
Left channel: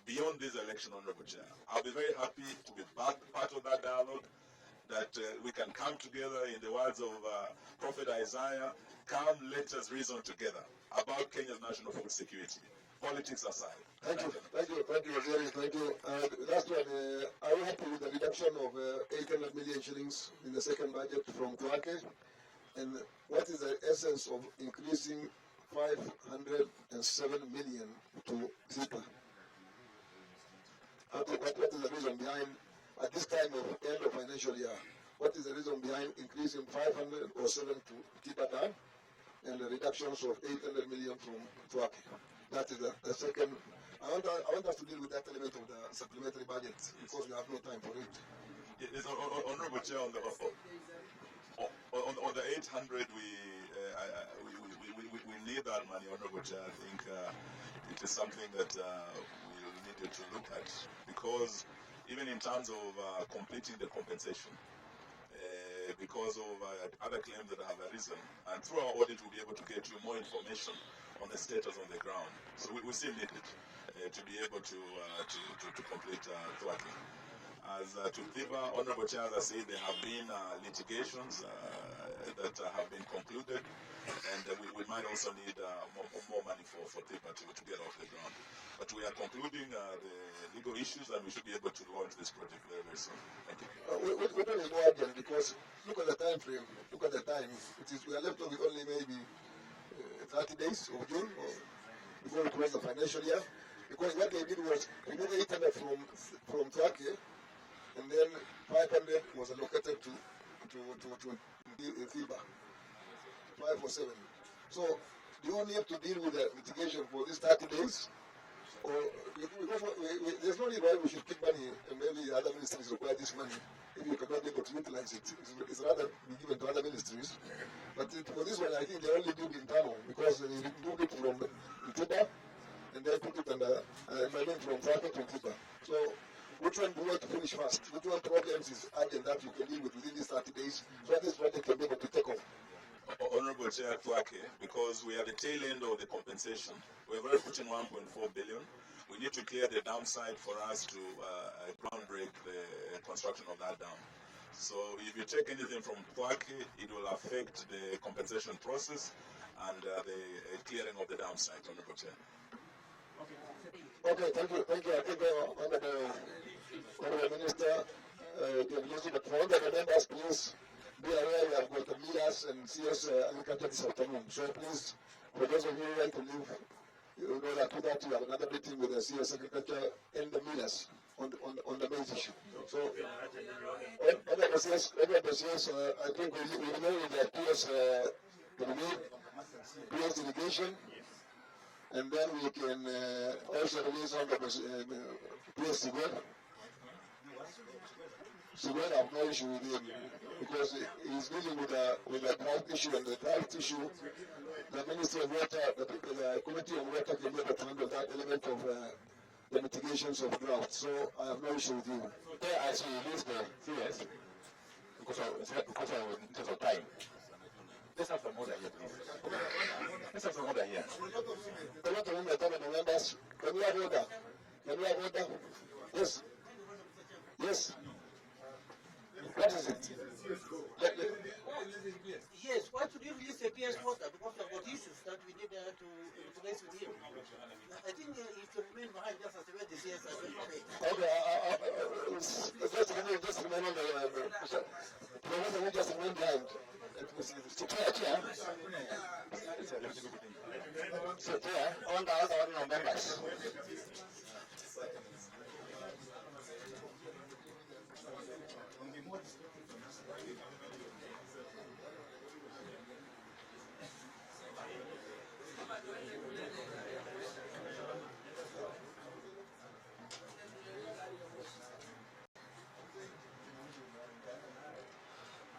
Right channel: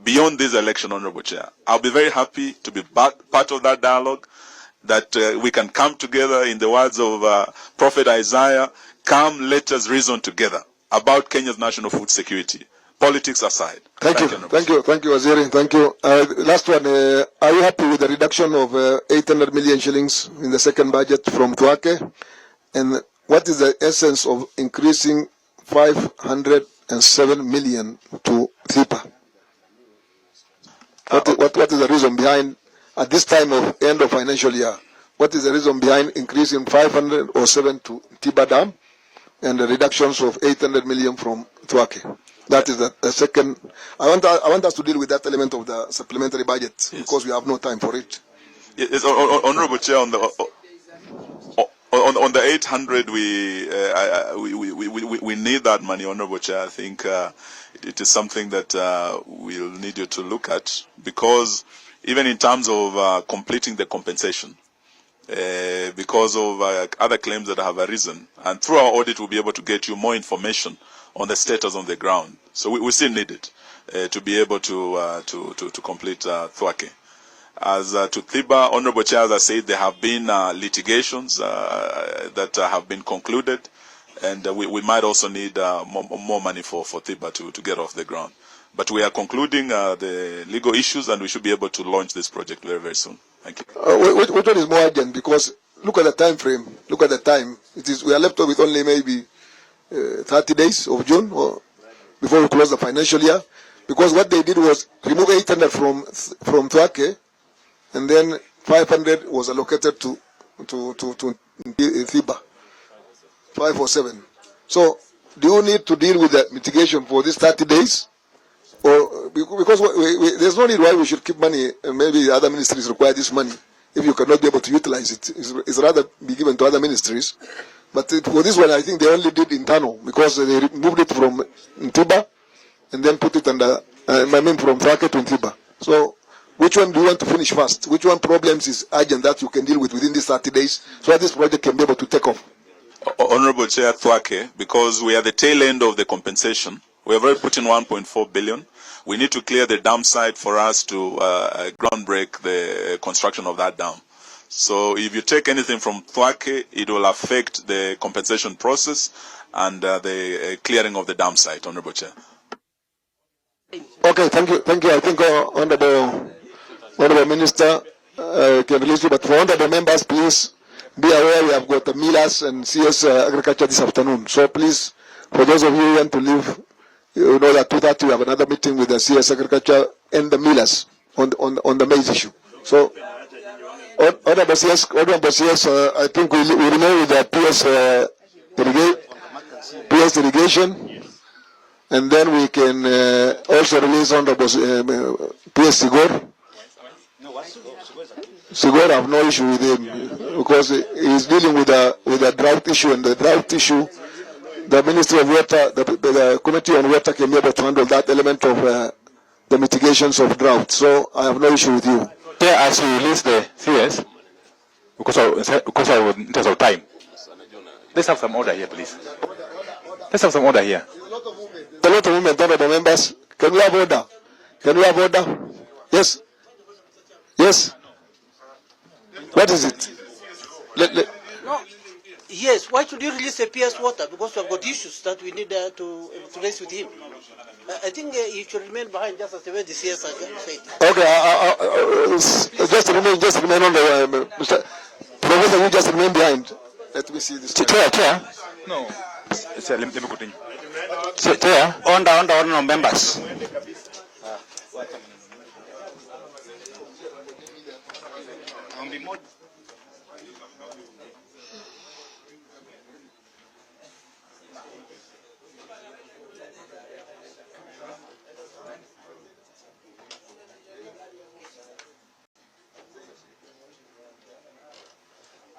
beyond this election, Honorable Chair. I'll be very happy to be part of that dialogue, that we can come together, in the words of Prophet Isaiah, come, let us reason together about Kenya's national food security. Politics aside. Thank you, Waziri. Thank you. Last one, are you happy with the reduction of 800 million shillings in the second budget from Tuake? And what is the essence of increasing 507 million to THIPA? What is the reason behind, at this time of end of financial year, what is the reason behind increasing 507 to THIPA Dam and the reductions of 800 million from Tuake? That is the second. I want us to deal with that element of the supplementary budget, yes, because we have no time for it. Yes, Honorable Chair, on the 800, we need that money, Honorable Chair. I think it is something that we'll need you to look at, because even in terms of completing the compensation, because of other claims that have arisen, and through our audit we'll be able to get you more information on the status on the ground. So we still need it to be able to complete Tuake. As to THIPA, Honorable Chair, as I said, there have been litigations that have been concluded, and we might also need more money for THIPA to get off the ground. But we are concluding the legal issues, and we should be able to launch this project very, very soon. Thank you. Which one is more urgent? Because look at the time frame. Look at the time. We are left with only maybe 30 days of June, or before we close the financial year, because what they did was remove 800 from Tuake, and then 500 was allocated to THIPA, 507. So, do you need to deal with the mitigation for these 30 days, or because there's no need why we should keep money, and maybe other ministries require this money if you cannot be able to utilize it? It's rather be given to other ministries. But for this one, I think they only did internal, because they removed it from THIPA and then put it under, from Tuake to THIPA. So, which one do you want to finish first? Which one problems is urgent that you can deal with within these 30 days, so that this project can be able to take off? Honorable Chair, Tuake, because we are the tail end of the compensation. We have already put in 1.4 billion. We need to clear the dam site for us to ground break the construction of that dam. So if you take anything from Tuake, it will affect the compensation process and the clearing of the dam site, Honorable Chair. Okay, thank you. I think Honorable Minister can release you, but for honorable members, please be aware we have got the millers and CS Agriculture this afternoon. So please, for those of you who want to leave, you know that 2:30 we have another meeting with the CS Agriculture and the millers on the maize issue. So, Honorable CS, I think we remain with the PS irrigation, and then we can also release Honorable PS Sigor. Sigor, I have no issue with him, because he is dealing with a drought issue, and the drought issue, the Ministry of Water, the Committee on Water can be able to handle that element of the mitigations of drought. So I have no issue with you. Yeah, as we release the CS, because of in terms of time, let's have some order here, please. Let's have some order here. A lot of movement, honorable members. Can we have order? Can we have order? Yes. Yes. What is it? No. Yes. Why should you release the PS water? Because we have got issues that we need to raise with him. I think he should remain behind, just as the way the CS said. Okay. Just remain on the. Professor, you just remain behind. Let me see this. Chair. No. Let me continue. Chair, on members.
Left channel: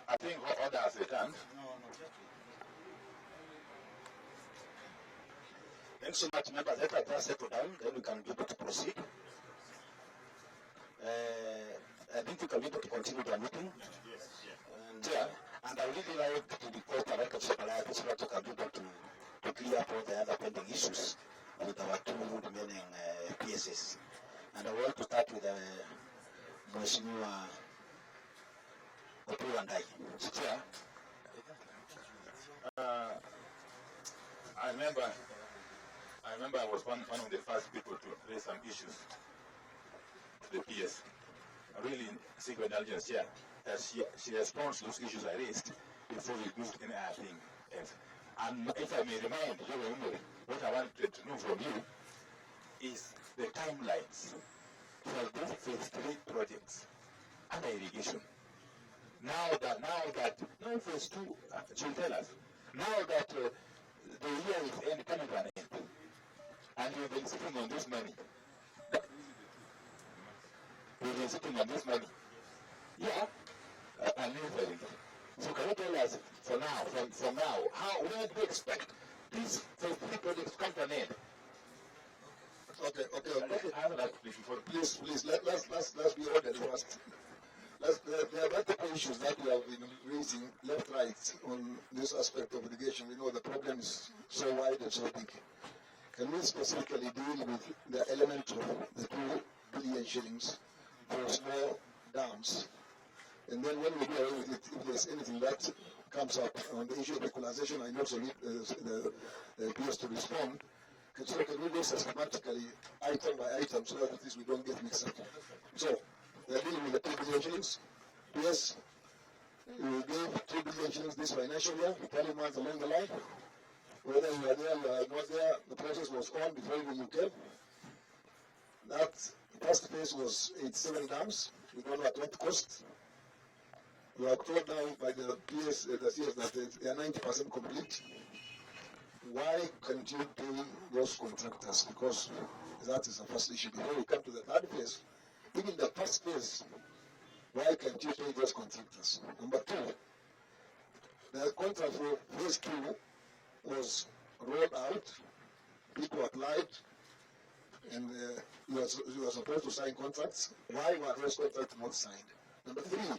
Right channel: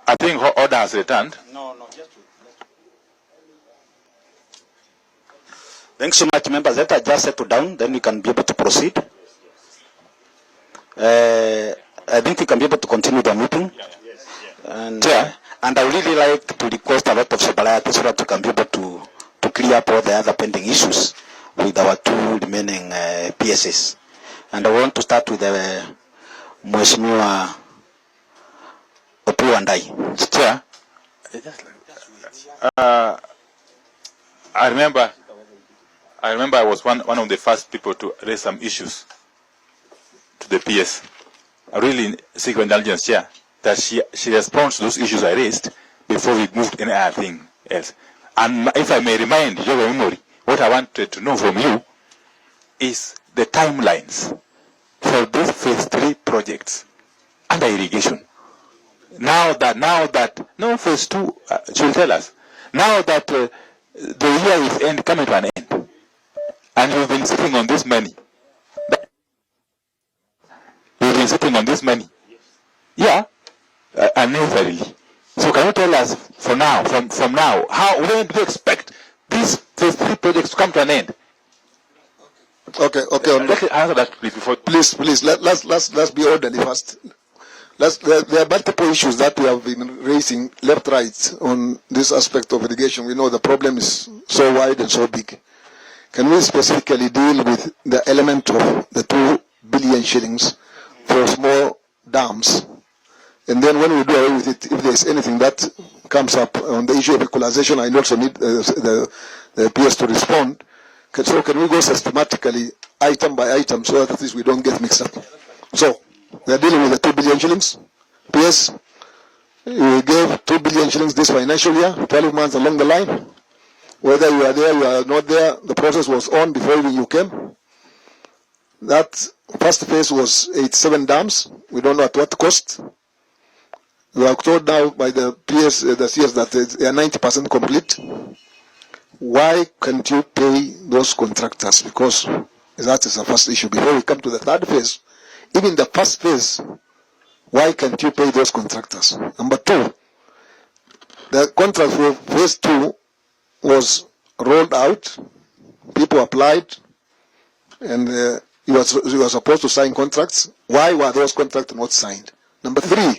I think order has returned. No, just Thanks so much, members. Let us just settle down, then we can be able to proceed. I think we can be able to continue the meeting. And I would really like to request a lot of sobriety so that we can be able to clear up all the other pending issues with our two remaining PSs. And I want to start with the Mheshimiwa Opu and I. Chair, I remember I was one of the first people to raise some issues to the PS. I really seek indulgence, Chair, that she responds to those issues I raised before we moved any other thing else. And if I may remind your memory, what I wanted to know from you is the timelines for these phase 3 projects under irrigation. Now that no phase 2, she will tell us. Now that the year is coming to an end, and we've been sitting on this money. We've been sitting on this money. Yeah, unnecessarily. So can you tell us from now, when do you expect these phase 3 projects to come to an end? Okay. Let's answer that please before. Please. Let's be orderly first. There are multiple issues that we have been raising left, right on this aspect of irrigation. We know the problem is so wide and so big. Can we specifically deal with the element of the 2 billion shillings for small dams? And then when we do away with it, if there's anything that comes up on the issue of equalization, I also need the PS to respond. So can we go systematically, item by item, so that at least we don't get mixed up? So we are dealing with the 2 billion shillings. PS, we gave 2 billion shillings this financial year, 12 months along the line. Whether you are there, you are not there, the process was on before even you came. That first phase was 87 dams. We don't know at what cost. We are told now by the PS, the CS, that they are 90% complete. Why can't you pay those contractors? Because that is the first issue. Before we come to the third phase, even the first phase, why can't you pay those contractors? Number 2, the contract for phase 2 was rolled out, people applied, and you were supposed to sign contracts. Why were those contracts not signed? Number 3,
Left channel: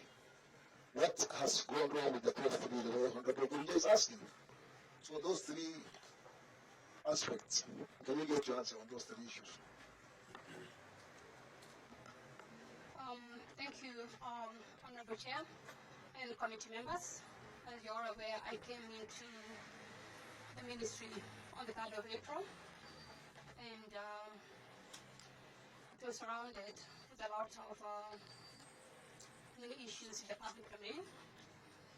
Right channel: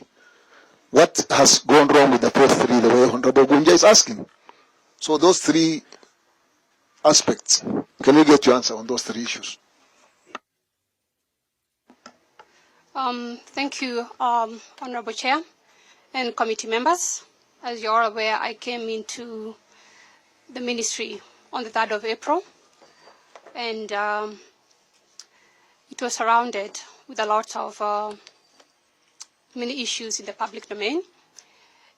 what has gone wrong with the phase 3, the way Honorable Gunja is asking? So those 3 aspects, can we get your answer on those 3 issues? Thank you, Honorable Chair and committee members. As you're aware, I came into the ministry on the 3rd of April, and it was surrounded with a lot of many issues in the public domain.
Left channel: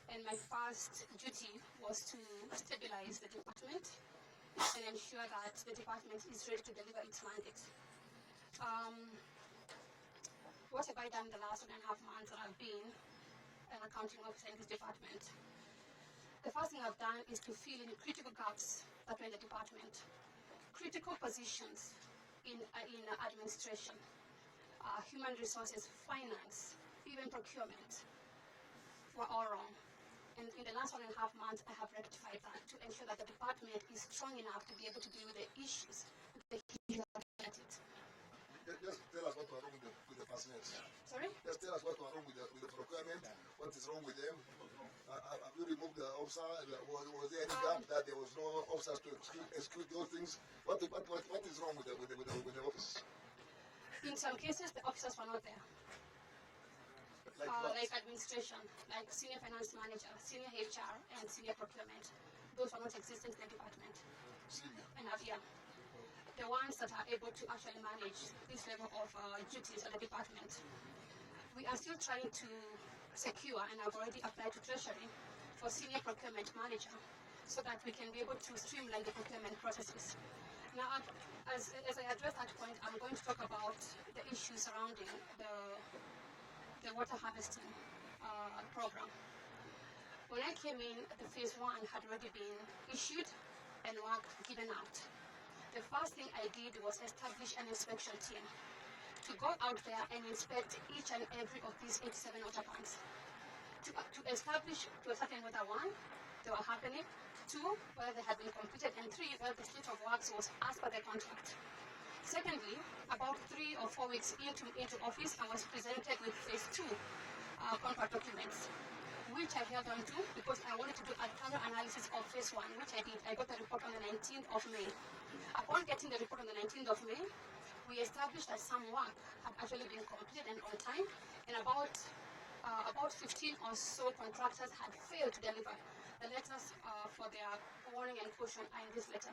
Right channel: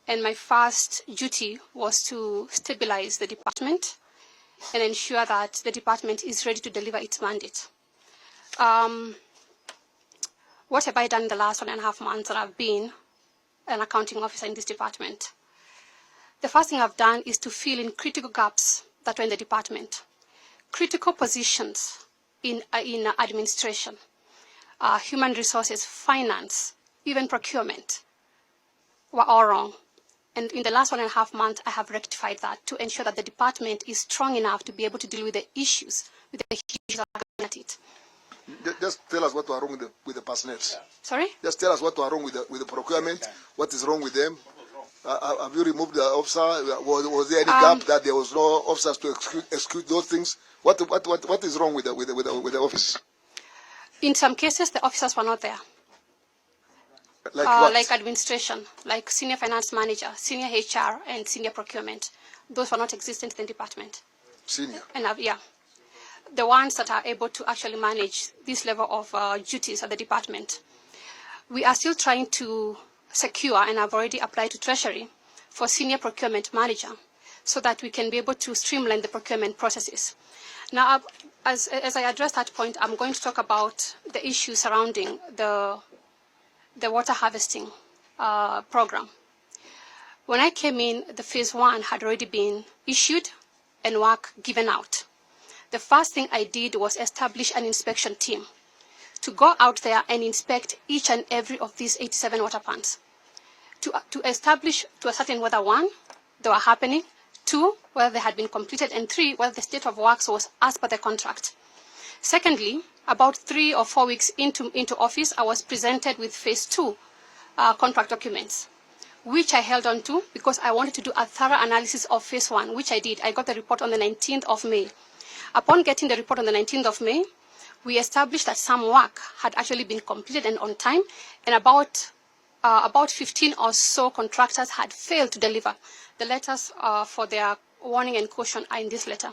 And my first duty was to stabilize the department and ensure that the department is ready to deliver its mandate. What have I done in the last 1.5 months that I've been an accounting officer in this department? The first thing I've done is to fill in critical gaps that were in the department. Critical positions in administration, human resources, finance, even procurement were all wrong. And in the last 1.5 months, I have rectified that to ensure that the department is strong enough to be able to deal with the issues, with the issues that are at it. Just tell us what was wrong with the personnel. Sorry? Just tell us what was wrong with the procurement, what is wrong with them. Have you removed the officer? Was there any gap that there was no officers to execute those things? What is wrong with the office? In some cases, the officers were not there. Like administration, like senior finance manager, senior HR, and senior procurement. Those were not existent in the department. Senior? And yeah. The ones that are able to actually manage this level of duties at the department. We are still trying to secure, and I've already applied to Treasury for senior procurement manager so that we can be able to streamline the procurement processes. Now, as I address that point, I'm going to talk about the issues surrounding the water harvesting program. When I came in, the phase 1 had already been issued and work given out. The first thing I did was establish an inspection team to go out there and inspect each and every of these 87 water plants, to establish to ascertain whether 1, they were happening, 2, whether they had been completed, and 3, whether the state of works was as per the contract. Secondly, about 3 or 4 weeks into office, I was presented with phase 2 contract documents, which I held on to because I wanted to do a thorough analysis of phase 1, which I did. I got the report on the 19th of May. Upon getting the report on the 19th of May, we established that some work had actually been completed and on time, and about 15 or so contractors had failed to deliver. The letters for their warning and caution are in this letter.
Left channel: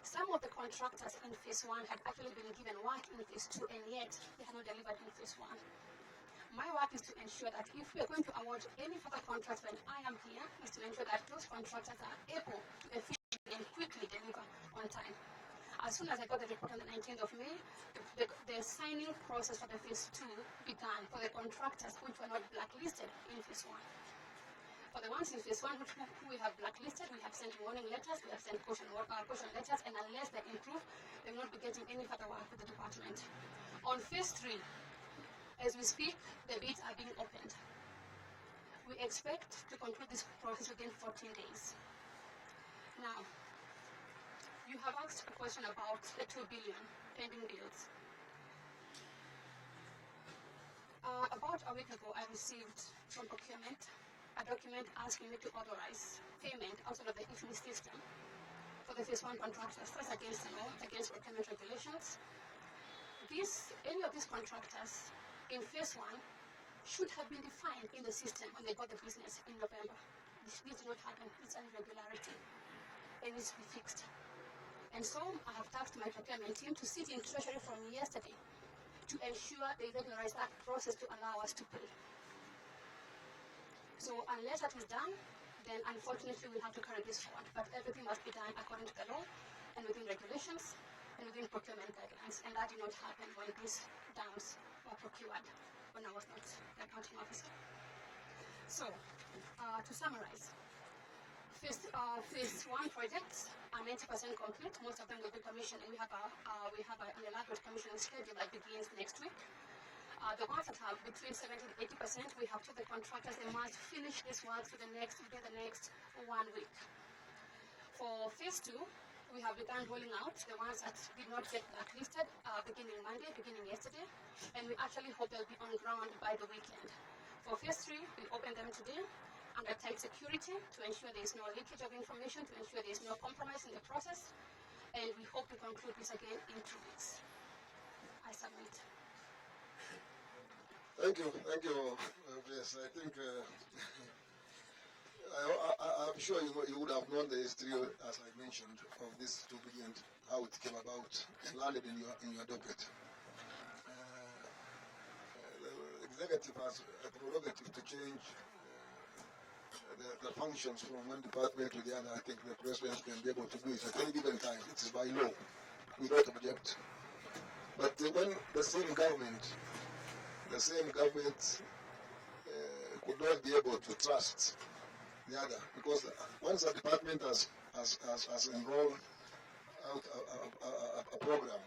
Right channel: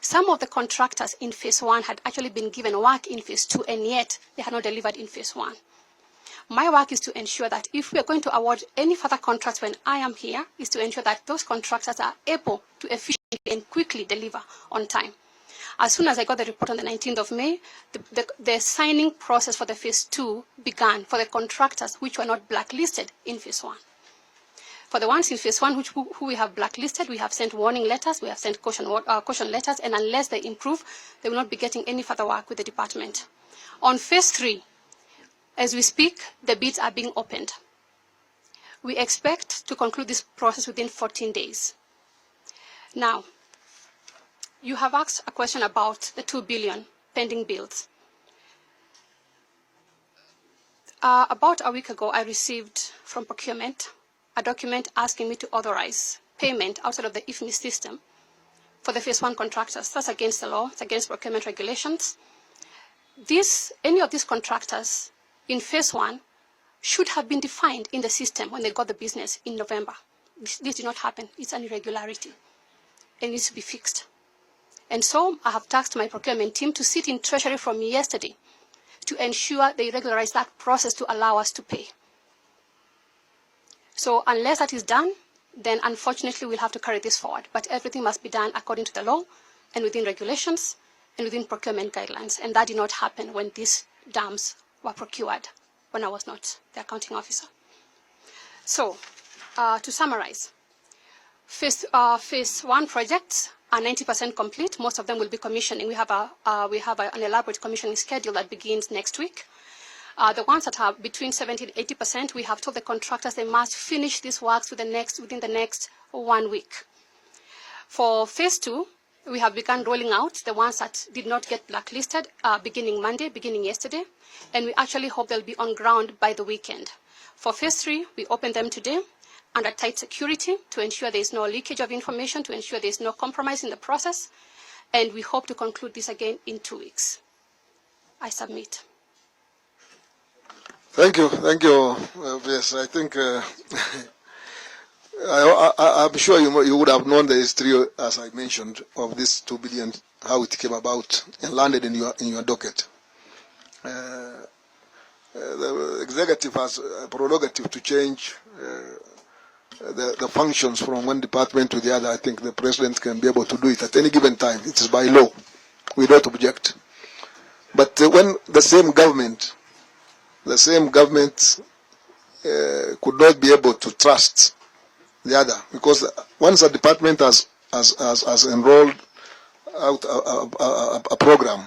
Some of the contractors in phase 1 had actually been given work in phase 2, and yet they had not delivered in phase 1. My work is to ensure that if we are going to award any further contracts when I am here, is to ensure that those contractors are able to efficiently and quickly deliver on time. As soon as I got the report on the 19th of May, the signing process for the phase 2 began for the contractors which were not blacklisted in phase 1. For the ones in phase 1 who we have blacklisted, we have sent warning letters, we have sent caution letters, and unless they improve, they will not be getting any further work with the department. On phase 3, as we speak, the bids are being opened. We expect to conclude this process within 14 days. Now, you have asked a question about the 2 billion pending bills. About a week ago, I received from procurement a document asking me to authorize payment outside of the IFMI system for the phase 1 contractors. That's against the law, it's against procurement regulations. Any of these contractors in phase 1 should have been defined in the system when they got the business in November. This did not happen. It's an irregularity. It needs to be fixed. And so I have tasked my procurement team to sit in Treasury from yesterday to ensure they regularize that process to allow us to pay. So unless that is done, then unfortunately we'll have to carry this forward. But everything must be done according to the law and within regulations and within procurement guidelines. And that did not happen when these dams were procured, when I was not the accounting officer. So to summarize, phase 1 projects are 90% complete. Most of them will be commissioning. We have an elaborate commissioning schedule that begins next week. The ones that are between 70 and 80%, we have told the contractors they must finish these works within the next 1 week. For phase 2, we have begun rolling out the ones that did not get blacklisted beginning Monday, beginning yesterday, and we actually hope they'll be on ground by the weekend. For phase 3, we opened them today under tight security to ensure there is no leakage of information, to ensure there is no compromise in the process, and we hope to conclude this again in 2 weeks. I submit. Thank you. Yes, I think I'm sure you would have known the history, as I mentioned, of this 2 billion, how it came about and landed in your docket. The executive has a prerogative to change the functions from one department to the other. I think the president can be able to do it at any given time. It is by law. We don't object. But when the same government could not be able to trust the other, because once a department has enrolled out a program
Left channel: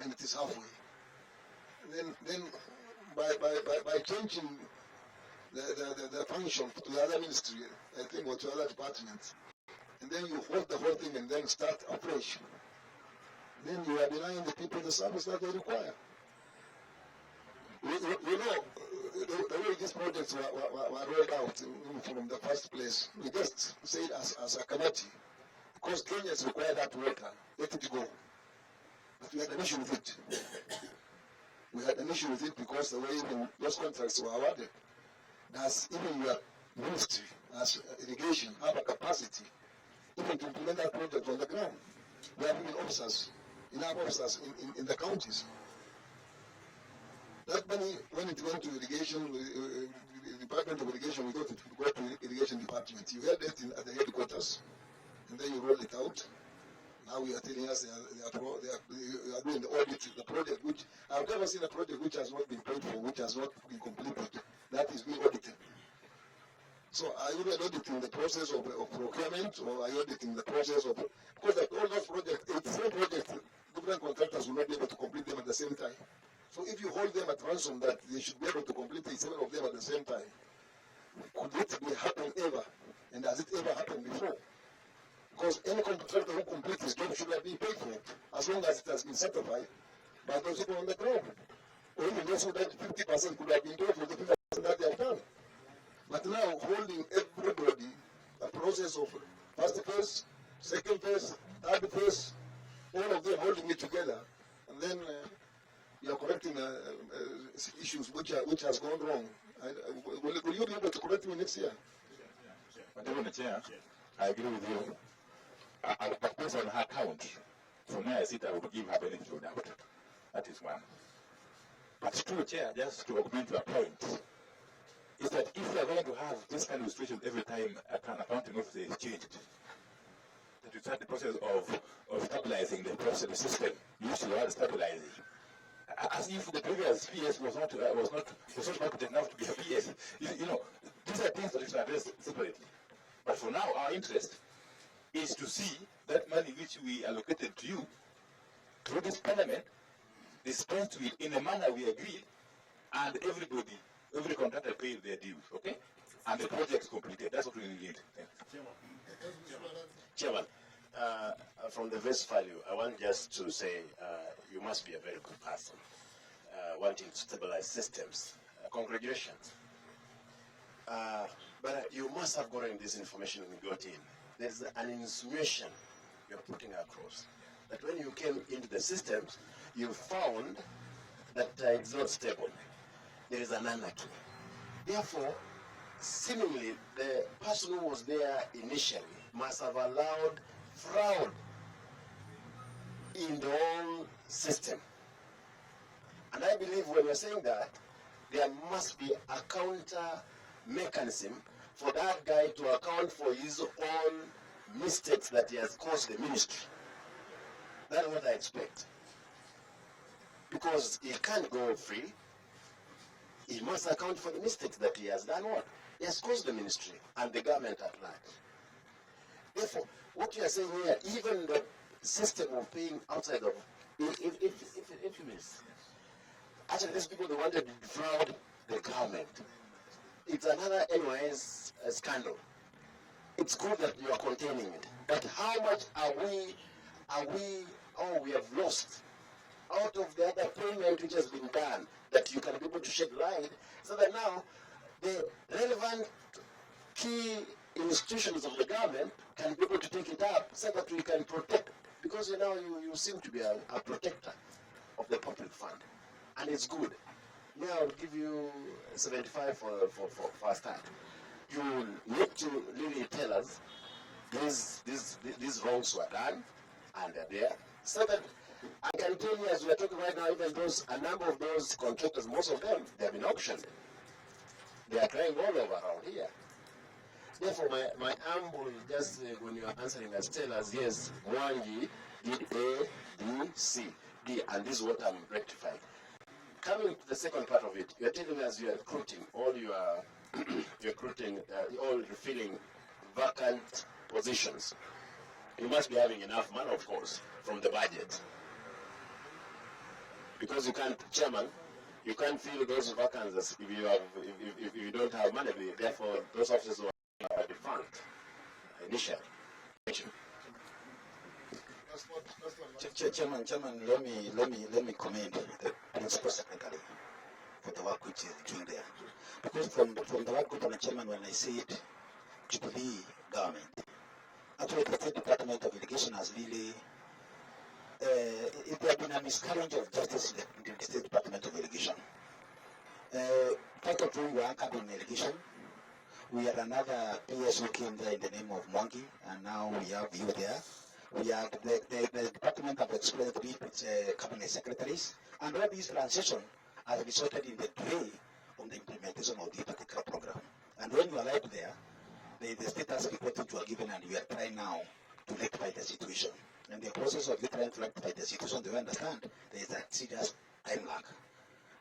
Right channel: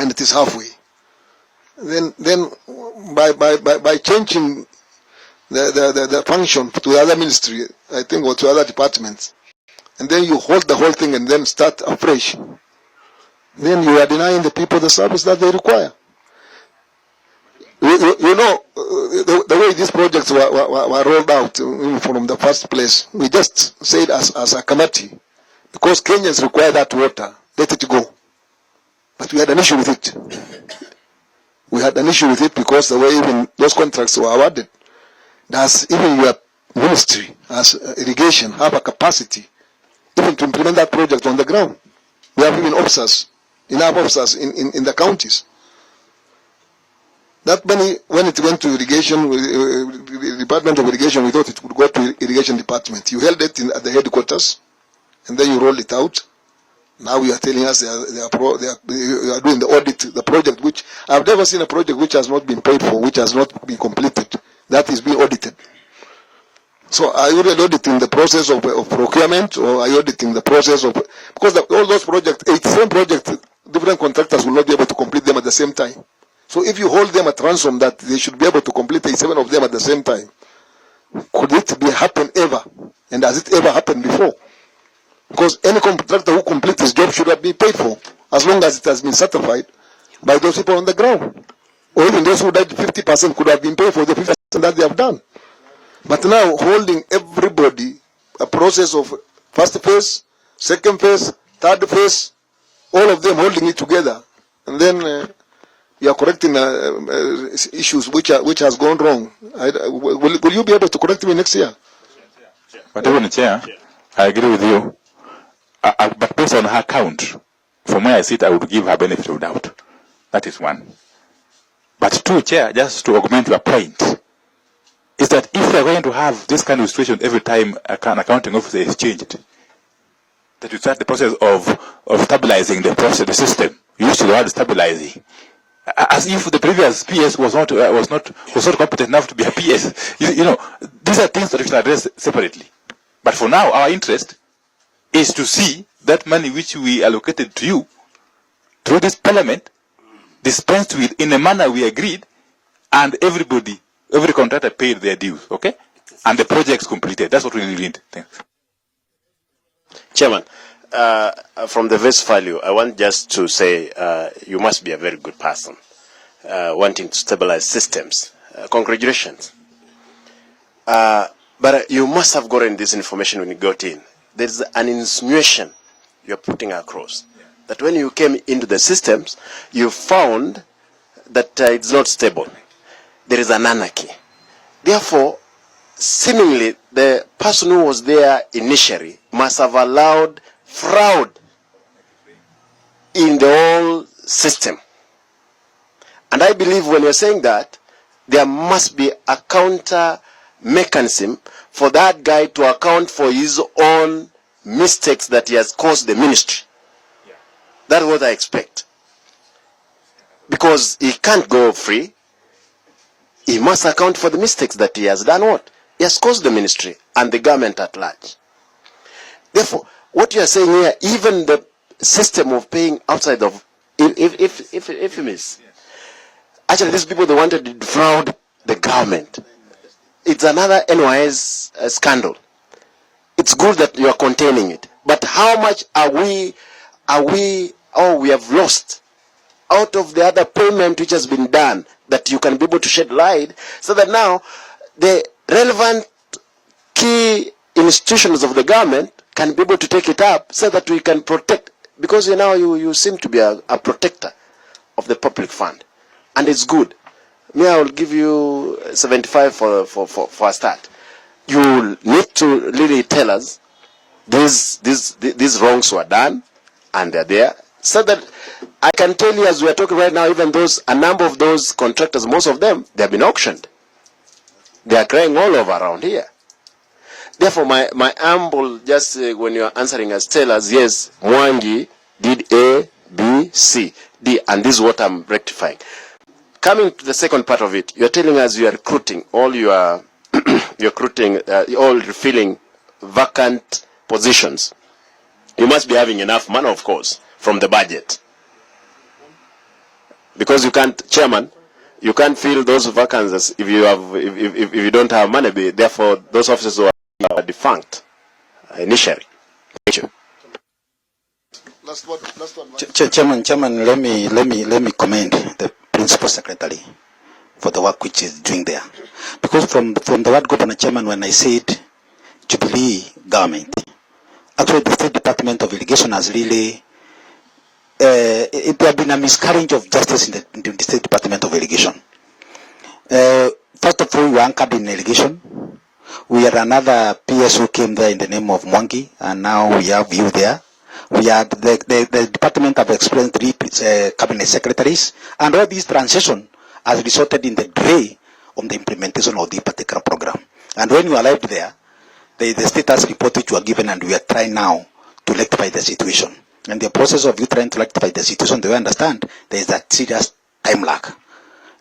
and it is halfway, then by changing the function to the other ministry, I think, or to other departments, and then you hold the whole thing and then start afresh, then you are denying the people the service that they require. You know, the way these projects were rolled out from the first place, we just said as a committee, because Kenyans require that water, let it go. But we had an issue with it. We had an issue with it because the way even those contracts were awarded, does even your ministry as irrigation have a capacity even to implement that project on the ground? We have even officers, enough officers in the counties. That money, when it went to irrigation, Department of Irrigation, we thought it would go to irrigation department. You held it at the headquarters, and then you rolled it out. Now you are telling us you are doing the audit, the project, which I've never seen a project which has not been paid for, which has not been completed. That is being audited. So are you really auditing the process of procurement, or are you auditing the process of, because all those projects, 87 projects, different contractors will not be able to complete them at the same time. So if you hold them at ransom that they should be able to complete 87 of them at the same time, could it be happen ever? And has it ever happened before? Because any contractor who completes his job should have been paid for, as long as it has been certified by those people on the ground. Or even those who died 50% could have been paid for the 50% that they have done. But now holding everybody, a process of first phase, second phase, third phase, all of them holding it together, and then you are correcting issues which has gone wrong. Will you be able to correct me next year? But even Chair, I agree with you. But based on her count, from where I sit, I would give her benefit of doubt. That is one. But two, Chair, just to augment your point, is that if we are going to have this kind of situation every time an accounting officer is changed, that you start the process of stabilizing the process, the system. You used the word stabilizing, as if the previous PS was not competent enough to be a PS. You know, these are things that we should address separately. But for now, our interest is to see that money which we allocated to you through this parliament dispensed with in a manner we agreed, and every contractor paid their dues, okay? And the project's completed. That's what we really need. Thanks. Chairman, from the base value, I want just to say you must be a very good person wanting to stabilize systems. Congratulations. But you must have gotten this information when you got in. There's an insinuation you're putting across that when you came into the systems, you found that it's not stable. There is an anarchy. Therefore, seemingly, the person who was there initially must have allowed fraud in the whole system. And I believe when you're saying that, there must be a counter mechanism for that guy to account for his own mistakes that he has caused the ministry. That's what I expect. Because he can't go free. He must account for the mistakes that he has done what? He has caused the ministry and the government at large. Therefore, what you are saying here, even the system of paying outside of, if you miss, actually these people, they wanted to defraud the government. It's another NYS scandal. It's good that you are containing it. But how much we have lost out of the other payment which has been done, that you can be able to shed light, so that now the relevant key institutions of the government can be able to take it up, so that we can protect, because you seem to be a protector of the public fund, and it's good. Me, I will give you 75 for a start. You need to really tell us these wrongs were done, and they're there, so that I can tell you, as we are talking right now, even a number of those contractors, most of them, they have been auctioned. They are crying all over around here. Therefore, my humble, just when you are answering us, tell us, yes, Mwangi did A, B, C, D, and this is what I'm rectifying. Coming to the second part of it, you're telling us you are recruiting all your, all refilling vacant positions. You must be having enough money, of course, from the budget. Because you can't, Chairman, you can't fill those vacancies if you don't have money. Therefore, those officers who are defunct initially. Thank you. Last one. Chairman, let me commend the Principal Secretary for the work which is doing there. Because from the word Governor Chairman, when I said Jubilee government, actually the State Department of Irrigation has really there have been a miscarriage of justice in the State Department of Irrigation. First of all, we were anchored in irrigation. We had another PS who came there in the name of Mwangi, and now we have you there. We had the department have explained 3 cabinet secretaries, and all this transition has resulted in the delay on the implementation of the particular program. And when you arrived there, the status report which were given, and we are trying now to rectify the situation. And the process of you trying to rectify the situation, they understand there is a serious time lag.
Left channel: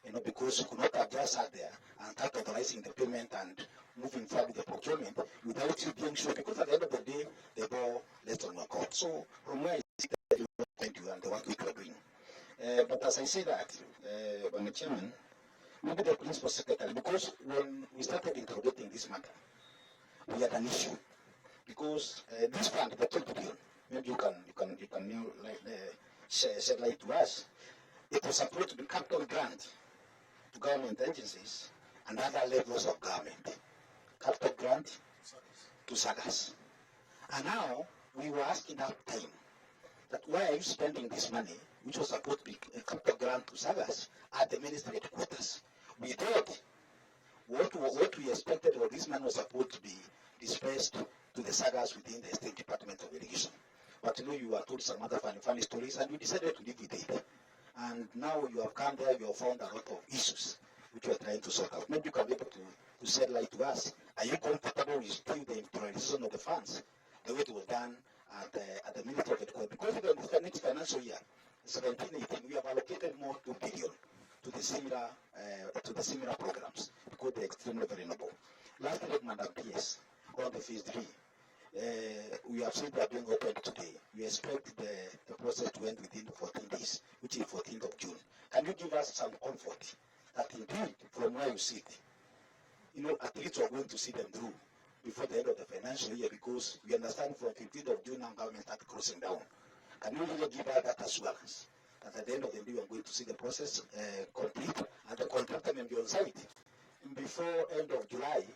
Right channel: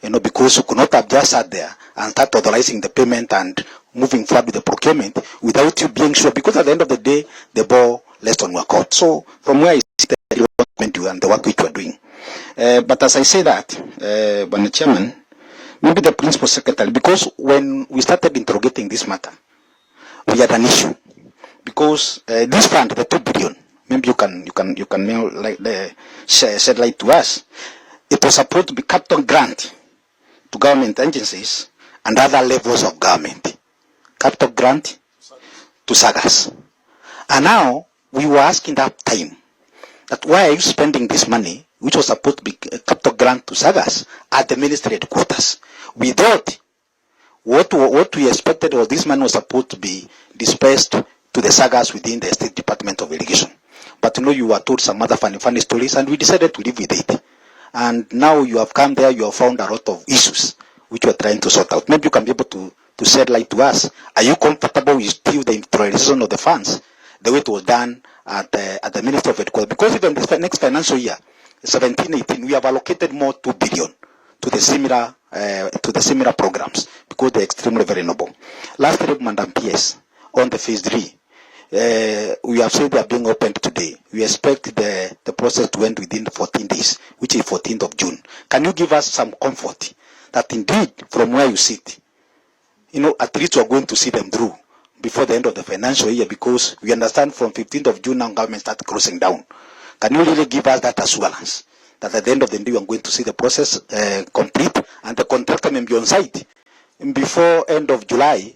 Because you could not have just sat there and start authorizing the payment and moving forward with the procurement without you being sure, because at the end of the day, the ball rests on your court. So from where I see the development and the work which we are doing. But as I say that, Mr. Chairman, maybe the principal secretary, because when we started interrogating this matter, we had an issue. Because this fund, the 2 billion, maybe you can now shed light to us. It was supposed to be capital grant to government agencies and other levels of government. Capital grant to SAGAs. And now we were asking that time that why are you spending this money, which was supposed to be capital grant to SAGAs, at the ministry headquarters? We thought what we expected was this money was supposed to be dispersed to the SAGAs within the State Department of Irrigation. But you were told some other funny stories, and we decided to live with it. And now you have come there, you have found a lot of issues which we are trying to sort out. Maybe you can be able to shed light to us. Are you comfortable with still the utilization of the funds the way it was done at the Ministry of Headquarters? Because even this next financial year, 17-18, we have allocated more 2 billion to the similar programs because they're extremely very noble. Lastly, Madam PS, on the phase 3. We have said they are being opened today. We expect the process to end within 14 days, which is 14th of June. Can you give us some comfort that indeed, from where you sit, at least we are going to see them through before the end of the financial year, because we understand from 15th of June now government starts closing down. Can you really give us that assurance that at the end of the day we are going to see the process complete and the contractor may be on site before end of July,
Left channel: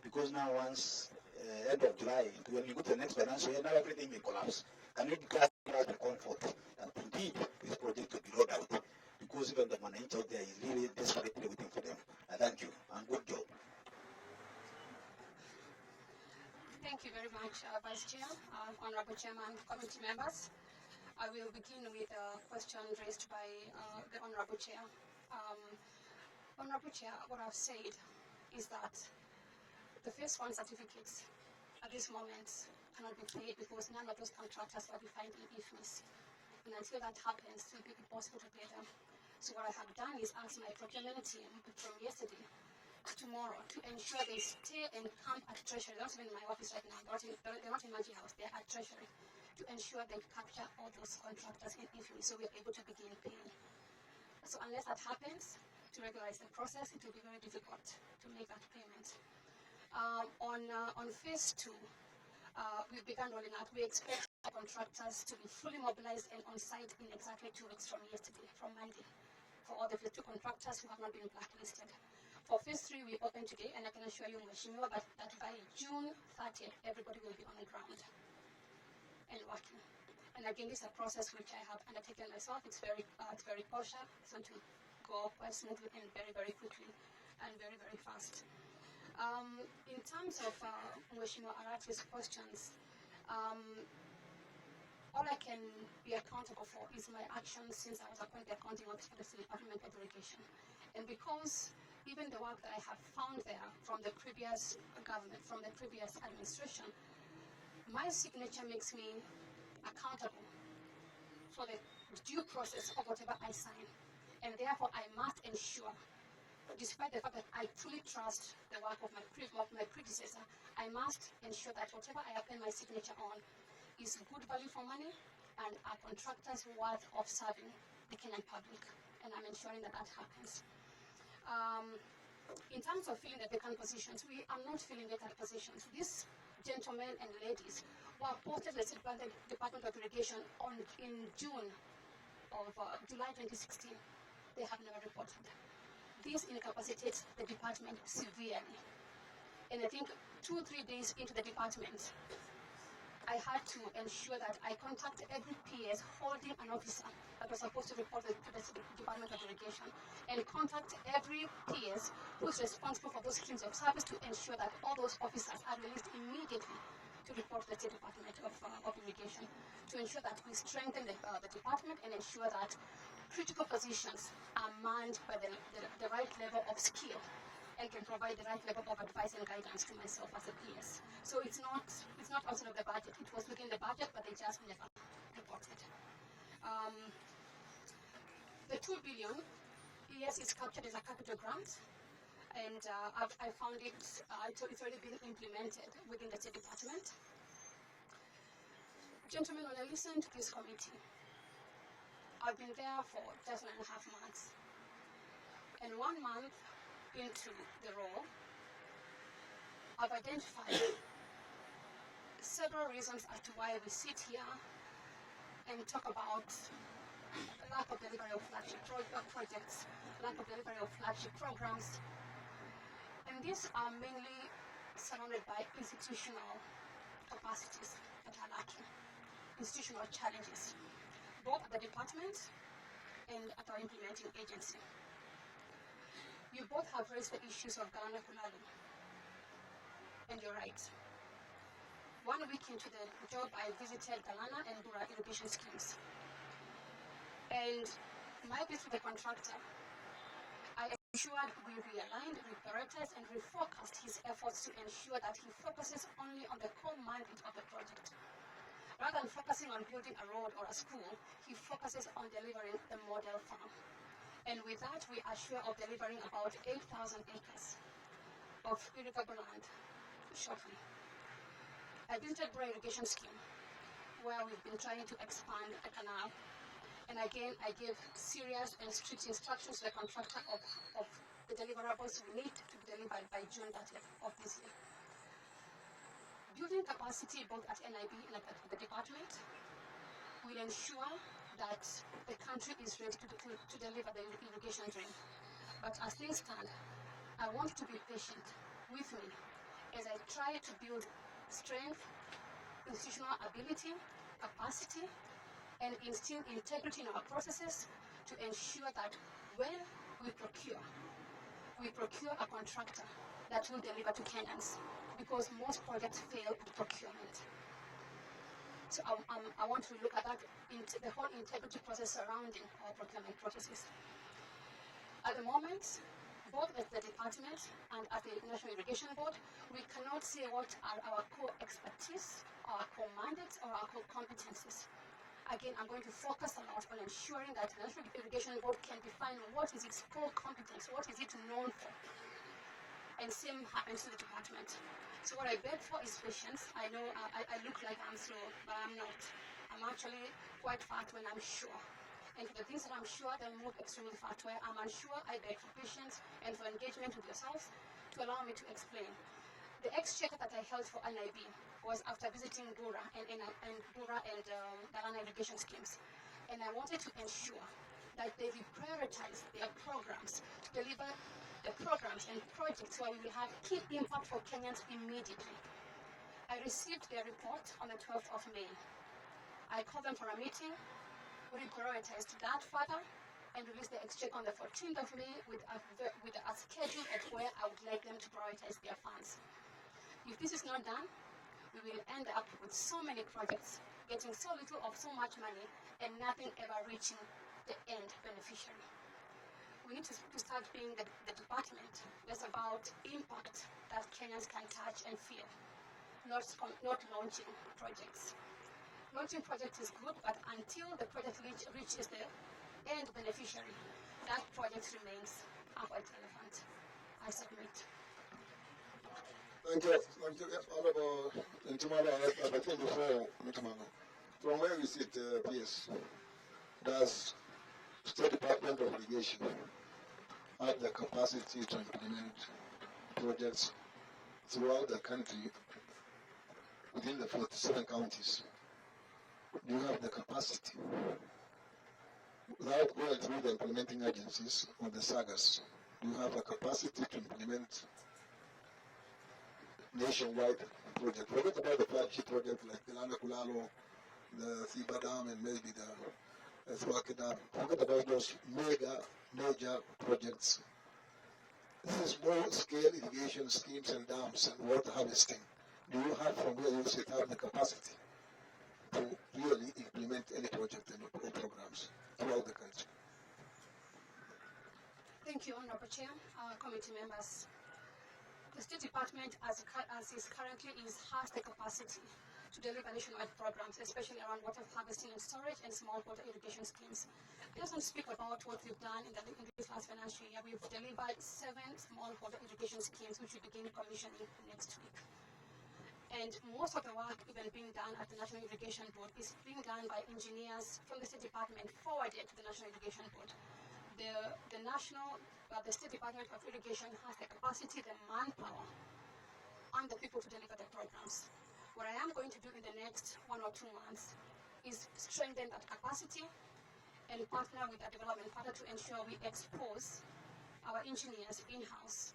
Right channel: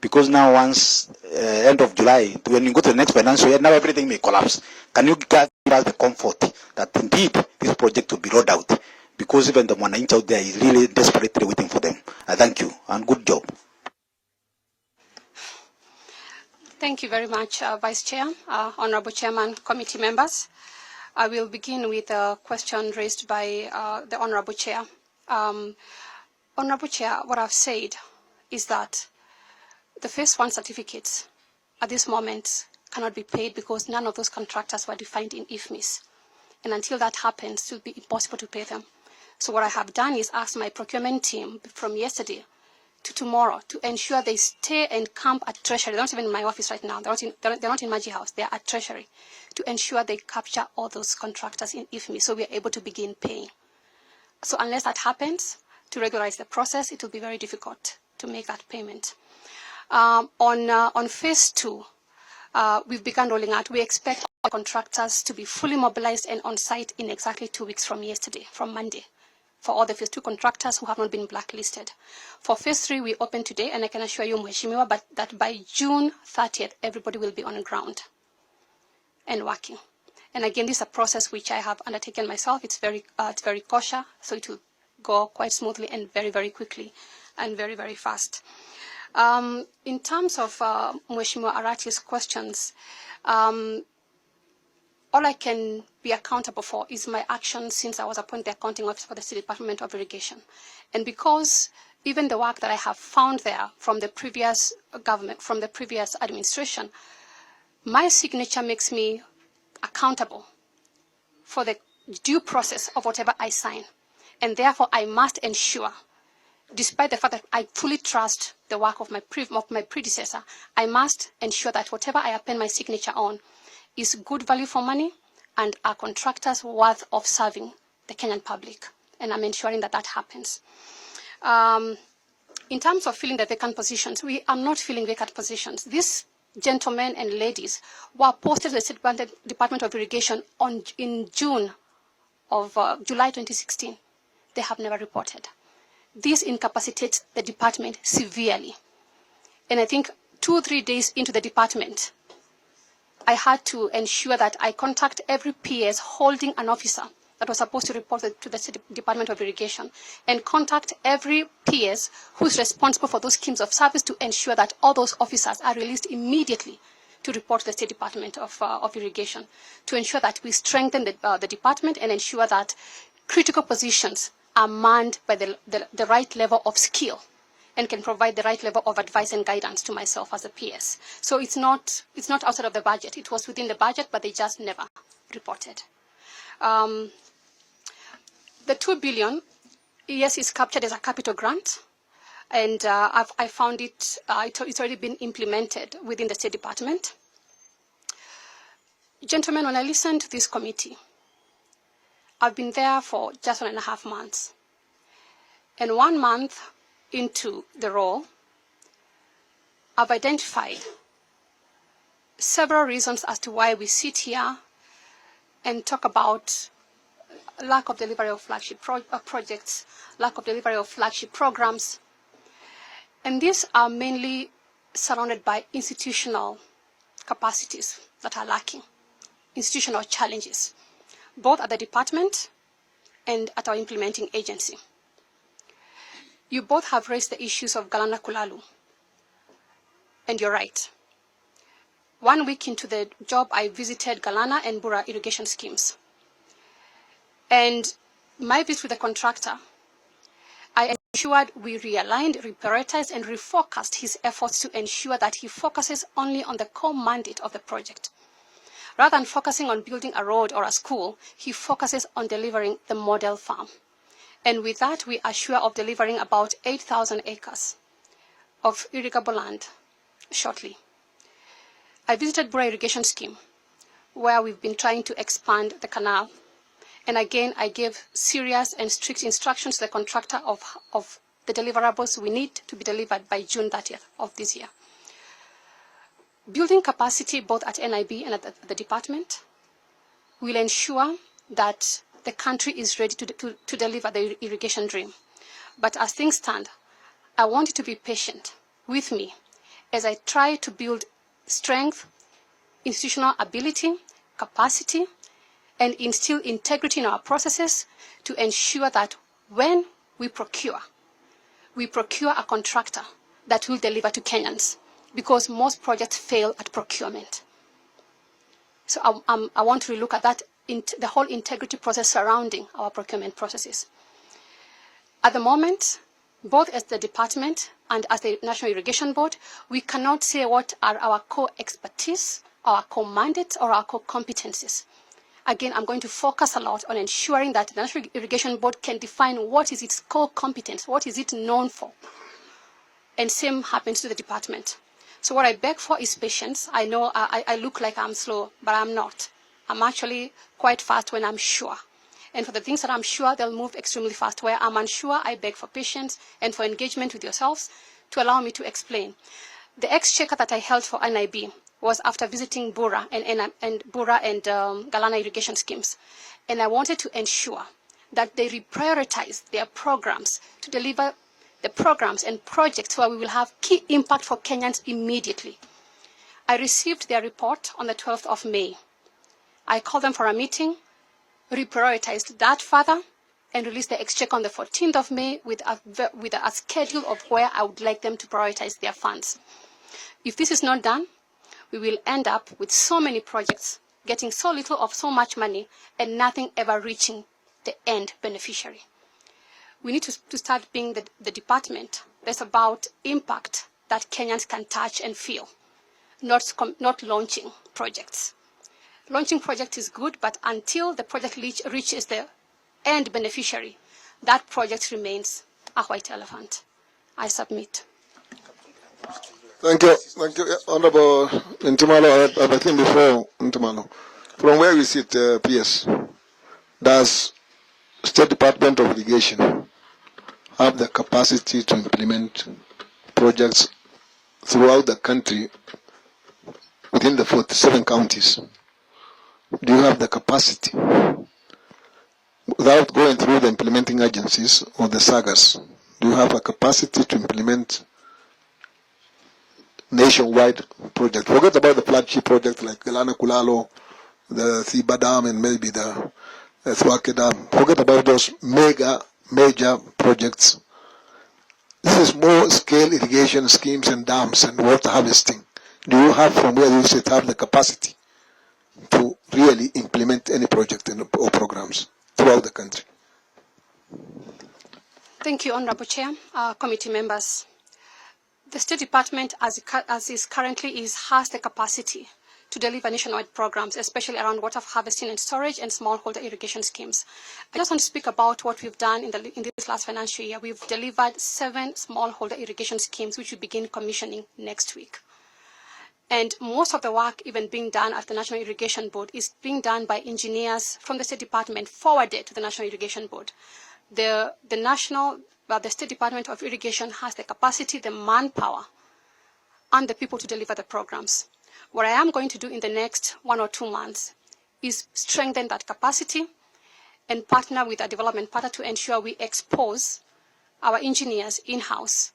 because now once end of July, when you go to the next financial year, now everything may collapse. Can you give us the comfort that indeed this project will be rolled out? Because even the Mwananchi out there is really desperately waiting for them. Thank you and good job. Thank you very much, Vice Chair, Honorable Chairman, committee members. I will begin with a question raised by the Honorable Chair. Honorable Chair, what I've said is that the phase 1 certificates at this moment cannot be paid because none of those contractors were defined in IFMIS. And until that happens, it will be impossible to pay them. So what I have done is ask my procurement team from yesterday to tomorrow to ensure they stay and camp at Treasury. They're not even in my office right now. They're not in Maji House. They're at Treasury to ensure they capture all those contractors in IFMIS so we are able to begin paying. So unless that happens, to regularize the process, it will be very difficult to make that payment. On phase 2, we've begun rolling out. We expect our contractors to be fully mobilized and on site in exactly 2 weeks from yesterday, from Monday, for all the phase 2 contractors who have not been blacklisted. For phase 3, we open today, and I can assure you, Mheshimiwa, that by June 30th, everybody will be on the ground and working. And again, this is a process which I have undertaken myself. It's very cautious, so it will go quite smoothly and very, very quickly and very, very fast. In terms of Mheshimiwa Arati's questions, all I can be accountable for is my actions since I was appointed the accounting officer for the State Department of Irrigation. And because even the work that I have found there from the previous government, from the previous administration, my signature makes me accountable for the due process of whatever I sign. And therefore, I must ensure, despite the fact that I fully trust the work of my predecessor, I must ensure that whatever I append my signature on is good value for money and are contractors worth of serving the Kenyan public. And I'm ensuring that that happens. In terms of filling the vacant positions, we are not filling vacant positions. These gentlemen and ladies were posted to the State Department of Irrigation in July 2016. They have never reported. This incapacitates the department severely. And I think 2 or 3 days into the department, I had to ensure that I contact every PS holding an officer that was supposed to report to the State Department of Irrigation and contact every PS who is responsible for those schemes of service to ensure that all those officers are released immediately to report to the State Department of Irrigation, to ensure that we strengthen the department and ensure that critical positions are manned by the right level of skill and can provide the right level of advice and guidance to myself as a PS. So it's not outside of the budget. It was within the budget, but they just never reported. The 2 billion, yes, is captured as a capital grant. and I found it's already been implemented within the State Department. Gentlemen, when I listened to this committee, I've been there for just 1.5 months. And 1 month into the role, I've identified several reasons as to why we sit here and talk about lack of delivery of flagship projects, lack of delivery of flagship programs. And these are mainly surrounded by institutional capacities that are lacking, institutional challenges, both at the department and at our implementing agency. You both have raised the issues of Galana Kulalu, and you're right. 1 week into the job, I visited Galana and Bura irrigation schemes. And my visit with the contractor, I ensured we realigned, reprioritized, and refocused his efforts to ensure that he focuses only on the core mandate of the project. Rather than focusing on building a road or a school, he focuses on delivering the model farm. And with that, we are sure of delivering about 8,000 acres of irrigable land shortly. I visited Bura irrigation scheme, where we've been trying to expand the canal. And again, I gave serious and strict instructions to the contractor of the deliverables we need to be delivered by June 30th of this year. Building capacity both at NIB and at the department will ensure that the country is ready to deliver the irrigation dream. But as things stand, I want you to be patient with me as I try to build strength, institutional ability, capacity, and instill integrity in our processes to ensure that when we procure a contractor that will deliver to Kenyans, because most projects fail at procurement. So I want to look at that, the whole integrity process surrounding our procurement processes. At the moment, both as the department and as the National Irrigation Board, we cannot say what are our core expertise, our core mandates, or our core competencies. Again, I'm going to focus a lot on ensuring that the National Irrigation Board can define what is its core competence, what is it known for. And same happens to the department. So what I beg for is patience. I know I look like I'm slow, but I'm not. I'm actually quite fast when I'm sure. And for the things that I'm sure, they'll move extremely fast. Where I'm unsure, I beg for patience and for engagement with yourselves to allow me to explain. The exchequer that I held for NIB was after visiting Bura and Galana irrigation schemes. And I wanted to ensure that they reprioritize their programs to deliver the programs and projects where we will have key impact for Kenyans immediately. I received their report on the 12th of May. I called them for a meeting, reprioritized that further, and released the exchequer on the 14th of May with a schedule of where I would like them to prioritize their funds. If this is not done, we will end up with so many projects, getting so little of so much money, and nothing ever reaching the end beneficiary. We need to start being the department that's about impact that Kenyans can touch and feel, not launching projects. Launching project is good, but until the project reaches the end beneficiary, that project remains a white elephant. I submit. Thank you. Thank you, Honorable Ntumalo. I think before Ntumalo, from where we sit, PS, does State Department of Irrigation have the capacity to implement projects throughout the country within the 47 counties? Do you have the capacity, without going through the implementing agencies or the sagas, do you have a capacity to implement nationwide projects? Forget about the flagship project like Galana Kulalo, the Thiba Dam, and maybe the Thwake Dam. Forget about those major projects. This is more scale irrigation schemes and dams and water harvesting. Do you have, from where you sit, have the capacity to really implement any project or programs throughout the country? Thank you, Honorable Chair, committee members. The State Department, as is currently, has the capacity to deliver nationwide programs, especially around water harvesting and storage and smallholder irrigation schemes. I just want to speak about what we've done in this last financial year. We've delivered 7 smallholder irrigation schemes, which we begin commissioning next week. And most of the work even being done at the National Irrigation Board is being done by engineers from the State Department forwarded to the National Irrigation Board. The State Department of Irrigation has the capacity, the manpower, and the people to deliver the programs. What I am going to do in the next 1 or 2 months is strengthen that capacity and partner with a development partner to ensure we expose our engineers in-house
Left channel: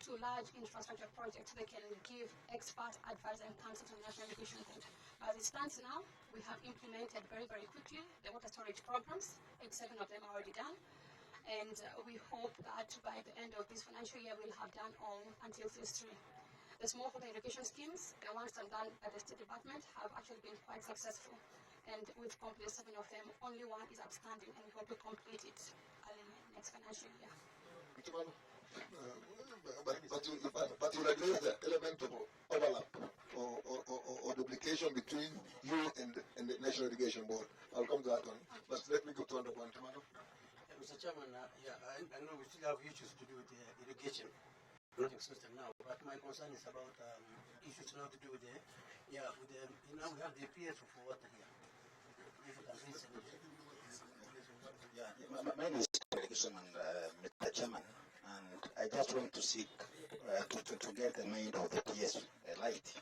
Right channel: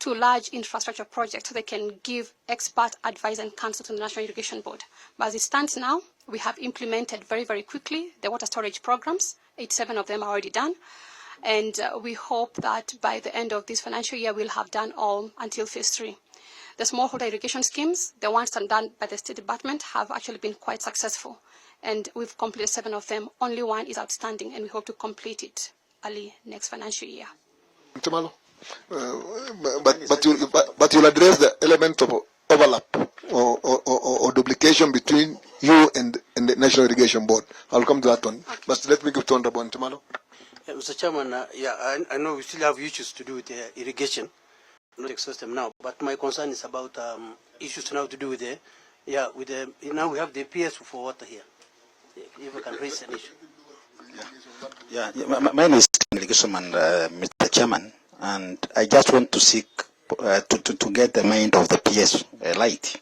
to large infrastructure projects so they can give expert advice and counsel to the National Irrigation Board. But as it stands now, we have implemented very, very quickly the water storage programs. 87 of them are already done. And we hope that by the end of this financial year, we'll have done all until phase 3. The smallholder irrigation schemes, the ones done by the State Department, have actually been quite successful. And we've completed 7 of them. Only 1 is outstanding, and we hope to complete it early next financial year. Ntimalo, but you'll address the element of overlap or duplication between you and the National Irrigation Board. I'll come to that one. Okay. But let me give to Honorable Ntimalo. Mr. Chairman, I know we still have issues to do with irrigation, not exhaust them now. But my concern is about issues now to do with now we have the PS for water here. If we can raise an issue. My name is Irrigation Mr. Chairman, and I just want to seek to get the mind of the PS light,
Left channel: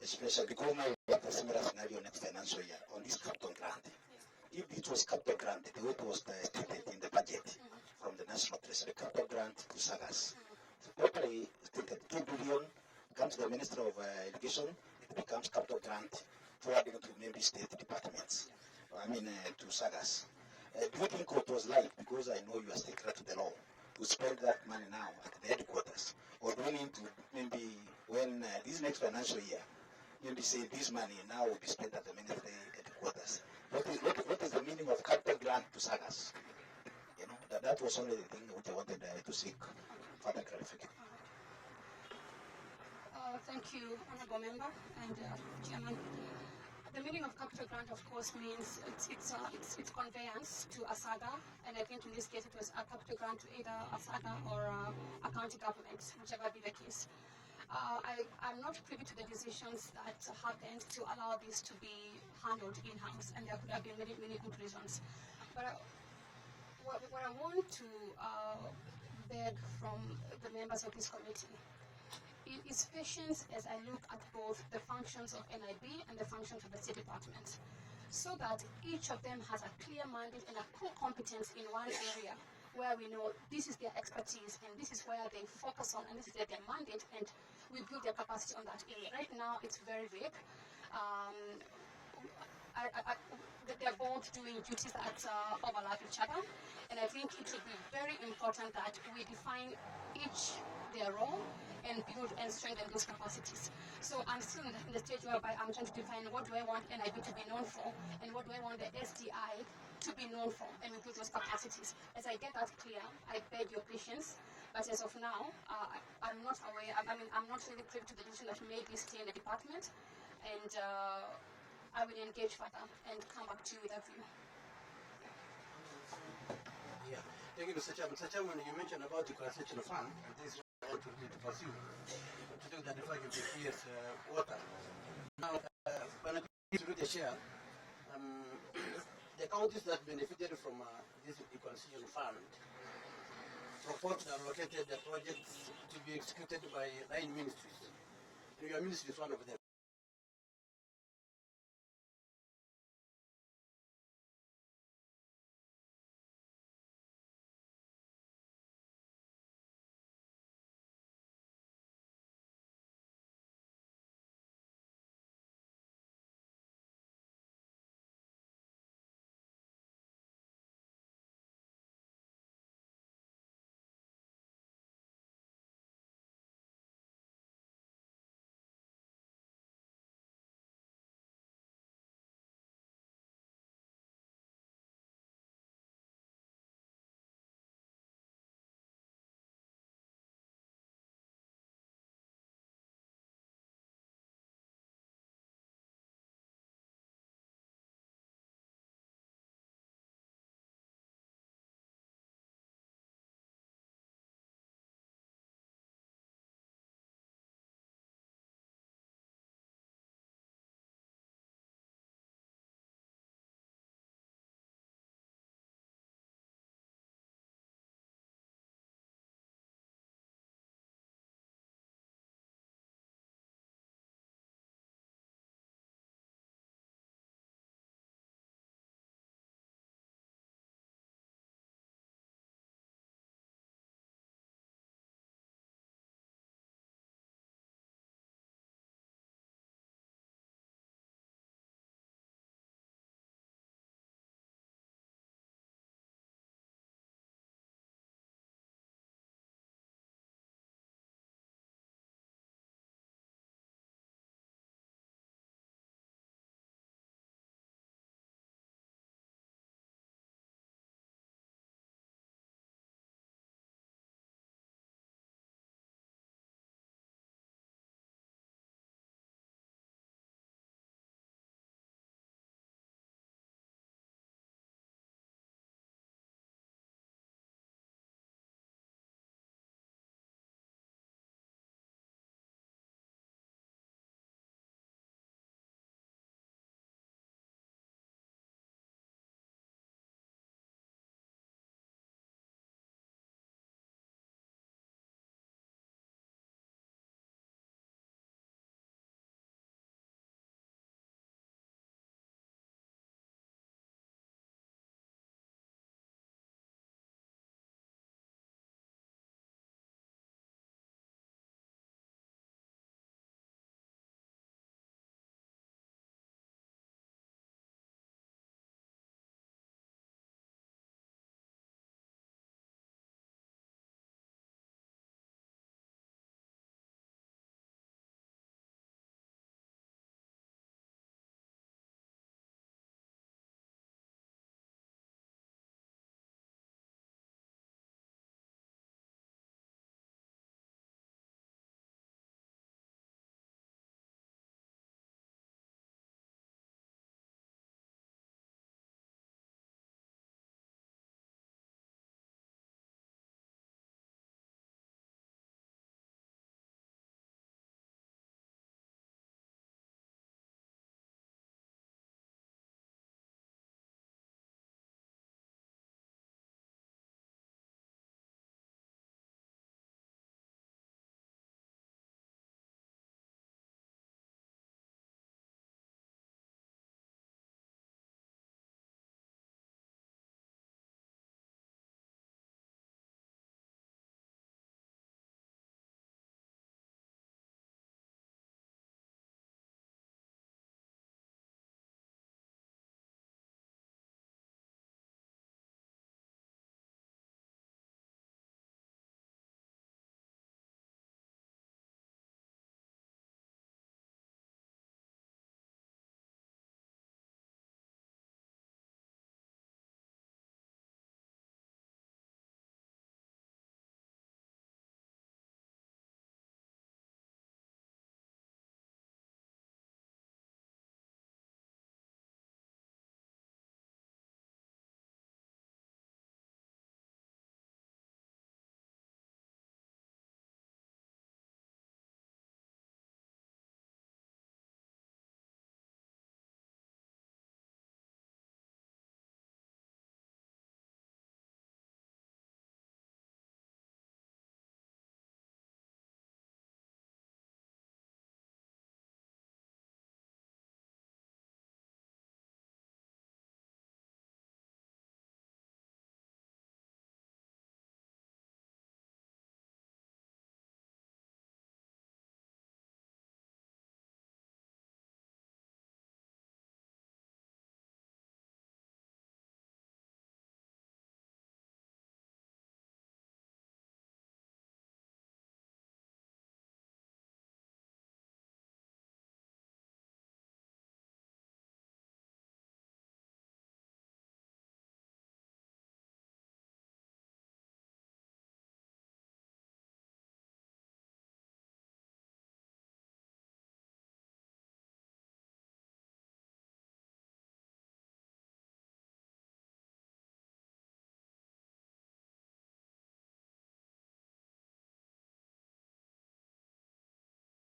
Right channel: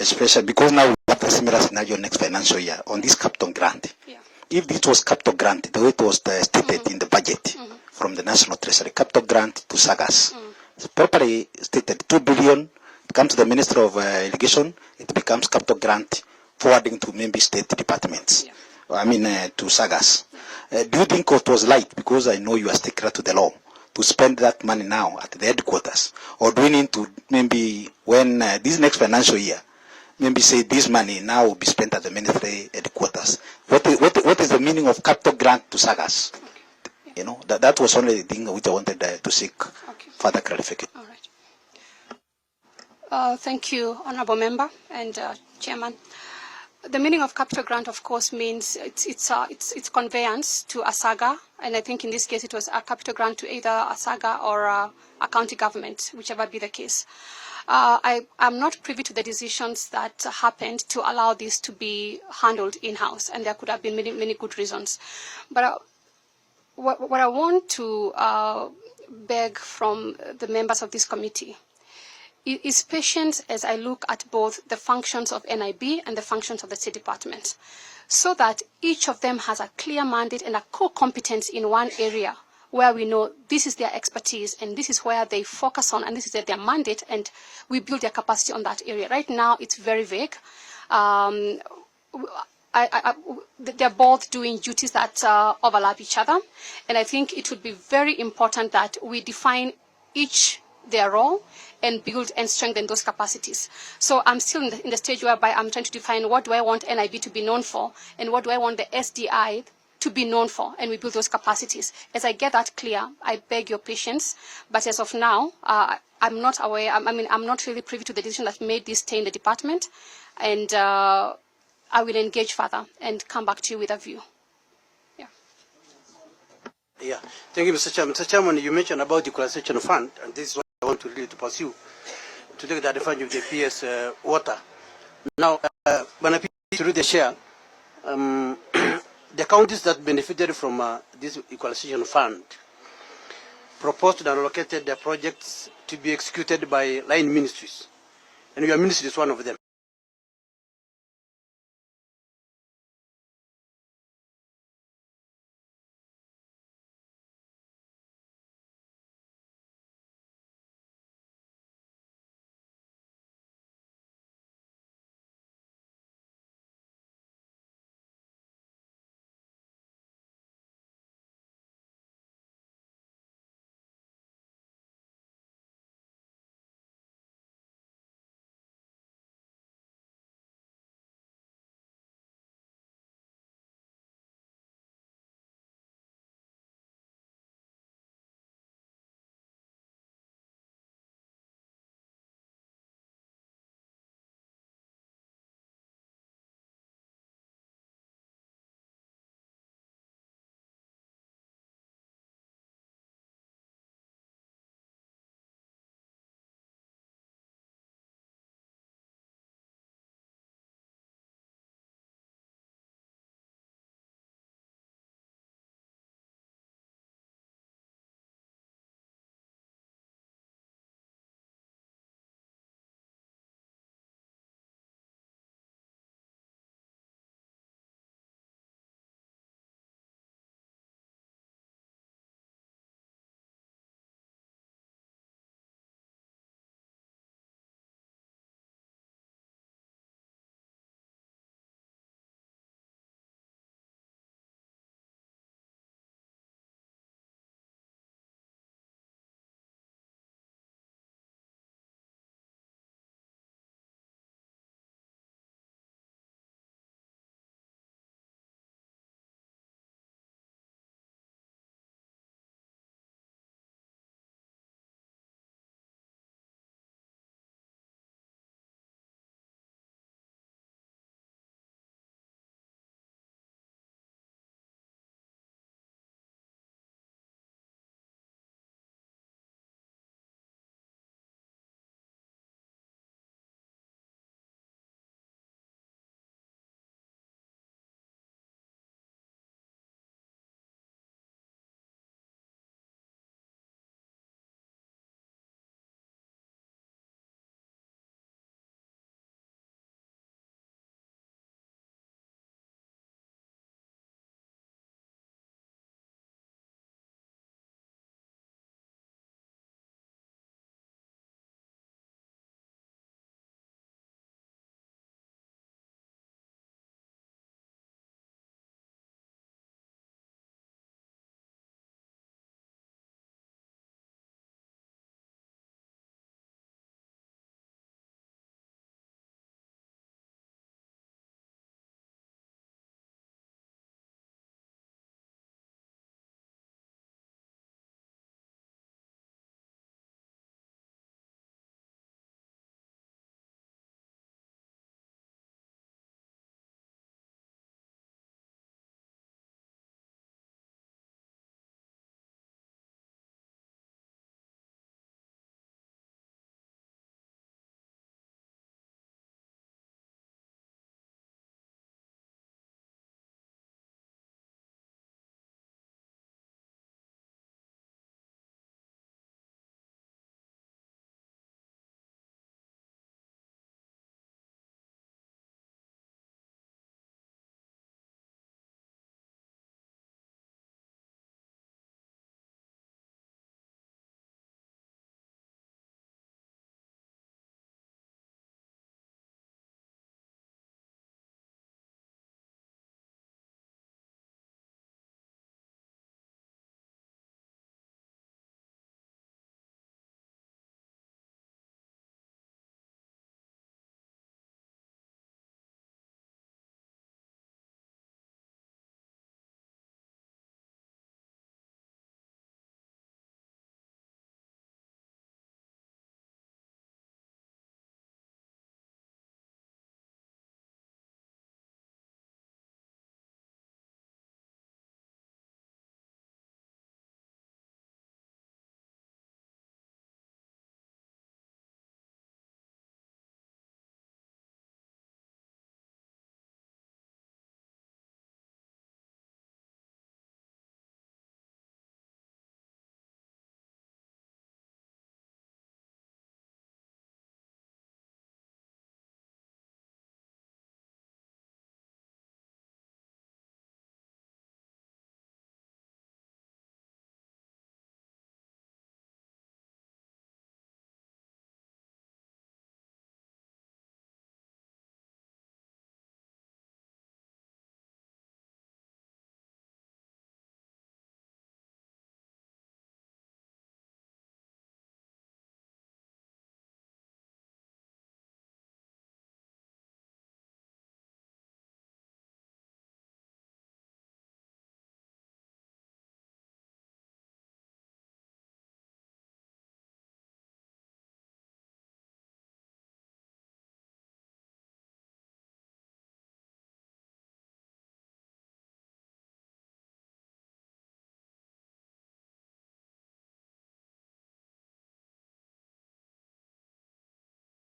especially because now we have the similar scenario next financial year on this capital grant. Yeah. If this was capital grant, the way it was stated in the budget from the National Treasury, capital grant to SAGAS, it's properly stated 2 billion, it comes to the Minister of Irrigation, it becomes capital grant forwarding to member state departments. Yeah. I mean to SAGAS. Do you think it was light, because I know you are sticker to the law, to spend that money now at the headquarters? Or do we need to maybe, when this next financial year, maybe say this money now will be spent at the ministry headquarters? What is the meaning of capital grant to SAGAS? Okay. Yeah. You know, that was only the thing which I wanted to seek further clarification. All right. Thank you, Honorable Member and Chairman. The meaning of capital grant, of course, means it's conveyance to a SAGA, and I think in this case it was a capital grant to either a SAGA or a county government, whichever be the case. I'm not privy to the decisions that happened to allow this to be handled in-house, and there could have been many good reasons. But what I want to beg from the members of this committee is patience as I look at both the functions of NIB and the functions of the State Department, so that each of them has a clear mandate and a core competence in one area where we know this is their expertise and this is where they focus on and this is their mandate, and we build their capacity on that area. Right now, it's very vague. They're both doing duties that overlap each other, and I think it would be very important that we define each their role and build and strengthen those capacities. So I'm still in the stage whereby I'm trying to define what do I want NIB to be known for and what do I want the SDI to be known for, and we build those capacities. As I get that clear, I beg your patience, but as of now, I'm not aware, I'm not really privy to the decision that made this stay in the department, and I will engage further and come back to you with a view. Yeah, thank you, Mr. Chairman. Mr. Chairman, you mentioned about the equalization fund, and this is what I want to really pursue, to take the advantage of the PS water. Now, when I through the share, the counties that benefited from this equalization fund proposed and allocated the projects to be executed by line ministries, and your ministry is one of them.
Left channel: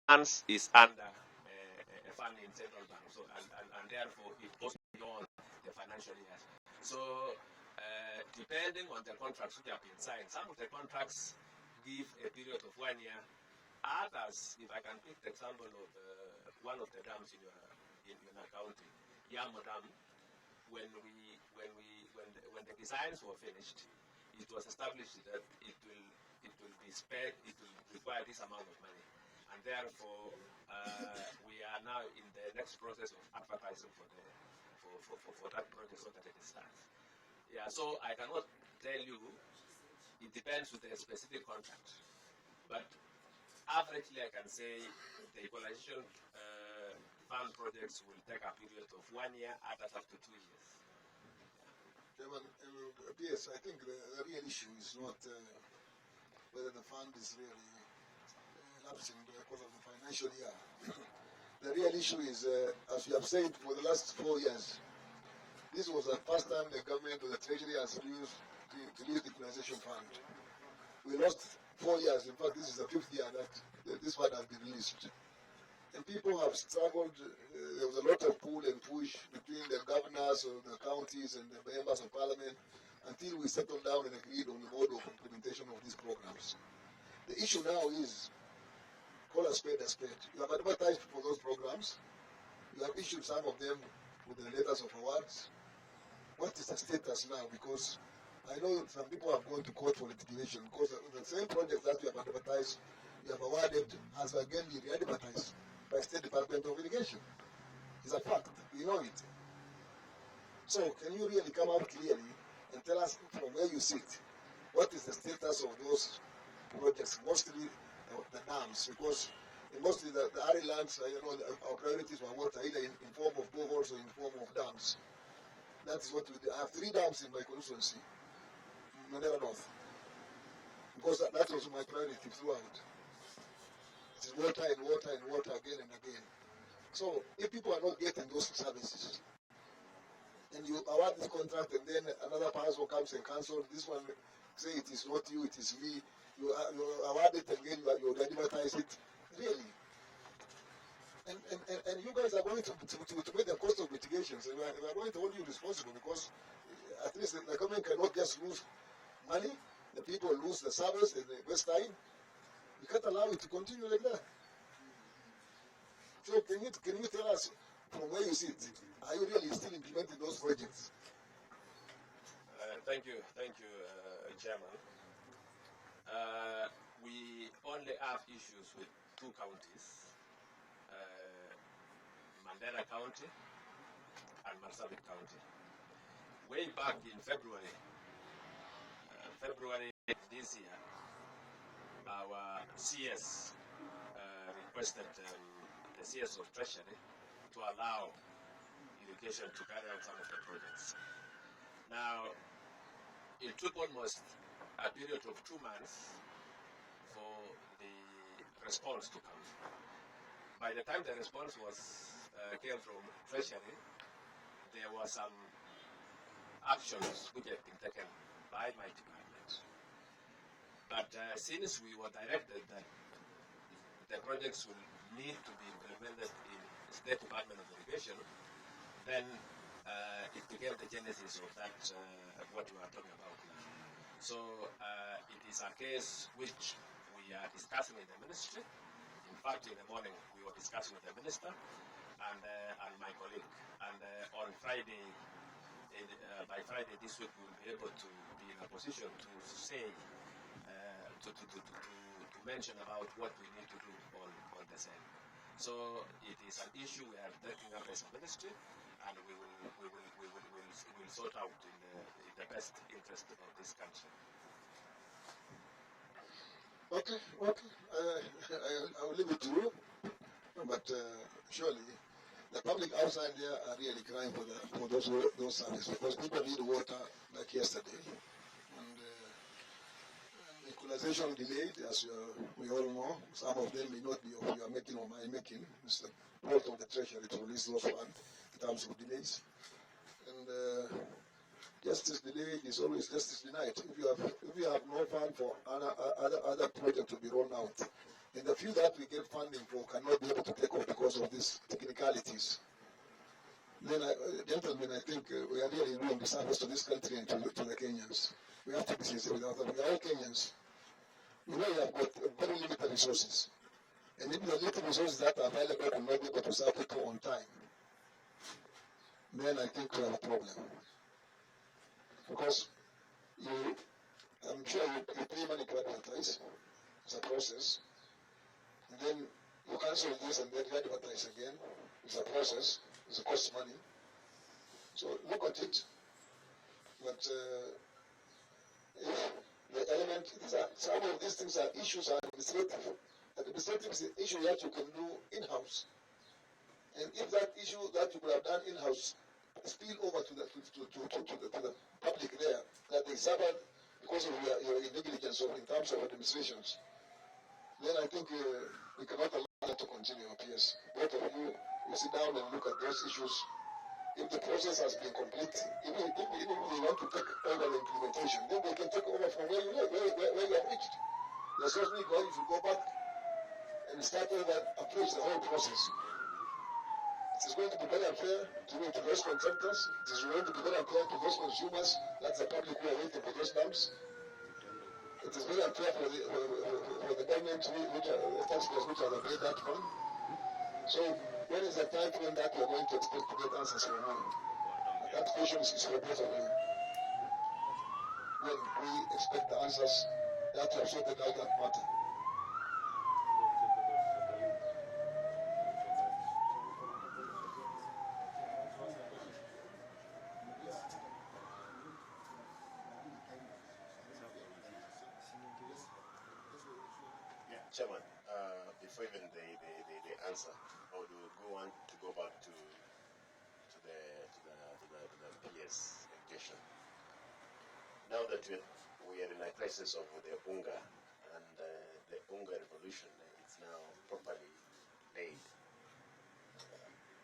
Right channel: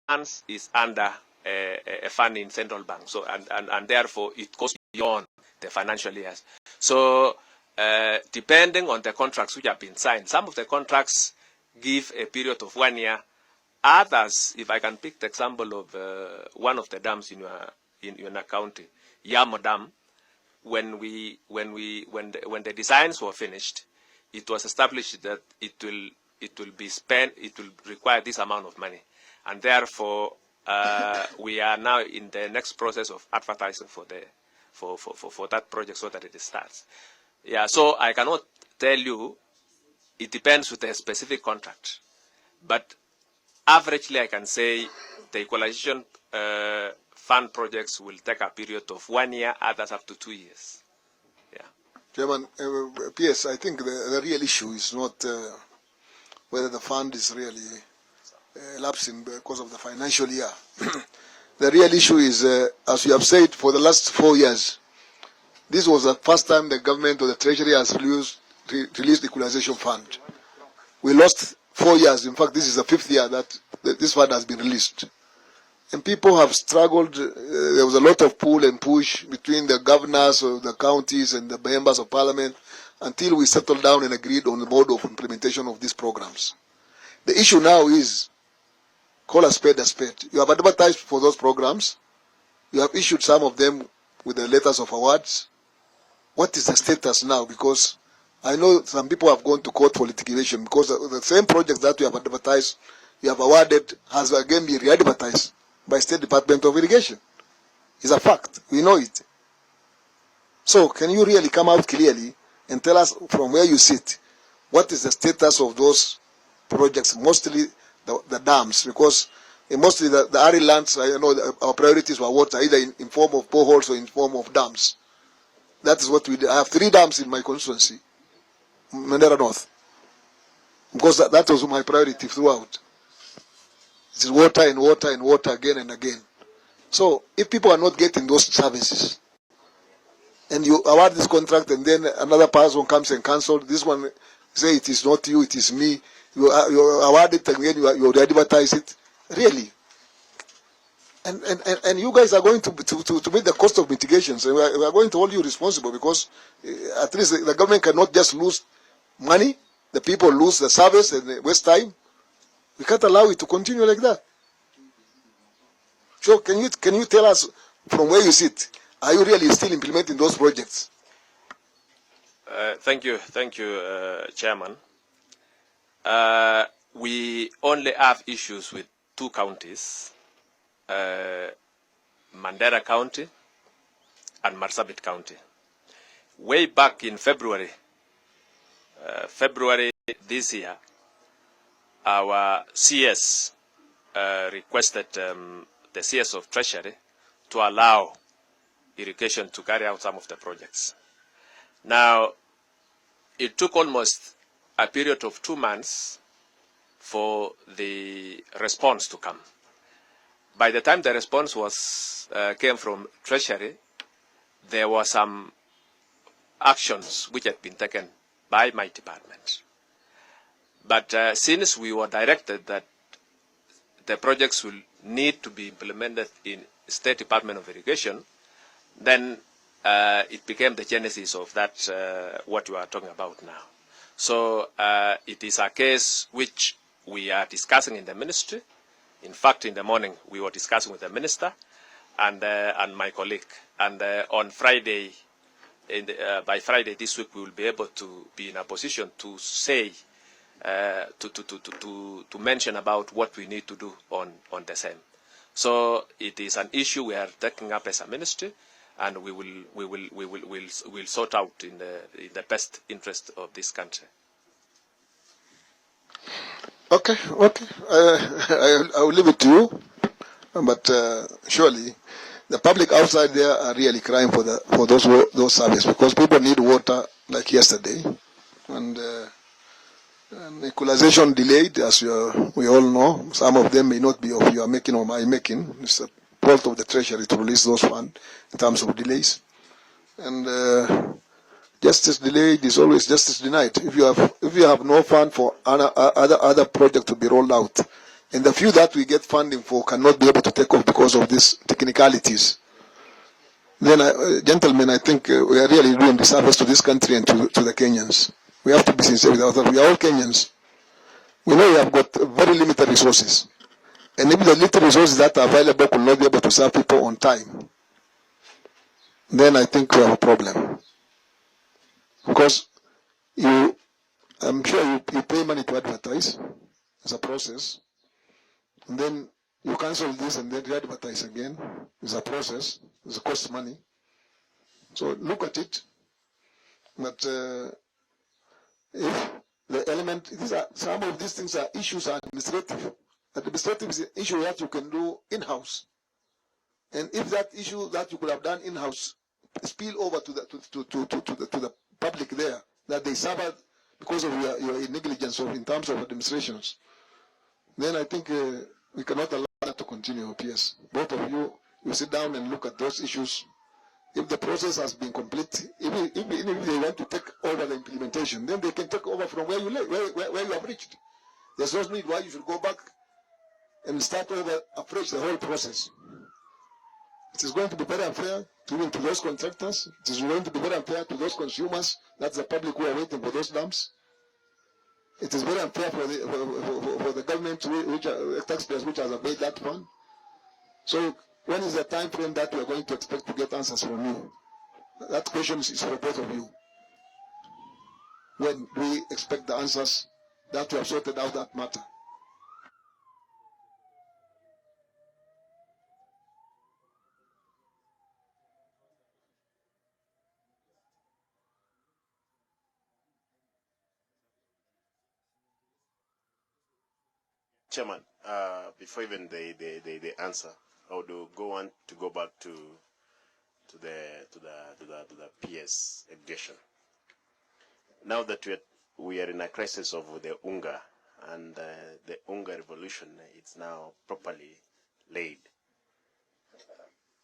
funds is under a fund in central bank. So and therefore it goes beyond the financial years. So depending on the contracts which have been signed, some of the contracts give a period of 1 year. Others, if I can pick the example of one of the dams in your county, Yamo Dam, when the designs were finished, it was established that it will be spent, it will require this amount of money, and therefore we are now in the next process of advertising for that project so that it starts. Yeah, so I cannot tell you. It depends with a specific contract, but averagely I can say the equalization fund projects will take a period of 1 year, others up to 2 years. Yeah. Chairman, PS, I think the real issue is not whether the fund is really lapsing because of the financial year. The real issue is, as you have said, for the last 4 years, this was the first time the government or the Treasury has released the equalization fund. We lost 4 years. In fact, this is the 5th year that this fund has been released. And people have struggled. There was a lot of pull and push between the governors of the counties and the members of parliament until we settled down and agreed on the mode of implementation of these programs. The issue now is, call a spade a spade. You have advertised for those programs. You have issued some of them with the letters of awards. What is the status now? Because I know some people have gone to court for litigation because the same project that you have advertised, you have awarded, has again been re-advertised by State Department of Irrigation. It's a fact. We know it. So can you really come out clearly and tell us from where you sit, what is the status of those projects, mostly the dams? Because mostly the arid lands, I know our priorities were water, either in form of boreholes or in form of dams. That is what we do. I have 3 dams in my constituency, Mandera North, because that was my priority throughout. It is water and water and water again and again. So if people are not getting those services, and you award this contract and then another person comes and cancels, this one say it is not you, it is me, you award it and then you advertise it, really. And you guys are going to meet the cost of mitigation. So we are going to hold you responsible because at least the government cannot just lose money, the people lose the service and waste time. We can't allow it to continue like that. So can you tell us from where you sit, are you really still implementing those projects? Thank you, Chairman. We only have issues with 2 counties, Mandera County and Marsabit County. Way back in February this year, our CS requested the CS of Treasury to allow irrigation to carry out some of the projects. Now, it took almost a period of 2 months for the response to come. By the time the response came from Treasury, there were some actions which had been taken by my department. But since we were directed that the projects will need to be implemented in State Department of Irrigation, then it became the genesis of that, what you are talking about now. So it is a case which we are discussing in the ministry. In fact, in the morning, we were discussing with the minister and my colleague. And on Friday, by Friday this week, we will be able to be in a position to say, to mention about what we need to do on the same. So it is an issue we are taking up as a ministry, and we will sort out in the best interest of this country. Okay. I will leave it to you, but surely the public outside there are really crying for those services because people need water like yesterday, and equalization delayed, as we all know. Some of them may not be of your making or my making. It's a fault of the Treasury to release those funds in terms of delays, and justice delayed is always justice denied. If you have no fund for other project to be rolled out, And the few that we get funding for cannot be able to take off because of these technicalities. Then, gentlemen, I think we are really doing disservice to this country and to the Kenyans. We have to be sincere with ourselves. We are all Kenyans. We know we have got very limited resources. And if the little resources that are available could not be able to serve people on time, then I think we have a problem. Because I'm sure you pay money to advertise as a process, and then you cancel this and then re-advertise again. It's a process. It costs money. So look at it. But if the element, some of these things are issues are administrative. Administrative is an issue that you can do in-house. And if that issue that you could have done in-house spill over to the public there, that they suffered because of your negligence in terms of administrations, then I think we cannot allow that to continue, PS. Both of you sit down and look at those issues. If the process has been complete, even if they want to take over the implementation, then they can take over from where you have reached. There's no need why you should go back and start over afresh the whole process. It is going to be very unfair to those contractors. It is going to be very unfair to those consumers. That's the public who are waiting for those dams. It is very unfair for the government, taxpayers, which has availed that fund. So when is the time frame that we are going to expect to get answers from you? That question is for both of you. When we expect the answers that we have sorted out that matter? Chairman, before even the answer, I would go on to go back to the PS education. Now that we are in a crisis of the UNGA, and the UNGA revolution, it's now properly laid.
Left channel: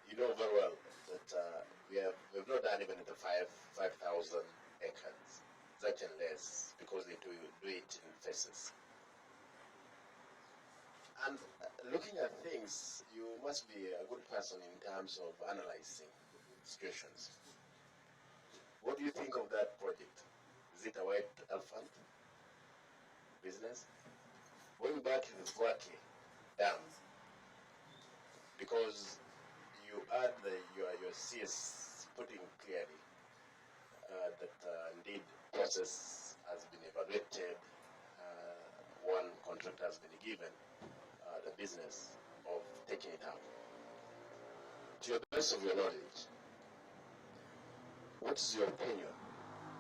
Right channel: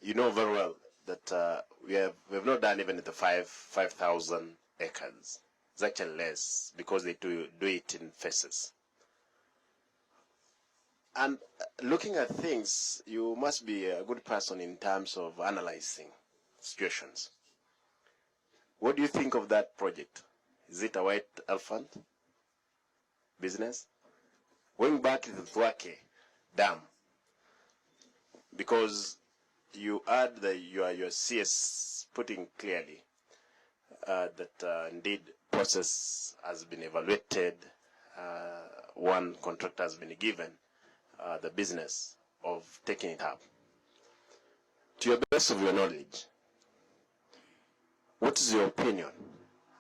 You know very well that we have not done even the 5,000 acres. It's actually less because they do it in phases. And looking at things, you must be a good person in terms of analyzing situations. What do you think of that project? Is it a white elephant business? Going back to the Thwake Dam, because you add your CS putting clearly that indeed process has been evaluated, one contractor has been given the business of taking it up. To your best of your knowledge, what is your opinion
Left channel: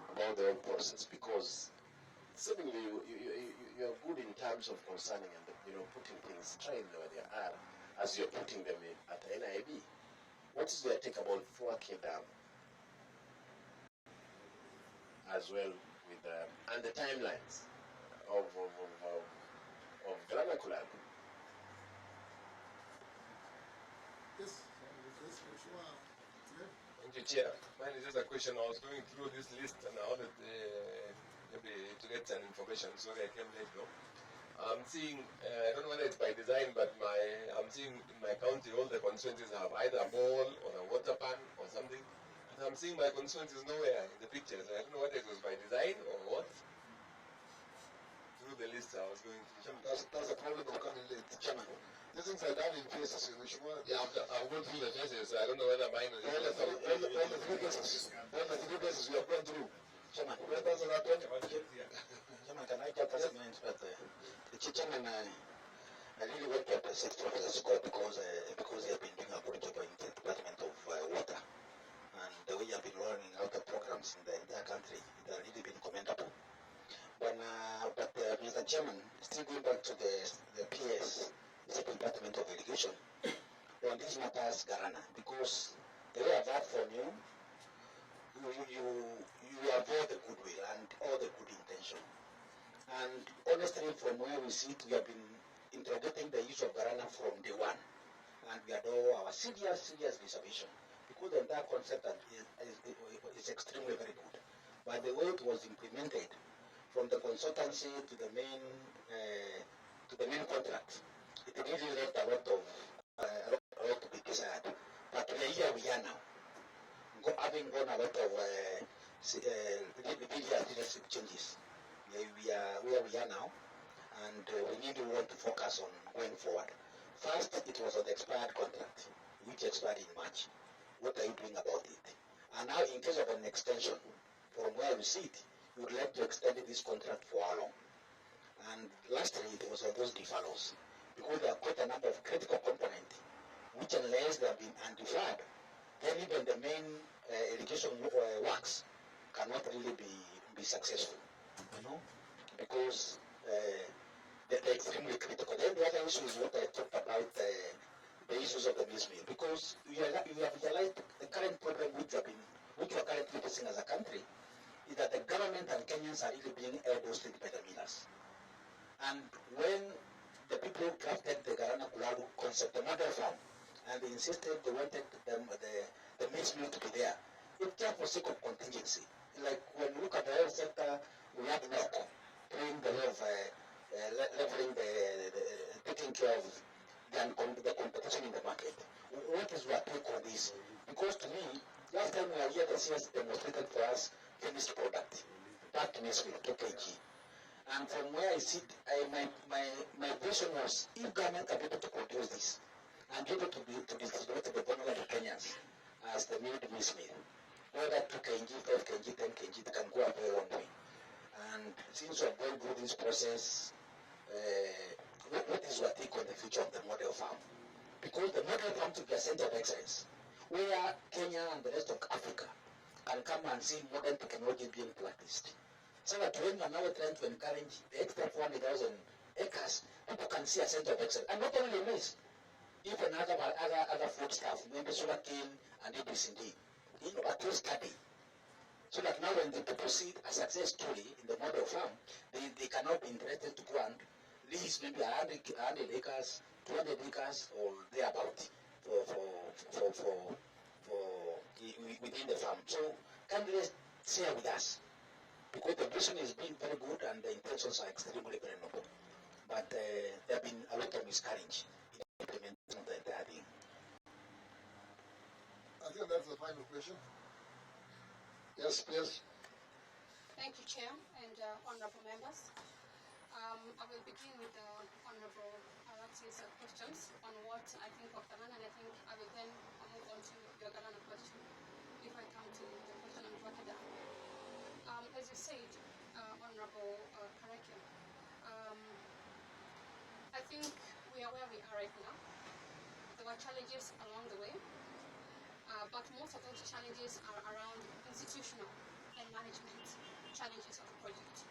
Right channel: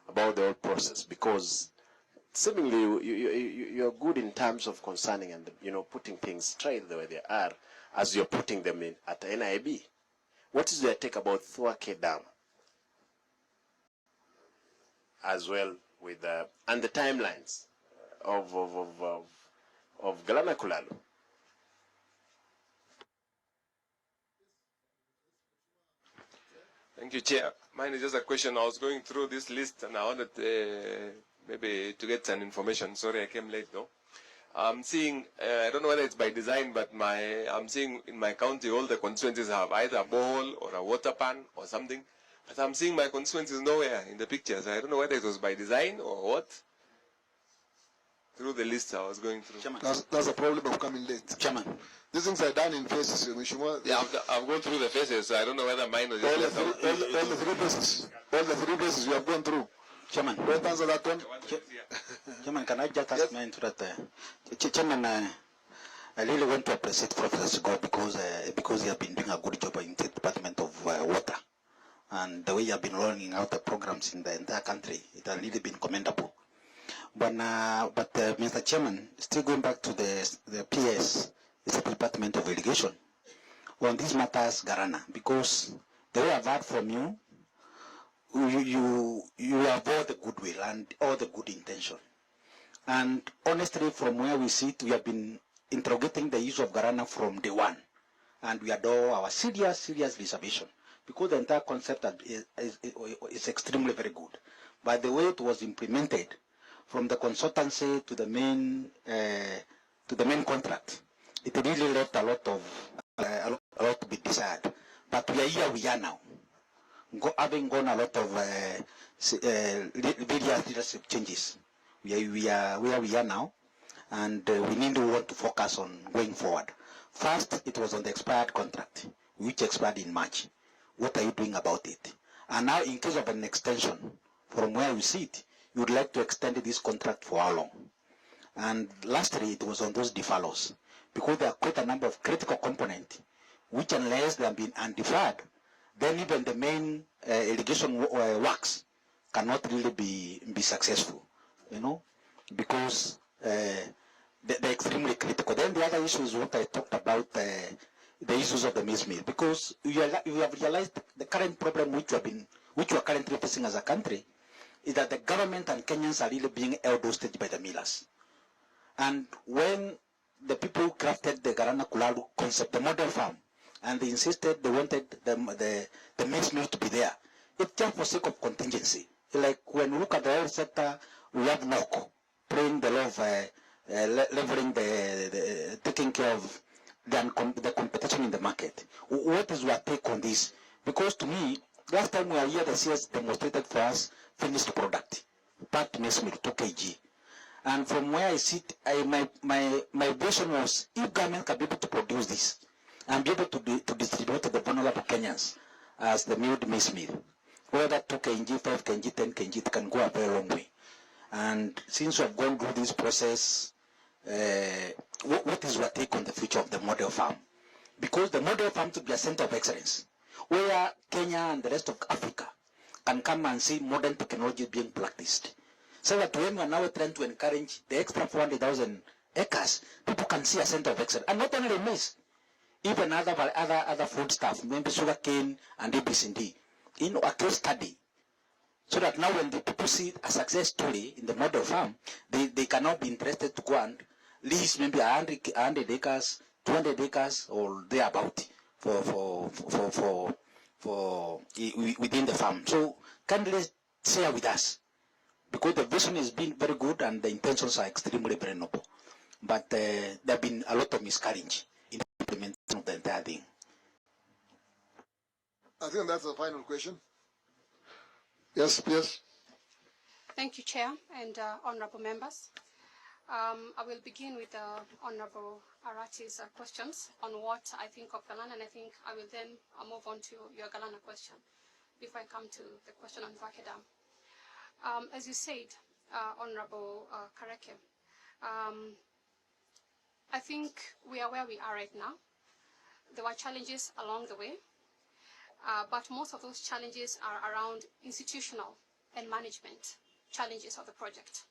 about the whole process? Because seemingly you are good in terms of concerning and putting things straight the way they are as you're putting them in at the NIB. What is your take about Thwake Dam as well with and the timelines of Galana Kulalu? Thank you, Chair. Mine is just a question. I was going through this list and I wanted maybe to get some information. Sorry, I came late though. I'm seeing, I don't know whether it's by design, but I'm seeing in my county all the constituencies have either a borehole or a water pan or something. But I'm seeing my constituencies nowhere in the pictures. I don't know whether it was by design or what. Through the list I was going through. That's the problem of coming late. Chairman. These things are done in phases. Yeah, I've gone through the phases, so I don't know whether mine was all the three phases. All the three phases you have gone through. Chairman. Don't answer that one. Chairman, can I just ask my interest? Chairman, I really want to appreciate Professor Sigo because he has been doing a good job in the Department of Water. And the way you have been rolling out the programs in the entire country, it has really been commendable. But Mr. Chairman, still going back to the PS, it's the Department of Irrigation. On these matters, Garana, because the way I've heard from you, you have all the goodwill and all the good intention. And honestly, from where we sit, we have been interrogating the use of Garana from day one. And we adore our serious reservation, because the entire concept is extremely very good. But the way it was implemented, from the consultancy to the main contract, it really left a lot to be desired. But we are here, we are now. Having gone a lot of various leadership changes, we are where we are now, and we need to want to focus on going forward. First, it was on the expired contract, which expired in March. What are you doing about it? And now, in case of an extension, from where you sit, you would like to extend this contract for how long? And lastly, it was on those deferrals, because there are quite a number of critical components, which unless they have been undeferred, then even the main irrigation works cannot really be successful, you know, because they're extremely critical. Then the other issue is what I talked about, the issues of the maize meal, because you have realized the current problem which we are currently facing as a country is that the government and Kenyans are really being held hostage by the millers. And when the people who crafted the Garana Kulalu concept, the model farm, and they insisted they wanted the maize meal to be there, it's just for sake of contingency. Like when we look at the health sector, we have NOC playing the role of leveling taking care of the competition in the market. What is your take on this? Because to me, last time we were here, the CS demonstrated for us finished product, packed maize meal, 2 kg. And from where I sit, my vision was, if government can be able to produce this and be able to distribute to the vulnerable Kenyans as the milled maize meal, whether 2 kg, 5 kg, 10 kg, it can go a very long way. And since we have gone through this process, what is your take on the future of the model farm? Because the model farm should be a center of excellence, where Kenya and the rest of Africa can come and see modern technology being practiced. So that when we are now trying to encourage the extra 400,000 acres, people can see a center of excellence. And not only maize, even other food stuff, maybe sugar cane and ABCD, a case study. So that now when the people see a success story in the model farm, they cannot be interested to go and lease maybe 100 acres, 200 acres, or thereabout for within the farm. So kindly share with us, because the vision has been very good and the intentions are extremely very noble. But there have been a lot of miscarriage in the implementation of the entire thing. I think that's the final question. Yes, please. Thank you, Chair and honorable members. I will begin with Honorable Arati's questions on what I think of Galana, and I think I will then move on to your Galana question if I come to the question on Vakeda. As you said, Honorable Kareke, I think we are where we are right now. There were challenges along the way, but most of those challenges are around institutional and management challenges of the project.